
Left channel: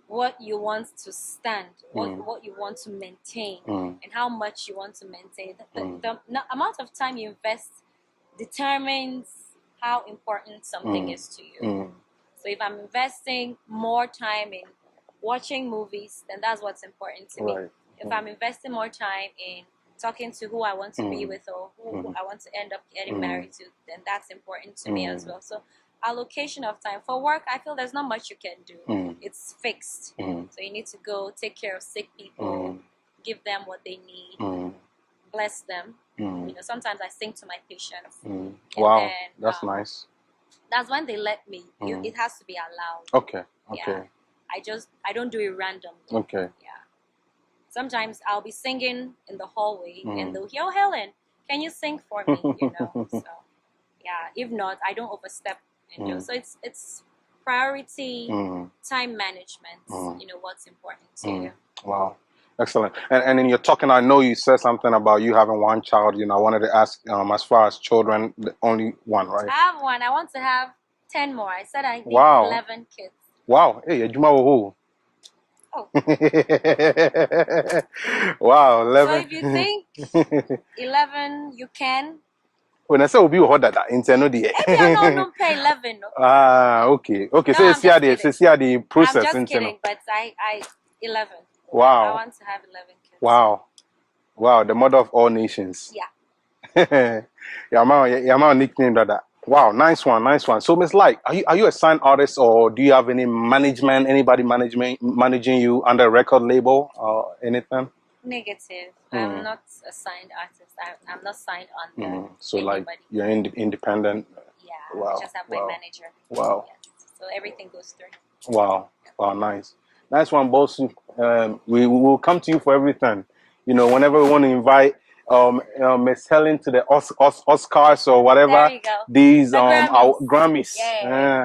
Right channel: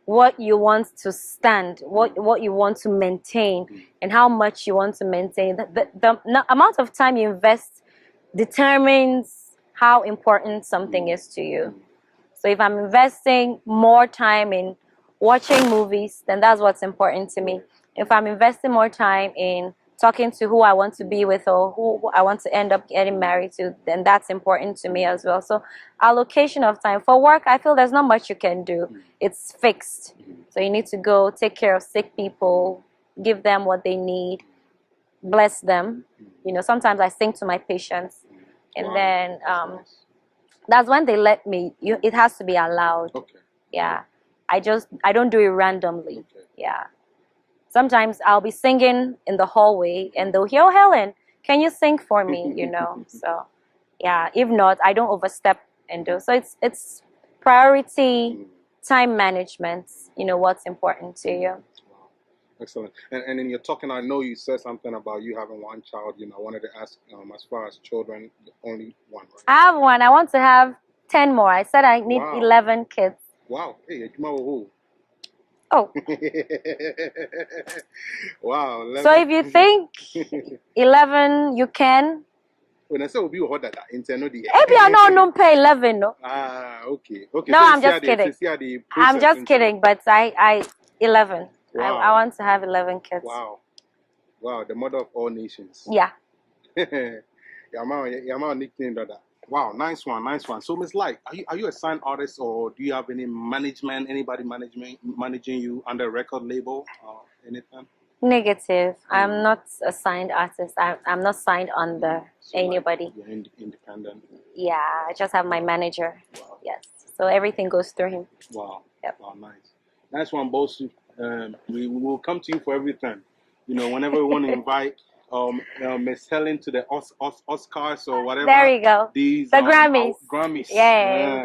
what you want to stand, what you want to maintain, and how much you want to maintain. The amount of time you invest determines how important something is to you. So if I'm investing more time in watching movies, then that's what's important to me. If I'm investing more time in talking to who I want to be with or who I want to end up getting married to, then that's important to me as well. So allocation of time. For work, I feel there's not much you can do. It's fixed. So you need to go take care of sick people, give them what they need, bless them. You know, sometimes I sing to my patients. And then that's nice. That's when they let me. It has to be allowed. Okay. Yeah. I don't do it randomly. Okay. Yeah. Sometimes I'll be singing in the hallway and they'll hear, oh, Helen, can you sing for me? You know, so yeah, if not, I don't overstep and do. So it's priority, time management, you know, what's important to you. Wow. Excellent. And in your talking, I know you said something about you having one child. You know, I wanted to ask, as far as children, only one, right? I have one. I want to have 10 more. I said I need 11 kids. Wow. Hey, who? Oh. Wow. 11. So if you think 11, you can. When I say we'll be that intendo the. Maybe I don't pay 11, no. Okay. Okay. No, So I'm just kidding. the process. I'm just kidding, but I 11. Wow. I want to have 11 kids. Wow. Wow. The mother of all nations. Yeah. Yeah, my nickname that. Wow, nice one. So, Miss Light, are you a signed artist, or do you have any management? Anybody managing you under a record label or anything? Negative. I'm not a signed artist. I'm not signed under anybody. Like you're independent. Yeah, wow. I just have my manager. Wow. Yes. So everything goes through him. Wow. Yep. Wow, nice one, boss. We will come to you for everything. You know, whenever we want to invite Miss Helen to the Oscars or whatever. There you go. These Grammys. Yeah.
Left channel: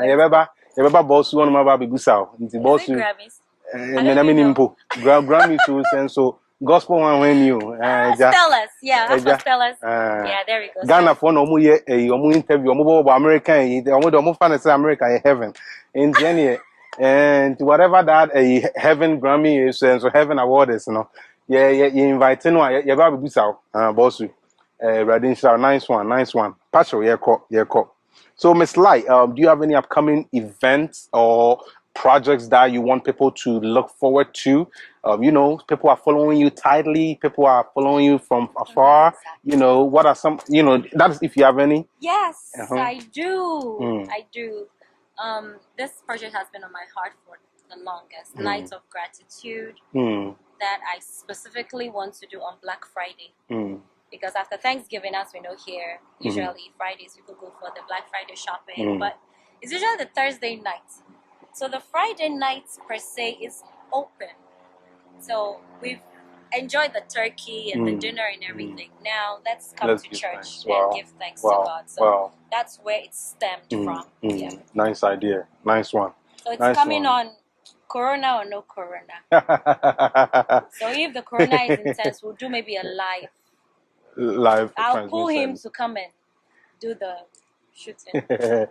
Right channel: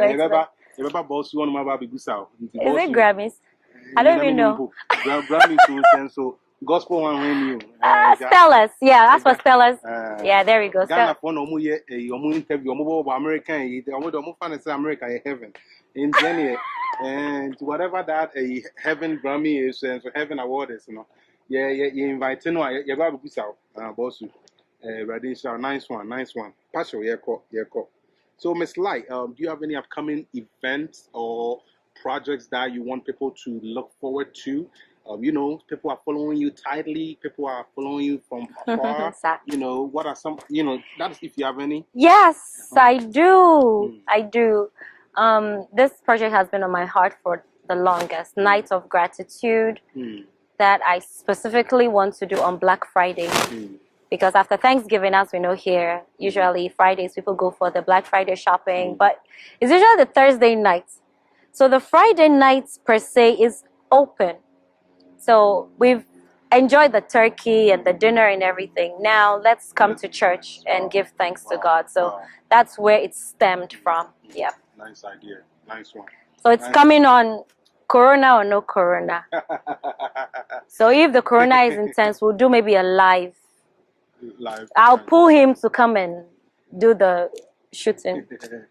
Everybody boss one of my big sound. Is it Grammys? I don't even know. Grammys so gospel one when you. Stellas. Yeah, that's for Stellas. Yeah, there we go. Ghana for no more interview. American. Omo fan say America heaven. In January. And whatever that a heaven Grammy is, and so heaven award is, you know. Yeah, you invite no, you ever be so, boss. Radin, nice one. Pastor, yeah, call. So, Miss Light, do you have any upcoming events or projects that you want people to look forward to? You know, people are following you tightly. People are following you from afar. Exactly. You know, what are some? You know, that is if you have any. Yes, I do. I do. This project has been on my heart for the longest. Nights of Gratitude. That I specifically want to do on Black Friday. Because after Thanksgiving, as we know here, usually Fridays people go for the Black Friday shopping, but it's usually the Thursday night. So the Friday night per se is open. So we've enjoyed the turkey and the dinner and everything. Now let's come to church and give thanks to God. So that's where it stemmed from. Yeah. Nice idea. Nice one. So it's coming on Corona or no Corona. So if the Corona is intense, we'll do maybe a live. I'll pull him to come and do the shooting. Yeah.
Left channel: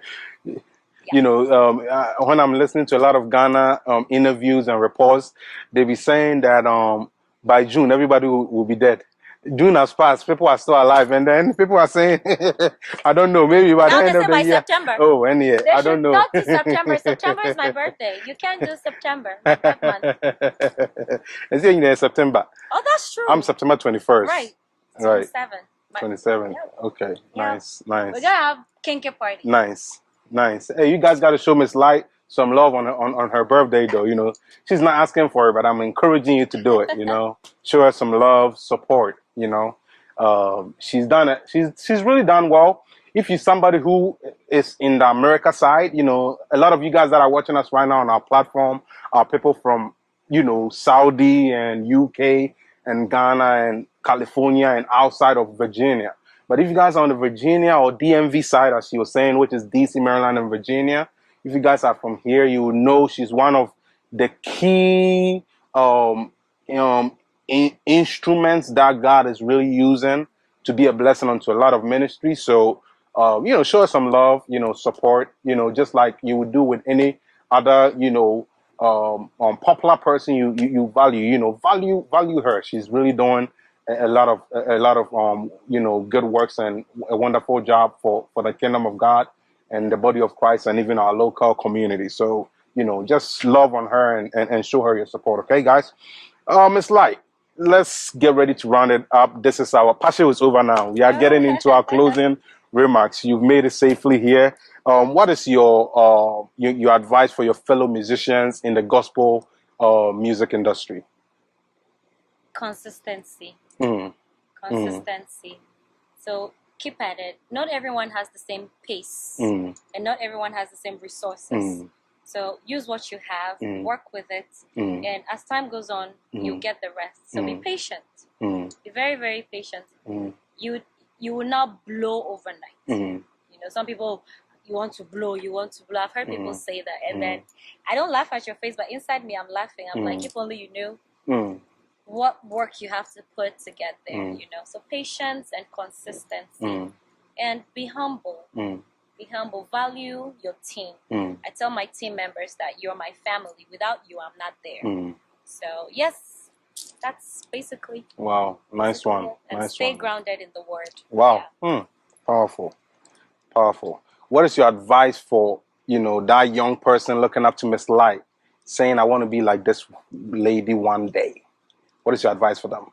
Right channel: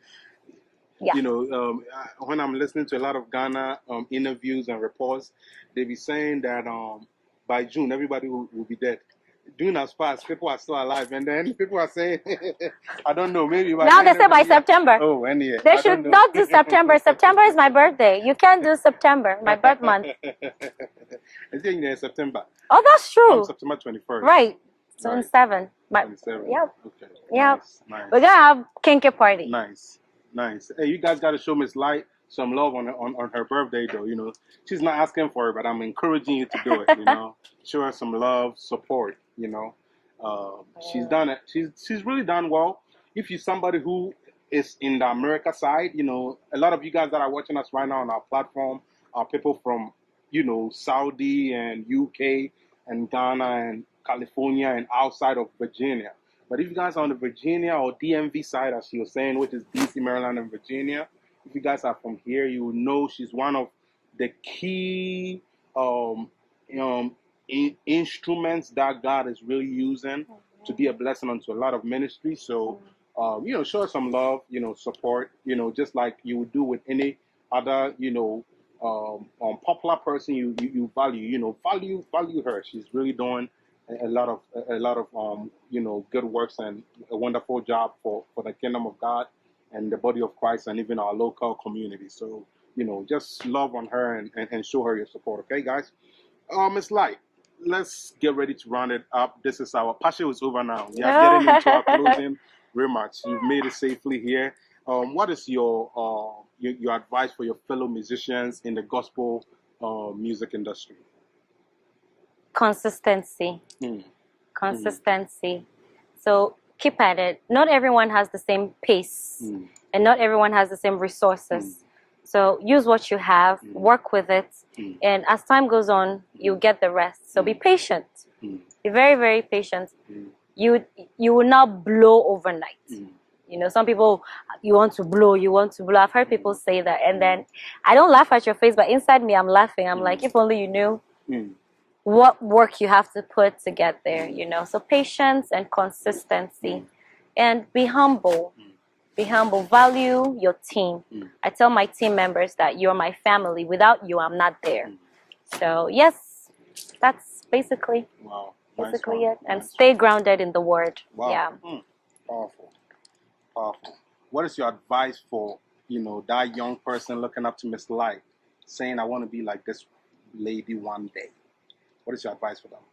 You know, when I'm listening to a lot of Ghana interviews and reports, they be saying that by June everybody will be dead. June has passed, people are still alive, and then people are saying, I don't know, maybe by now they say by September. Oh, and yeah, they should not do September. September is my birthday. You can't do September, my birth month. Is it in September? Oh, that's true. I'm September 21st. Right. 27. 27. Yep. Okay. Yep. Nice. We're gonna have kinky party. Nice. Hey, you guys got to show Miss Light some love on her birthday, though. You know, she's not asking for it, but I'm encouraging you to do it. You know, show her some love, support. You know, she's done it. She's really done well. If you're somebody who is in the America side, you know, a lot of you guys that are watching us right now on our platform are people from, you know, Saudi and UK and Ghana and California and outside of Virginia. But if you guys are on the Virginia or DMV side, as she was saying, which is DC, Maryland, and Virginia, if you guys are from here, you will know she's one of the key instruments that God is really using to be a blessing unto a lot of ministries. So, you know, show her some love, you know, support, you know, just like you would do with any other, you know, popular person you value, you know, value her. She's really doing a lot of you know, good works and a wonderful job for the kingdom of God and the body of Christ and even our local community. So, you know, just love on her and show her your support. Okay, guys. Miss Light, let's get ready to round it up. This is our passion is over now. We are getting into our closing remarks. You've made it safely here. What is your advice for your fellow musicians in the gospel music industry? Consistency. Consistency. So keep at it. Not everyone has the same pace, and not everyone has the same resources. So use what you have, work with it, and as time goes on, you get the rest. So be patient. Be very, very patient. You will not blow overnight. You know, some people you want to blow, you want to blow. I've heard people say that. And then I don't laugh at your face, but inside me, I'm laughing. I'm like, if only you knew what work you have to put to get there, you know. So patience and consistency, and be humble. Be humble. Value your team. I tell my team members that you're my family. Without you, I'm not there. So yes, that's basically Nice one. it. And stay grounded in the word. Powerful. What is your advice for, you know, that young person looking up to Miss Light, saying, I want to be like this lady one day? What is your advice for them?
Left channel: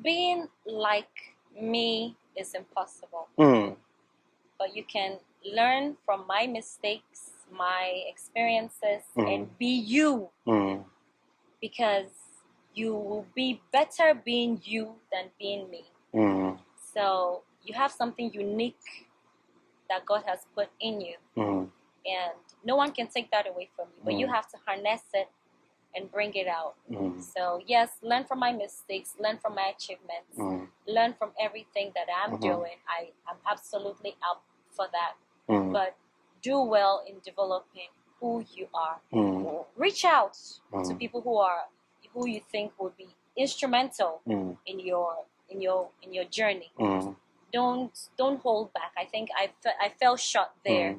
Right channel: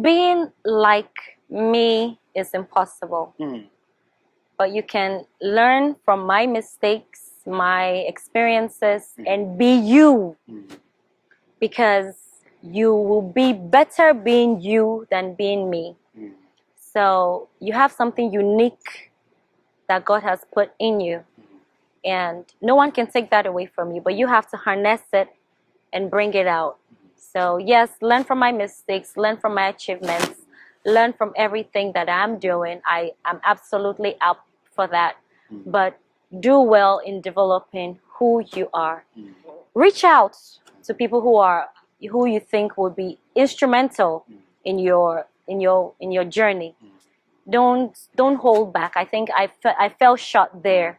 Being like me is impossible. But you can learn from my mistakes, my experiences, and be you. Because you will be better being you than being me. So you have something unique that God has put in you. And no one can take that away from you, but you have to harness it and bring it out. So yes, learn from my mistakes, learn from my achievements, learn from everything that I'm doing. I'm absolutely up for that. But do well in developing who you are. Reach out to people who you think will be instrumental in your journey. Don't hold back. I think I fell short there.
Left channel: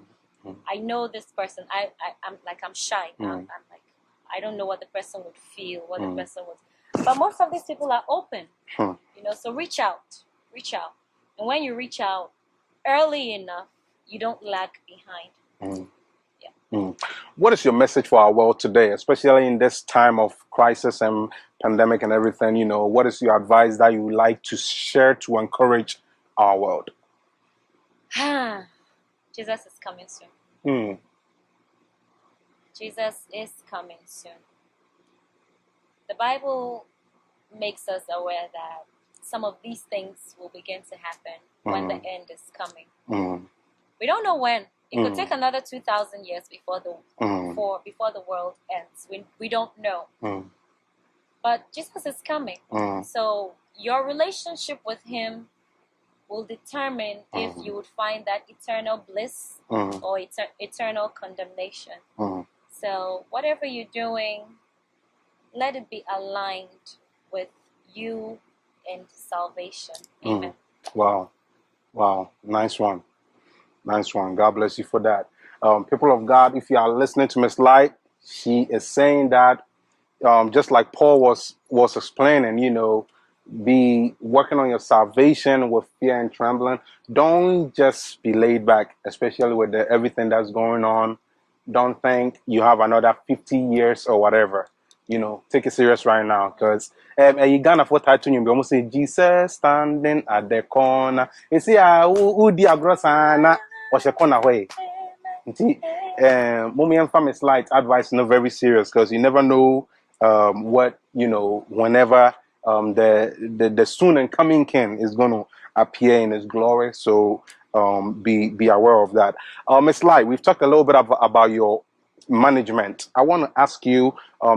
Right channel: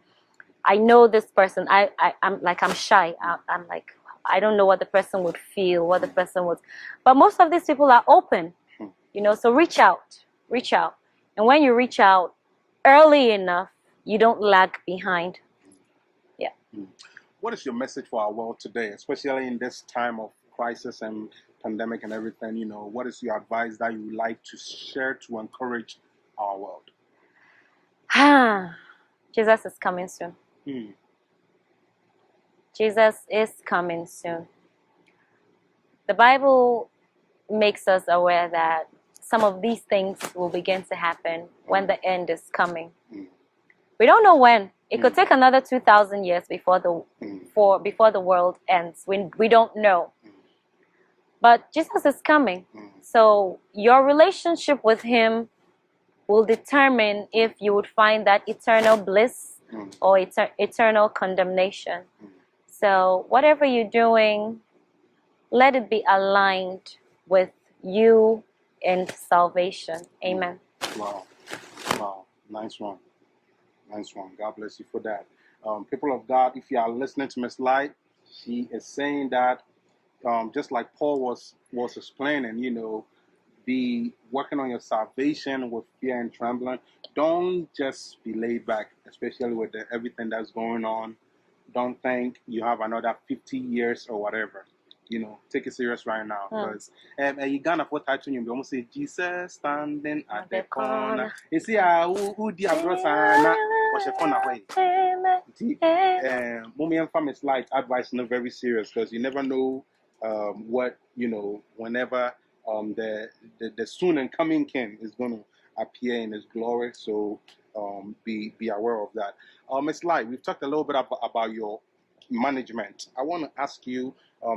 I know this person. I'm shy. I'm like, I don't know what the person would feel, what the person would. But most of these people are open, you know. So reach out, and when you reach out early enough, you don't lag behind. What is your message for our world today, especially in this time of crisis and pandemic and everything? You know, what is your advice that you would like to share to encourage our world? Jesus is coming soon. Jesus is coming soon. The Bible makes us aware that some of these things will begin to happen when the end is coming. We don't know when. It could take another 2,000 years before the world ends. We don't know. But Jesus is coming. So your relationship with him will determine if you would find that eternal bliss or eternal condemnation. So whatever you're doing, let it be aligned with you and salvation. Amen. Wow. Nice one. God bless you for that. People of God, if you are listening to Miss Light, she is saying that just like Paul was explaining, you know, be working on your salvation with fear and trembling. Don't just be laid back, especially with everything that's going on. Don't think you have another 50 years or whatever. You know, take it serious right now, because you gonna for title you almost say Jesus standing at the corner. You see, who the agrosana or she corner way. Mommy and family's light advice not very serious, because you never know what, you know, whenever the soon and coming King is going to appear in his glory. So be aware of that. Miss Light, we've talked a little bit about your management. I want to ask you,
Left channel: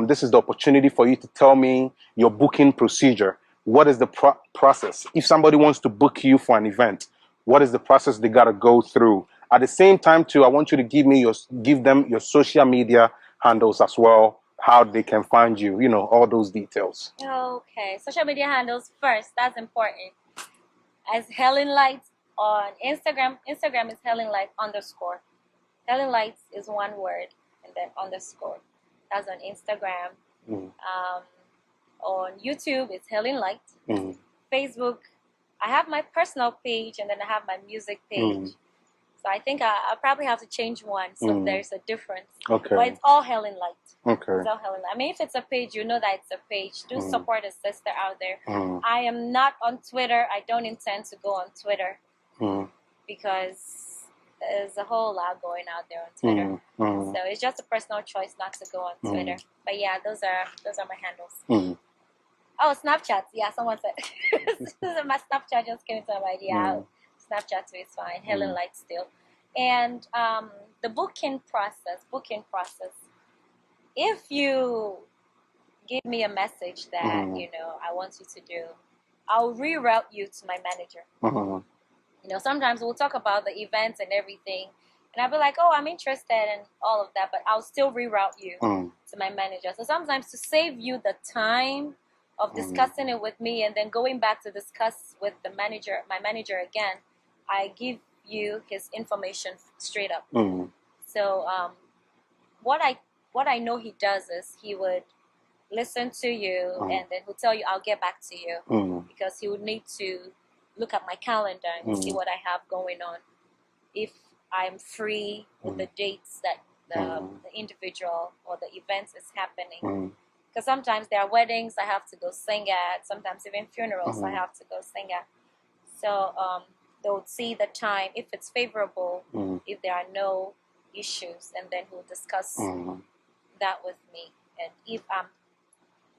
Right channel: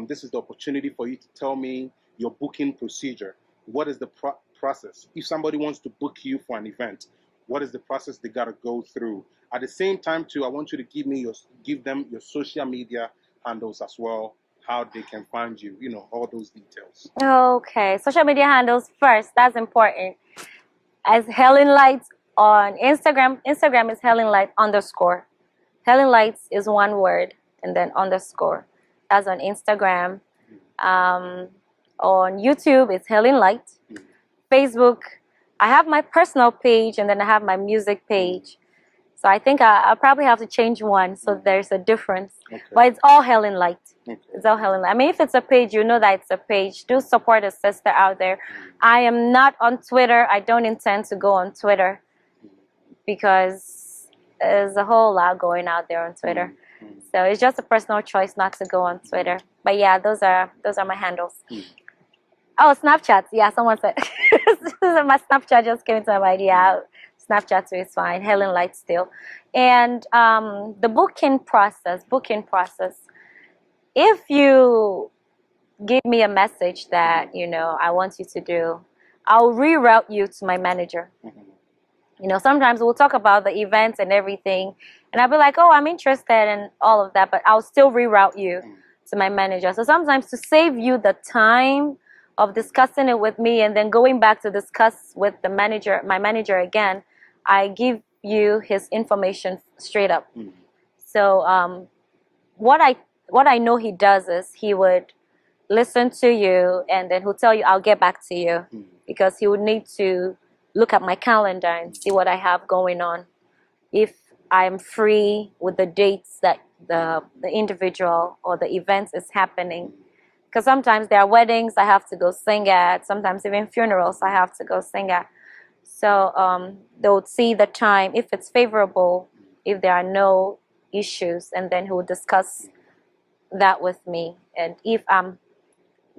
this is the opportunity for you to tell me your booking procedure. What is the process? If somebody wants to book you for an event, what is the process they got to go through? At the same time, too, I want you to give them your social media handles as well, how they can find you, you know, all those details. Okay, social media handles first. That's important. As Helen Lights on Instagram. Instagram is Helen Light _. Helen Lights is one word and then _. That's on Instagram. On YouTube, it's Helen Light. Facebook, I have my personal page and then I have my music page. So I think I'll probably have to change one, so there's a difference. Okay. But it's all Helen Light. Okay. It's all Helen Light. I mean, if it's a page, you know that it's a page. Do support a sister out there. I am not on Twitter. I don't intend to go on Twitter because there's a whole lot going out there on Twitter. So it's just a personal choice not to go on Twitter. But yeah, those are my handles. Oh, Snapchat. Yeah, someone said my Snapchat just came into my mind. Yeah. Snapchat too is fine. Helen Light still. And the booking process. If you give me a message that, you know, I want you to do, I'll reroute you to my manager. You know, sometimes we'll talk about the events and everything, and I'll be like, oh, I'm interested in all of that, but I'll still reroute you to my manager. So sometimes to save you the time of discussing it with me and then going back to discuss with the manager, my manager again, I give you his information straight up. So what I know he does is he would listen to you and then he'll tell you, I'll get back to you, because he would need to look at my calendar and see what I have going on, if I'm free with the dates that the individual or the events is happening. Because sometimes there are weddings I have to go sing at, sometimes even funerals I have to go sing at. So they would see the time, if it's favorable, if there are no issues, and then he will discuss that with me. And if I'm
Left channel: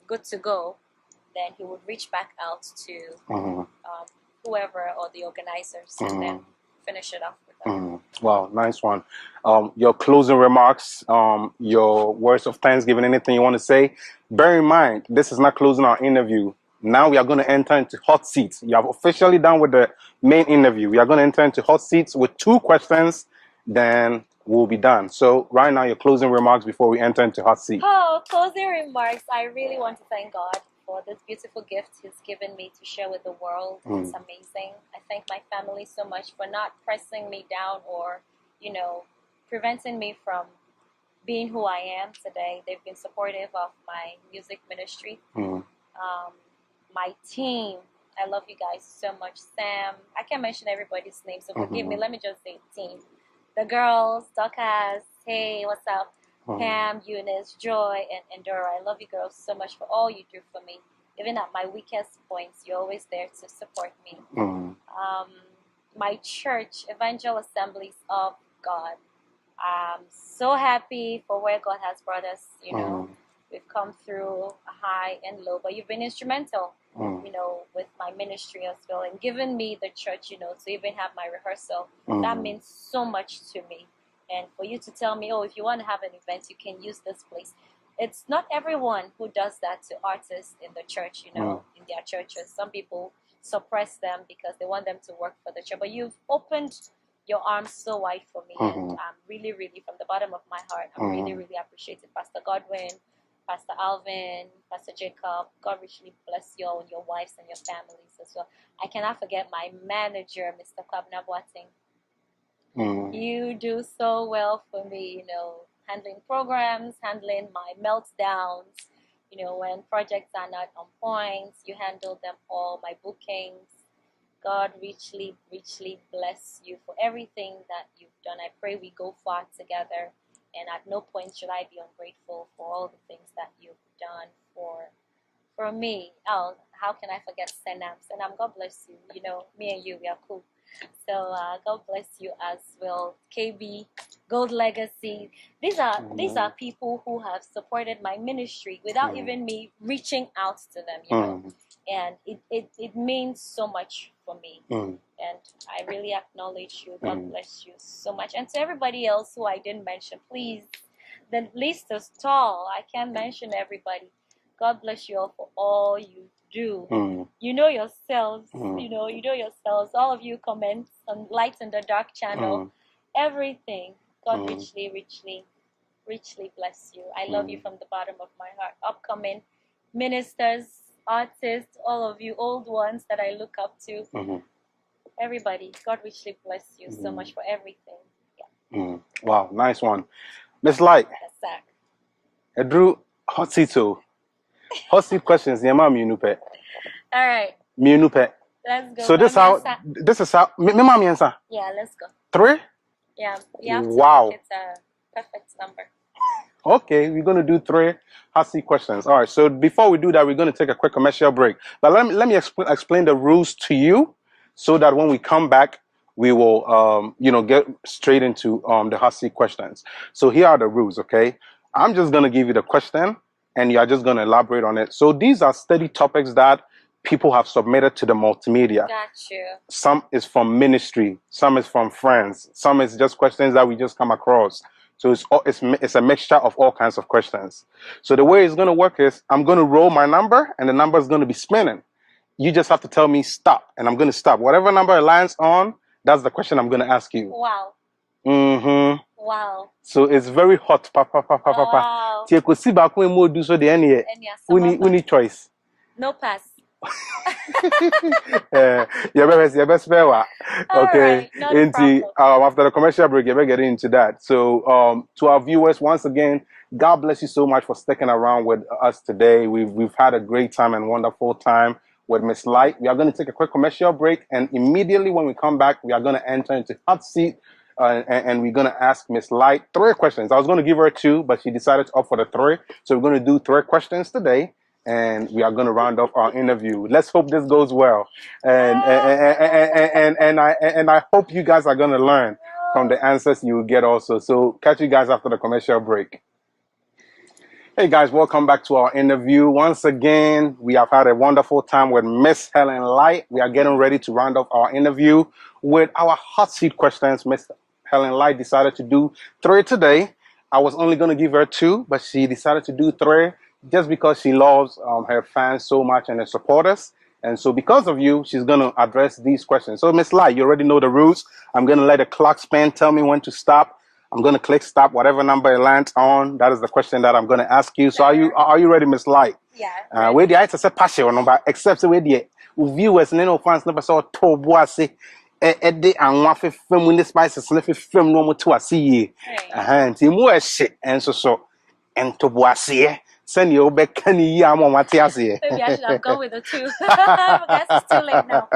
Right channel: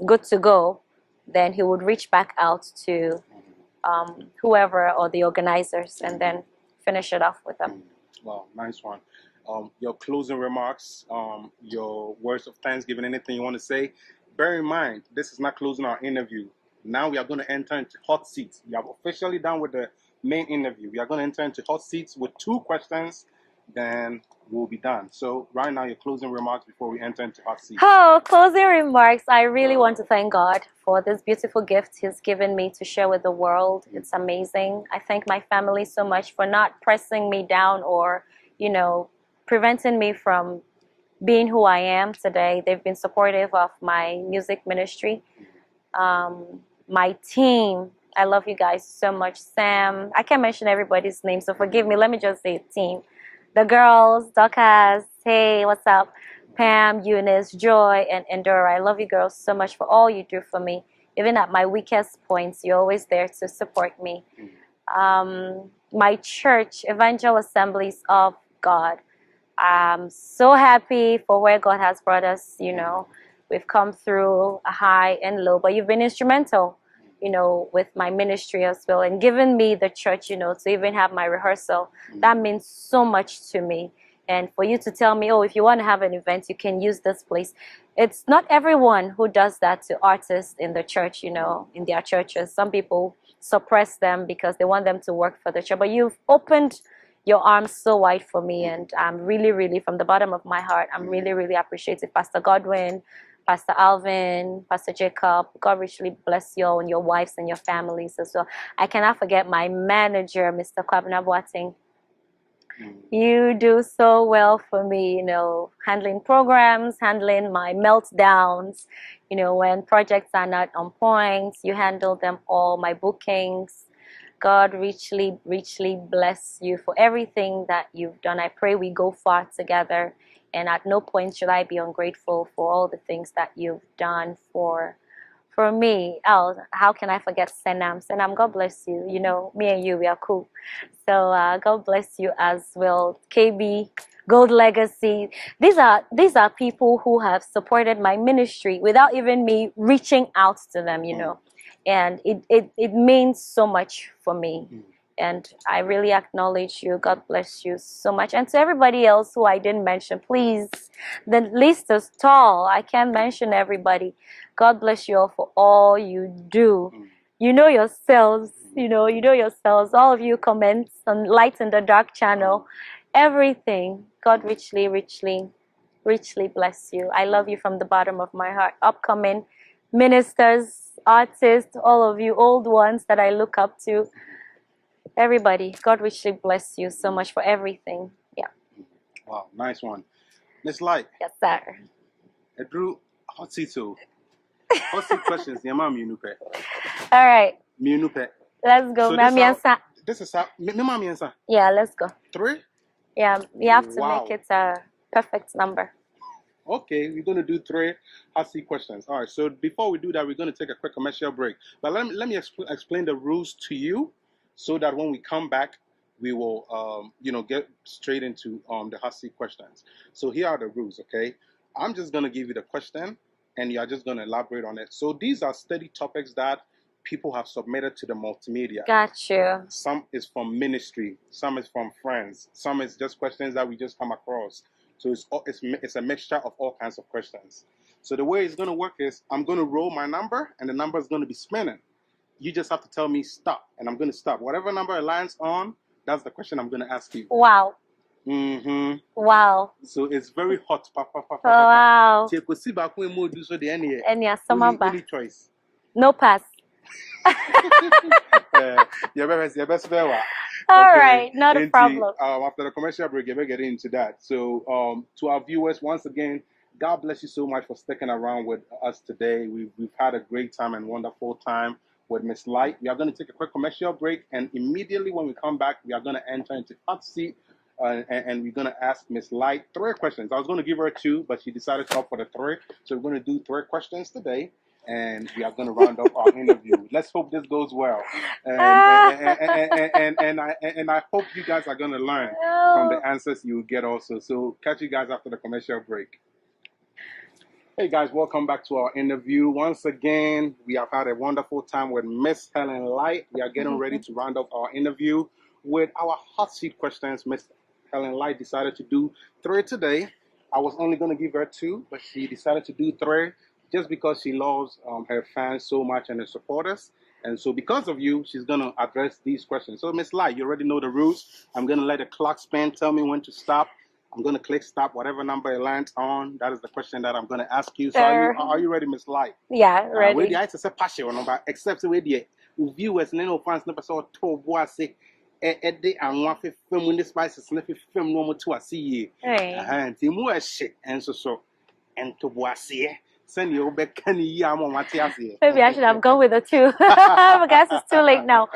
good to go, then he would reach back out to whoever or the organizers and then finish it off with them. Wow, nice one. Your closing remarks, your words of thanksgiving, anything you want to say. Bear in mind, this is not closing our interview. Now we are going to enter into hot seats. You have officially done with the main interview. We are going to enter into hot seats with 2 questions, then we'll be done. So right now, your closing remarks before we enter into hot seat. Oh, closing remarks. I really want to thank God for this beautiful gift he's given me to share with the world. It's amazing. I thank my family so much for not pressing me down or, you know, preventing me from being who I am today. They've been supportive of my music ministry. My team, I love you guys so much. Sam, I can't mention everybody's name, so forgive me. Let me just say team. The girls, Dorcas, hey, what's up? Pam, Eunice, Joy, and Endora. I love you girls so much for all you do for me. Even at my weakest points, you're always there to support me. My church, Evangel Assemblies of God. I'm so happy for where God has brought us, you know. We've come through a high and low, but you've been instrumental, you know, with my ministry as well, and given me the church, you know, to even have my rehearsal. That means so much to me. And for you to tell me, oh, if you want to have an event, you can use this place. It's not everyone who does that to artists in the church, you know, in their churches. Some people suppress them because they want them to work for the church. But you've opened your arms so wide for me, and I'm really, really, from the bottom of my heart, I'm really, really appreciative. Pastor Godwin, Pastor Alvin, Pastor Jacob, God richly bless you all and your wives and your families as well. I cannot forget my manager, Mr. Kwabena Boateng. You do so well for me, you know, handling programs, handling my meltdowns, you know, when projects are not on point, you handle them all, my bookings. God richly, richly bless you for everything that you've done. I pray we go far together. And at no point should I be ungrateful for all the things that you've done for me. Oh, how can I forget Senam? Senam, God bless you. You know, me and you, we are cool. So God bless you as well. KB, Gold Legacy. These are people who have supported my ministry without even me reaching out to them, you know. And it means so much for me. And I really acknowledge you. God bless you so much. And to everybody else who I didn't mention, please, the list is tall. I can't mention everybody. God bless you all for all you do. You know yourselves, you know yourselves. All of you comments on Light in the Dark channel, everything. God richly, richly, richly bless you. I love you from the bottom of my heart. Upcoming ministers, artists, all of you old ones that I look up to. Everybody, God richly bless you so much for everything. Yeah. Wow, nice one. Miss Light. Yes, sir. Drew hot seat questions. All right. Let's go. So this is how. Yeah, let's go. 3? Yeah, we have to make it a perfect number. Okay, we're going to do 3 hot seat questions. All right, so before we do that, we're going to take a quick commercial break. But let me explain the rules to you, so that when we come back, we will, you know, get straight into the hot seat questions. So here are the rules, okay? I'm just going to give you the question, and you are just going to elaborate on it. So these are study topics that people have submitted to the multimedia. Got you. Some is from ministry, some is from friends, some is just questions that we just come across. So it's a mixture of all kinds of questions. So the way it's going to work is I'm going to roll my number, and the number is going to be spinning. You just have to tell me stop, and I'm going to stop. Whatever number it lands on, That's the question I'm going to ask you. Wow. Mm-hmm. Wow. So it's very hot. Wow. Any choice. No pass. Your best fair. All Okay. right, not a problem. After the commercial break, you're getting into that. So, to our viewers, once again, God bless you so much for sticking around with us today. We've had a great time and wonderful time with Miss Light. We are going to take a quick commercial break, and immediately when we come back, we are going to enter into hot seat, and we're going to ask Miss Light 3 questions. I was going to give her 2, but she decided to opt for the 3. So we're going to do 3 questions today, and we are going to round up our interview. Let's hope this goes well, and I hope you guys are going to learn from the answers you will get also. So catch you guys after the commercial break. Hey guys, welcome back to our interview. Once again, we have had a wonderful time with Miss Helen Light. We are getting ready to round up our interview with our hot seat questions. Miss Helen Light decided to do 3 today. I was only going to give her 2, but she decided to do 3 just because she loves her fans so much and her supporters. And so because of you, she's going to address these questions. So Miss Light, you already know the rules. I'm going to let the clock spin, tell me when to stop. I'm going to click stop, whatever number it lands on. That is the question that I'm going to ask you. So are you ready, Miss Light? Yeah, ready. Where the I say passion, but except where the viewers and no fans never saw to boise and one for film when the spices sniffy film no more to a see. And more shit and so and to boise. Send you back any yam on what I say. Maybe I should have gone with the 2. I guess it's too late now.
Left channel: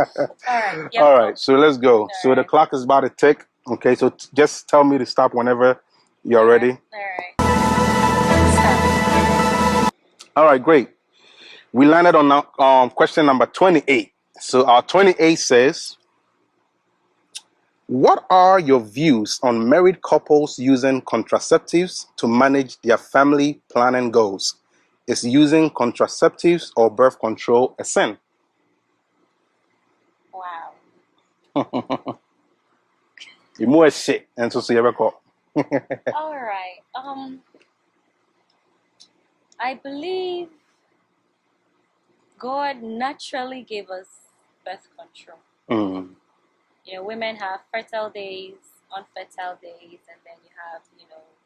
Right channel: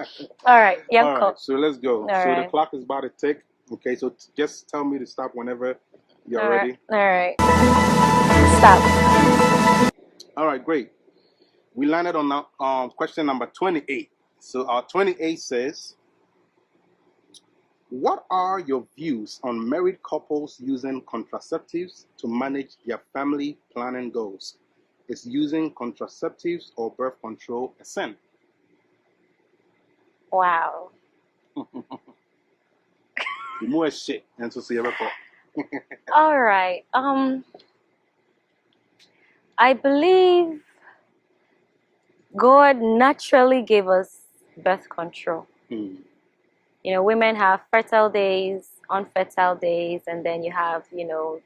All right. Yeah, all right, so let's go. So the right. clock is about to tick. Okay, so just tell me to stop whenever you're ready. All right. Stop. All right, great. We landed on question number 28. So our 28 says, what are your views on married couples using contraceptives to manage their family planning goals? Is using contraceptives or birth control a sin? Wow. More shit and so you ever call. All right. I believe God naturally gave us birth control. Mm. You know, women have fertile days, unfertile days, and then you have, you know,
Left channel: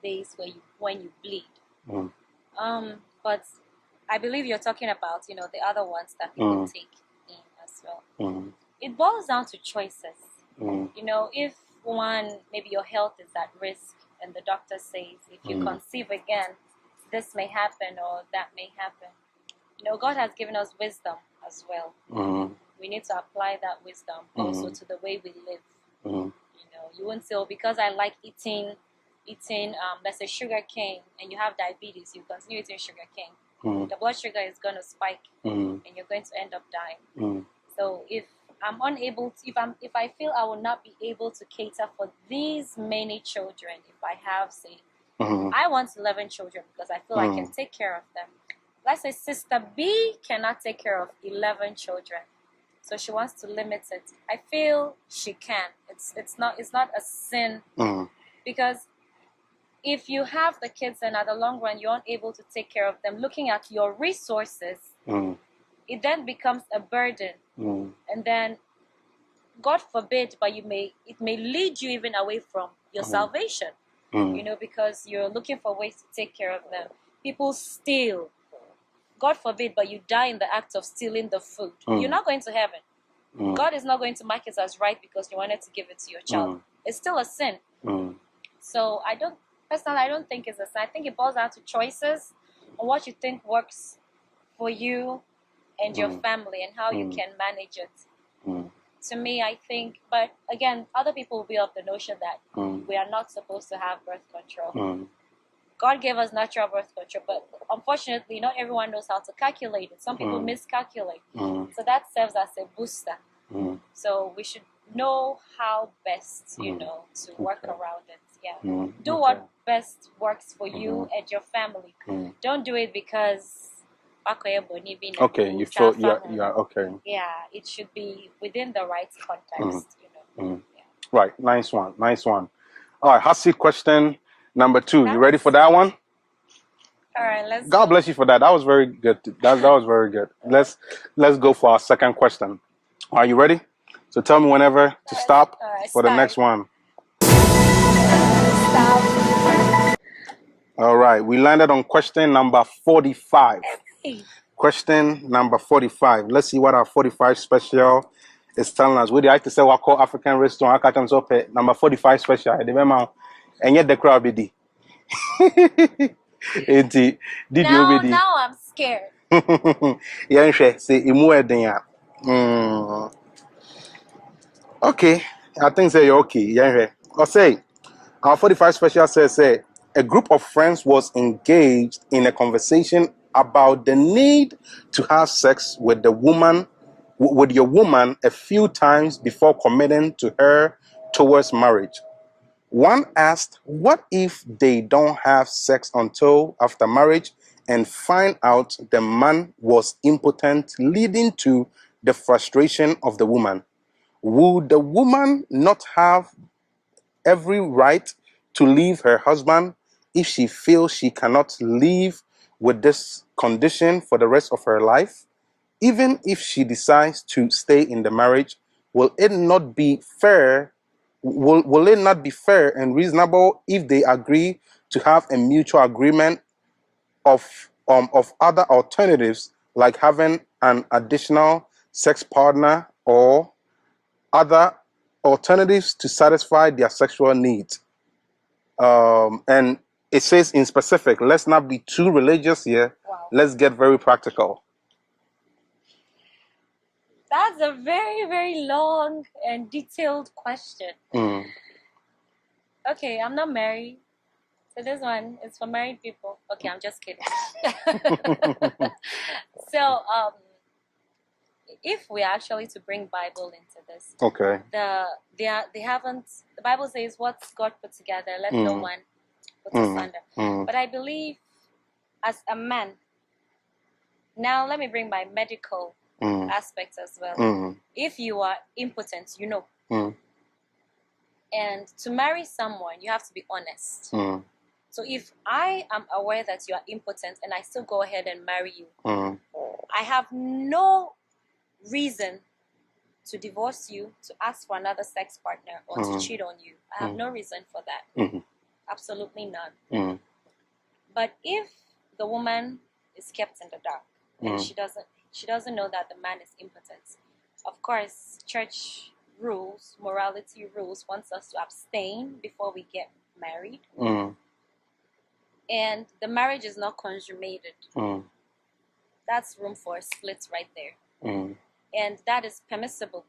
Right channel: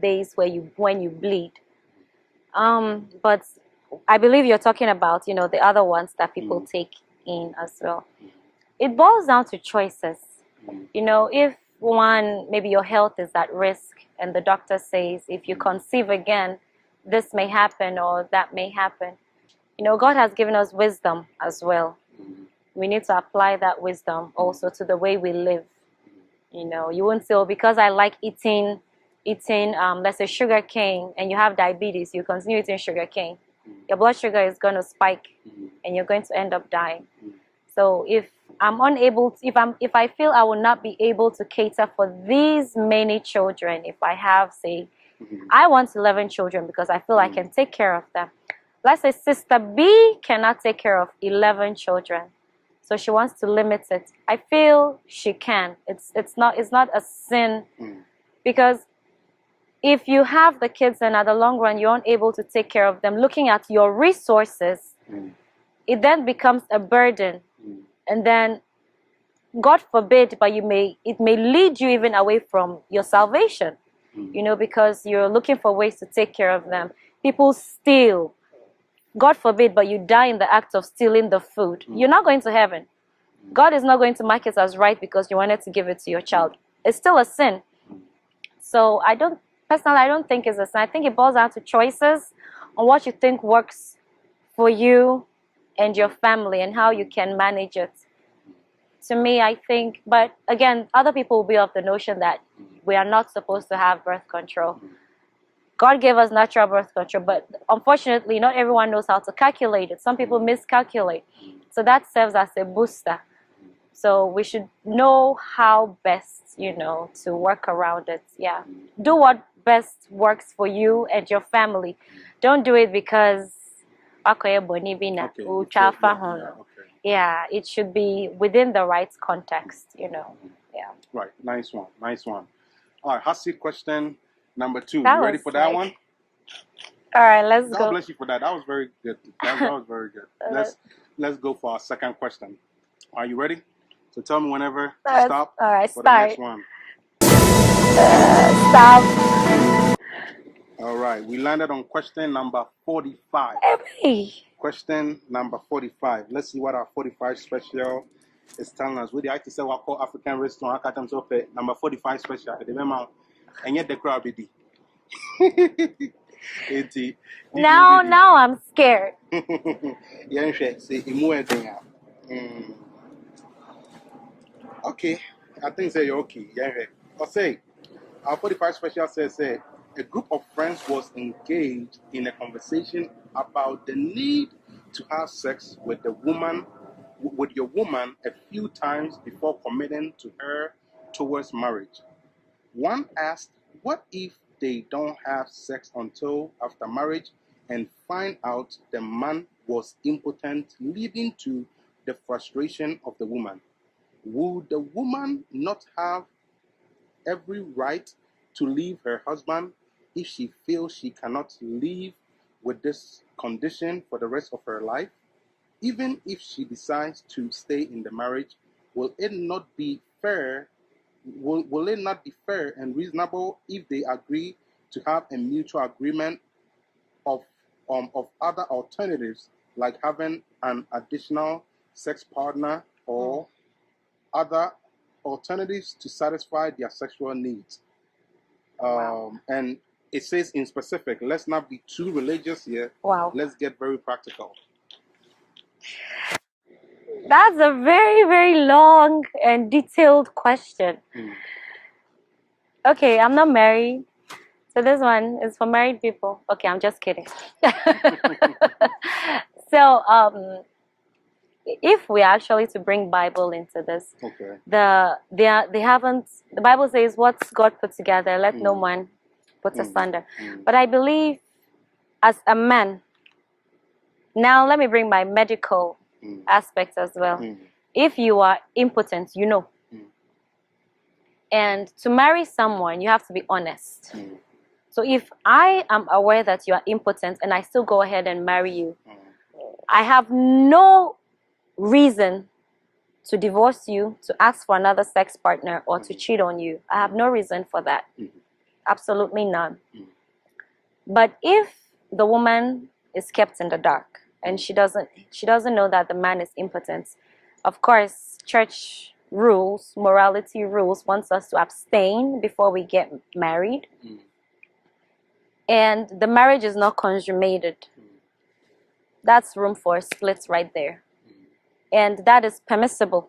days when you bleed. Mm. But I believe you're talking about, you know, the other ones that people take in as well. Mm. It boils down to choices. Mm. You know, if maybe your health is at risk and the doctor says if you conceive again, this may happen or that may happen. You know, God has given us wisdom as well. Mm. We need to apply that wisdom also to the way we live. Mm. You know, you won't say, oh, because I like eating, let's say sugar cane, and you have diabetes, you continue eating sugar cane. Your blood sugar is going to spike and you're going to end up dying. So if I'm unable to, if I feel I will not be able to cater for these many children, if I have, say, I want 11 children because I feel I can take care of them. Let's say Sister B cannot take care of 11 children, so she wants to limit it. I feel she can. It's not a sin because if you have the kids and at the long run you're unable to take care of them, looking at your resources, it then becomes a burden. And then, God forbid, but it may lead you even away from your salvation, you know, because you're looking for ways to take care of them. People steal. God forbid, but you die in the act of stealing the food. You're not going to heaven. God is not going to mark it as right because you wanted to give it to your child. It's still a sin. So I don't think it's a sin. I think it boils down to choices on what you think works for you and your family and how you can manage it. To me, I think, but again, other people will be of the notion that we are not supposed to have birth control. God gave us natural birth control, but unfortunately, not everyone knows how to calculate it. Some people miscalculate. So that serves as a booster. So we should know how best, you know, to work around it. Yeah. Do what best works for you and your family. Don't do it because okay, you feel, okay. Yeah, it should be within the right context, you know. Yeah. Right. Nice one. All right, hot seat question number 2. You ready for that one? All right, let's go. God bless you for that. That was very good. That was very good. Let's go for our second question. Are you ready? So tell me whenever to stop for the next one. Stop. All right. We landed on question number 45. Hey. Question number 45. Let's see what our 45 special is telling us. We like to say what call African restaurant. I can so number 45 special. And yet the crowd be now I'm scared. Okay, I think say you're okay. I'll say our 45 special says a group of friends was engaged in a conversation about the need to have sex with your woman a few times before committing to her towards marriage. One asked, what if they don't have sex until after marriage and find out the man was impotent, leading to the frustration of the woman? Would the woman not have every right to leave her husband if she feels she cannot live with this condition for the rest of her life? Even if she decides to stay in the marriage, will it not be fair and reasonable if they agree to have a mutual agreement of other alternatives, like having an additional sex partner or other alternatives to satisfy their sexual needs? And it says in specific, let's not be too religious here. Wow. Let's get very practical. That's a very, very long and detailed question. Okay, I'm not married. So this one is for married people. Okay, I'm just kidding. So, if we actually to bring Bible into this, okay, the Bible says, "What's God put together, let no one put asunder." But I believe, as a man, now let me bring my medical aspect as well. If you are impotent, you know, and to marry someone, you have to be honest. So if I am aware that you are impotent and I still go ahead and marry you, I have no reason to divorce you, to ask for another sex partner, or to cheat on you. I have no reason for that. Absolutely none. But if the woman is kept in the dark and she doesn't know that the man is impotent, of course, church rules, morality rules wants us to abstain before we get married. And the marriage is not consummated. That's room for splits right there. And that is permissible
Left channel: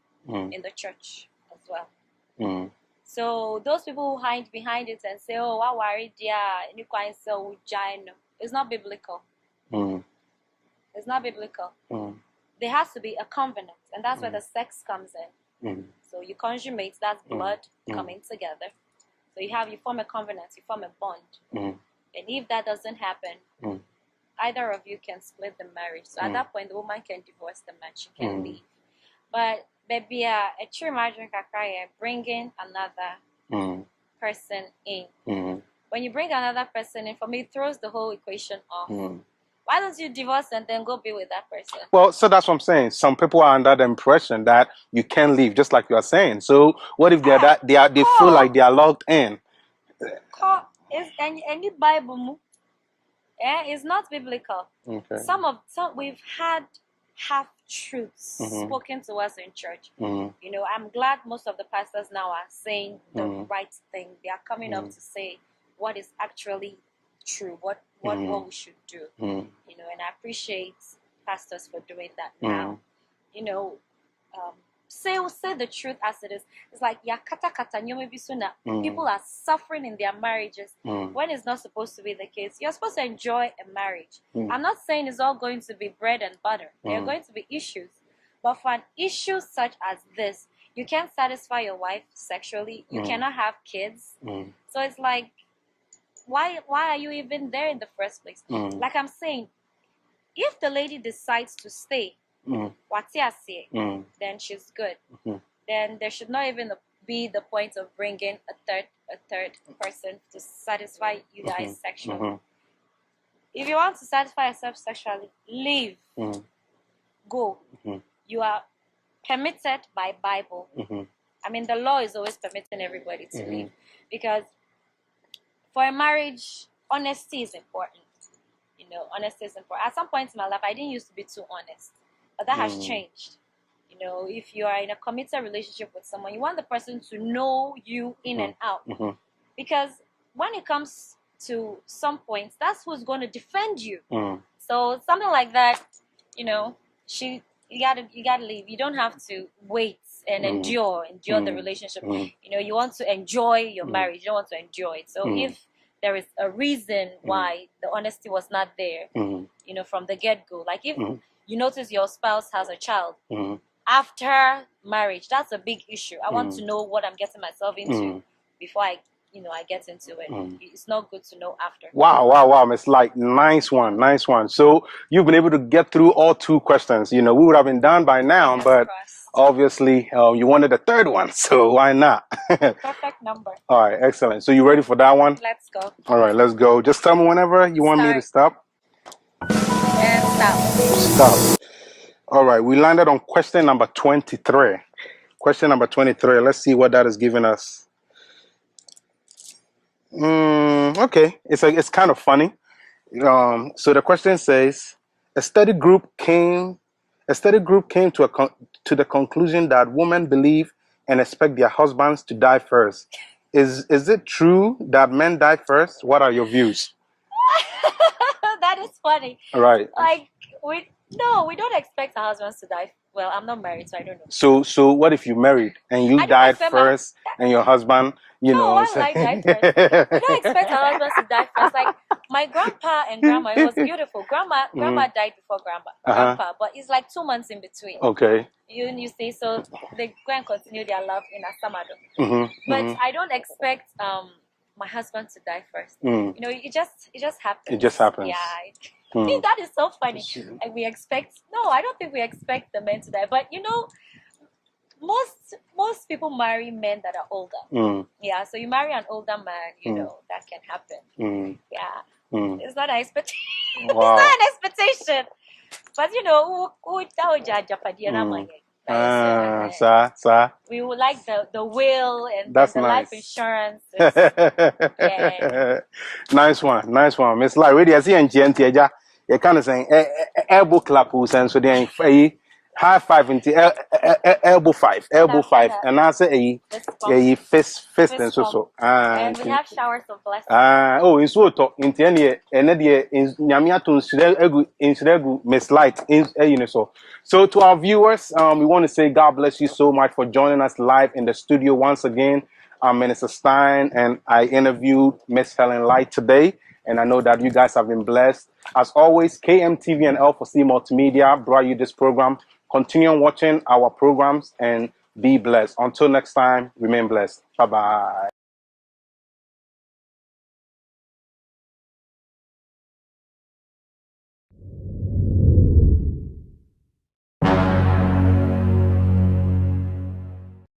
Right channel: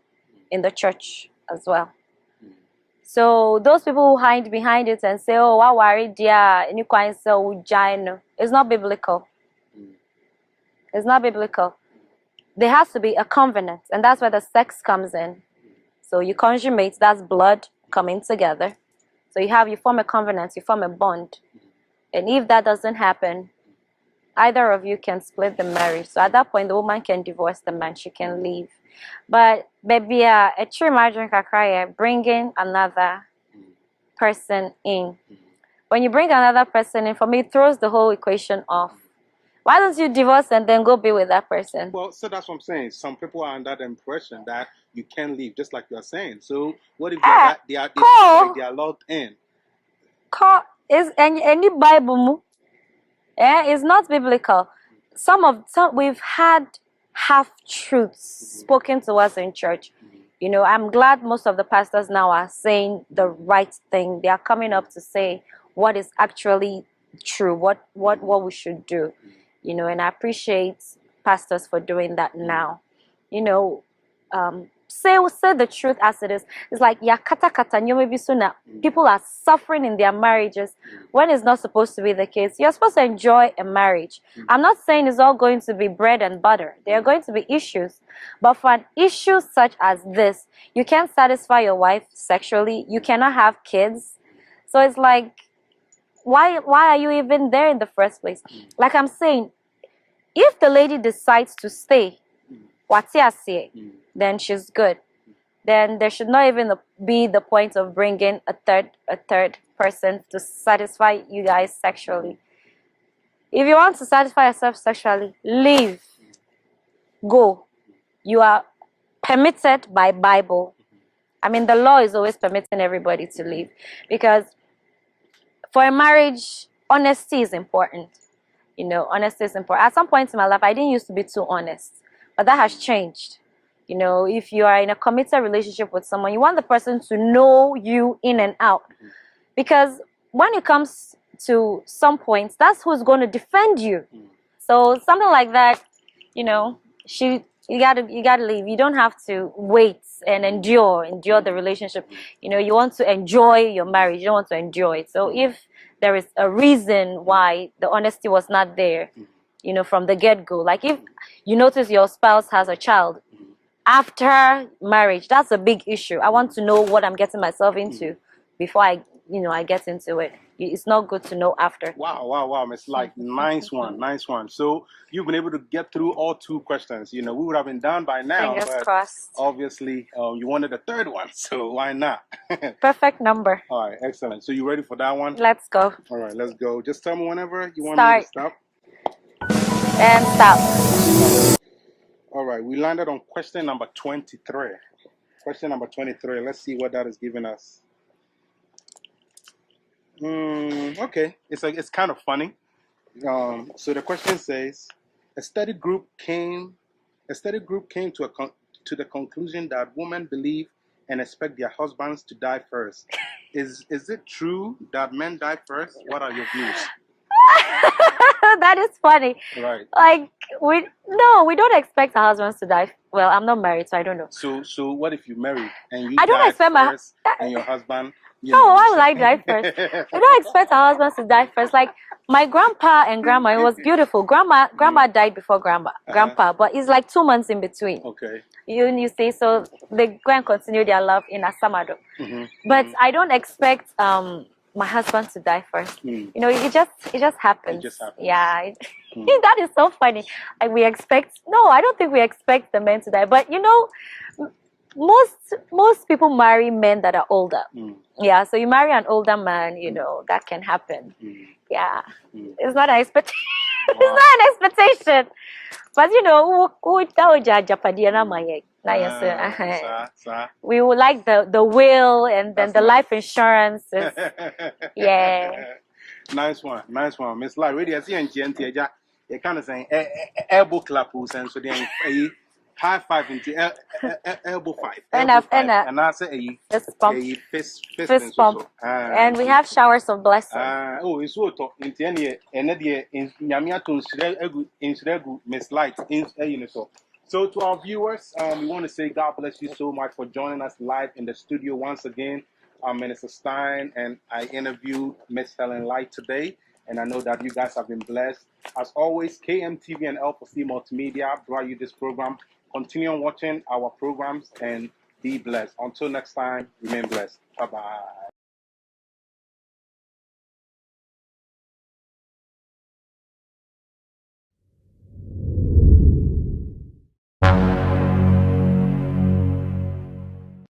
in the church as well. So those people who hide behind it and say, "Oh, I worried, yeah, it's not biblical. It's not biblical. There has to be a covenant, and that's where the sex comes in. So you consummate, that's blood coming together. So you form a covenant, you form a bond. And if that doesn't happen, either of you can split the marriage. So at that point, the woman can divorce the man. She can leave. But baby, a true marriage bringing another person in. When you bring another person in, for me, it throws the whole equation off. Why don't you divorce and then go be with that person? Well, so that's what I'm saying. Some people are under the impression that you can leave, just like you are saying. So what if they feel like they are locked in? Is any Bible? It's not biblical. Okay. We've had half truths spoken to us in church. You know, I'm glad most of the pastors now are saying the right thing. They are coming up to say what is actually true, what we should do. You know, and I appreciate pastors for doing that now. You know, say the truth as it is. It's like people are suffering in their marriages when it's not supposed to be the case. You're supposed to enjoy a marriage. I'm not saying it's all going to be bread and butter. There are going to be issues. But for an issue such as this, you can't satisfy your wife sexually. You cannot have kids. So it's like, why are you even there in the first place? Like I'm saying, if the lady decides to stay, then she's good. Then there should not even be the point of bringing a third person to satisfy you guys sexually. If you want to satisfy yourself sexually, leave. Go. You are permitted by Bible. I mean, the law is always permitting everybody to live, because for a marriage, honesty is important. You know, honesty is important. At some point in my life, I didn't used to be too honest, but that has changed. You know, if you are in a committed relationship with someone, you want the person to know you in and out, because when it comes to some points, that's who's going to defend you. So something like that, you know, you gotta leave. You don't have to wait and endure the relationship. You know, you want to enjoy your marriage. You don't want to enjoy it. So if there is a reason why the honesty was not there, you know, from the get-go, like if you notice your spouse has a child after marriage, that's a big issue. I want to know what I'm getting myself into before I get into it. It's not good to know after. Wow, Miss Light, nice one. So you've been able to get through all 2 questions. You know, we would have been done by now, but obviously you wanted a 3rd one, so why not? Perfect number. All right, excellent. So you ready for that one? Let's go. All right, let's go. Just tell me whenever you want me to stop. And stop. All right, we landed on question number 23. Question number 23. Let's see what that is giving us. Okay, it's kind of funny. So the question says, a study group came to the conclusion that women believe and expect their husbands to die first. Is it true that men die first? What are your views? That is funny. Right. Like we don't expect our husbands to die. Well, I'm not married, so I don't know. So what if you married and you died first and your husband? Why would I die first? I don't expect our husbands to die first. Like my grandpa and grandma, it was beautiful. Grandma died before grandpa, but it's like 2 months in between. Okay. You say, so they go and continue their love in Asamado. But I don't expect my husband to die first. You know, it just happens. It just happens. Yeah. That is so funny. Like I don't think we expect the men to die. But you know, most people marry men that are older. Yeah, so you marry an older man, you know, that can happen. Yeah. It's not an expectation. It's not an expectation. But you know, we would like the will and then the life insurance. Yeah. Nice one. Miss Larry, really, I see in GNT, you kind of saying elbow clap, and so then high five into elbow five, and I say a fist and so. And we have showers of blessings. It's so talk into any in Yamiaton Insuregu Miss Light in so to our viewers, we want to say God bless you so much for joining us live in the studio once again. I'm Minister Stein, and I interviewed Miss Helen Light today. And I know that you guys have been blessed. As always, KMTV and L4C Multimedia brought you this program. Continue watching our programs and be blessed. Until next time, remain blessed. Bye-bye.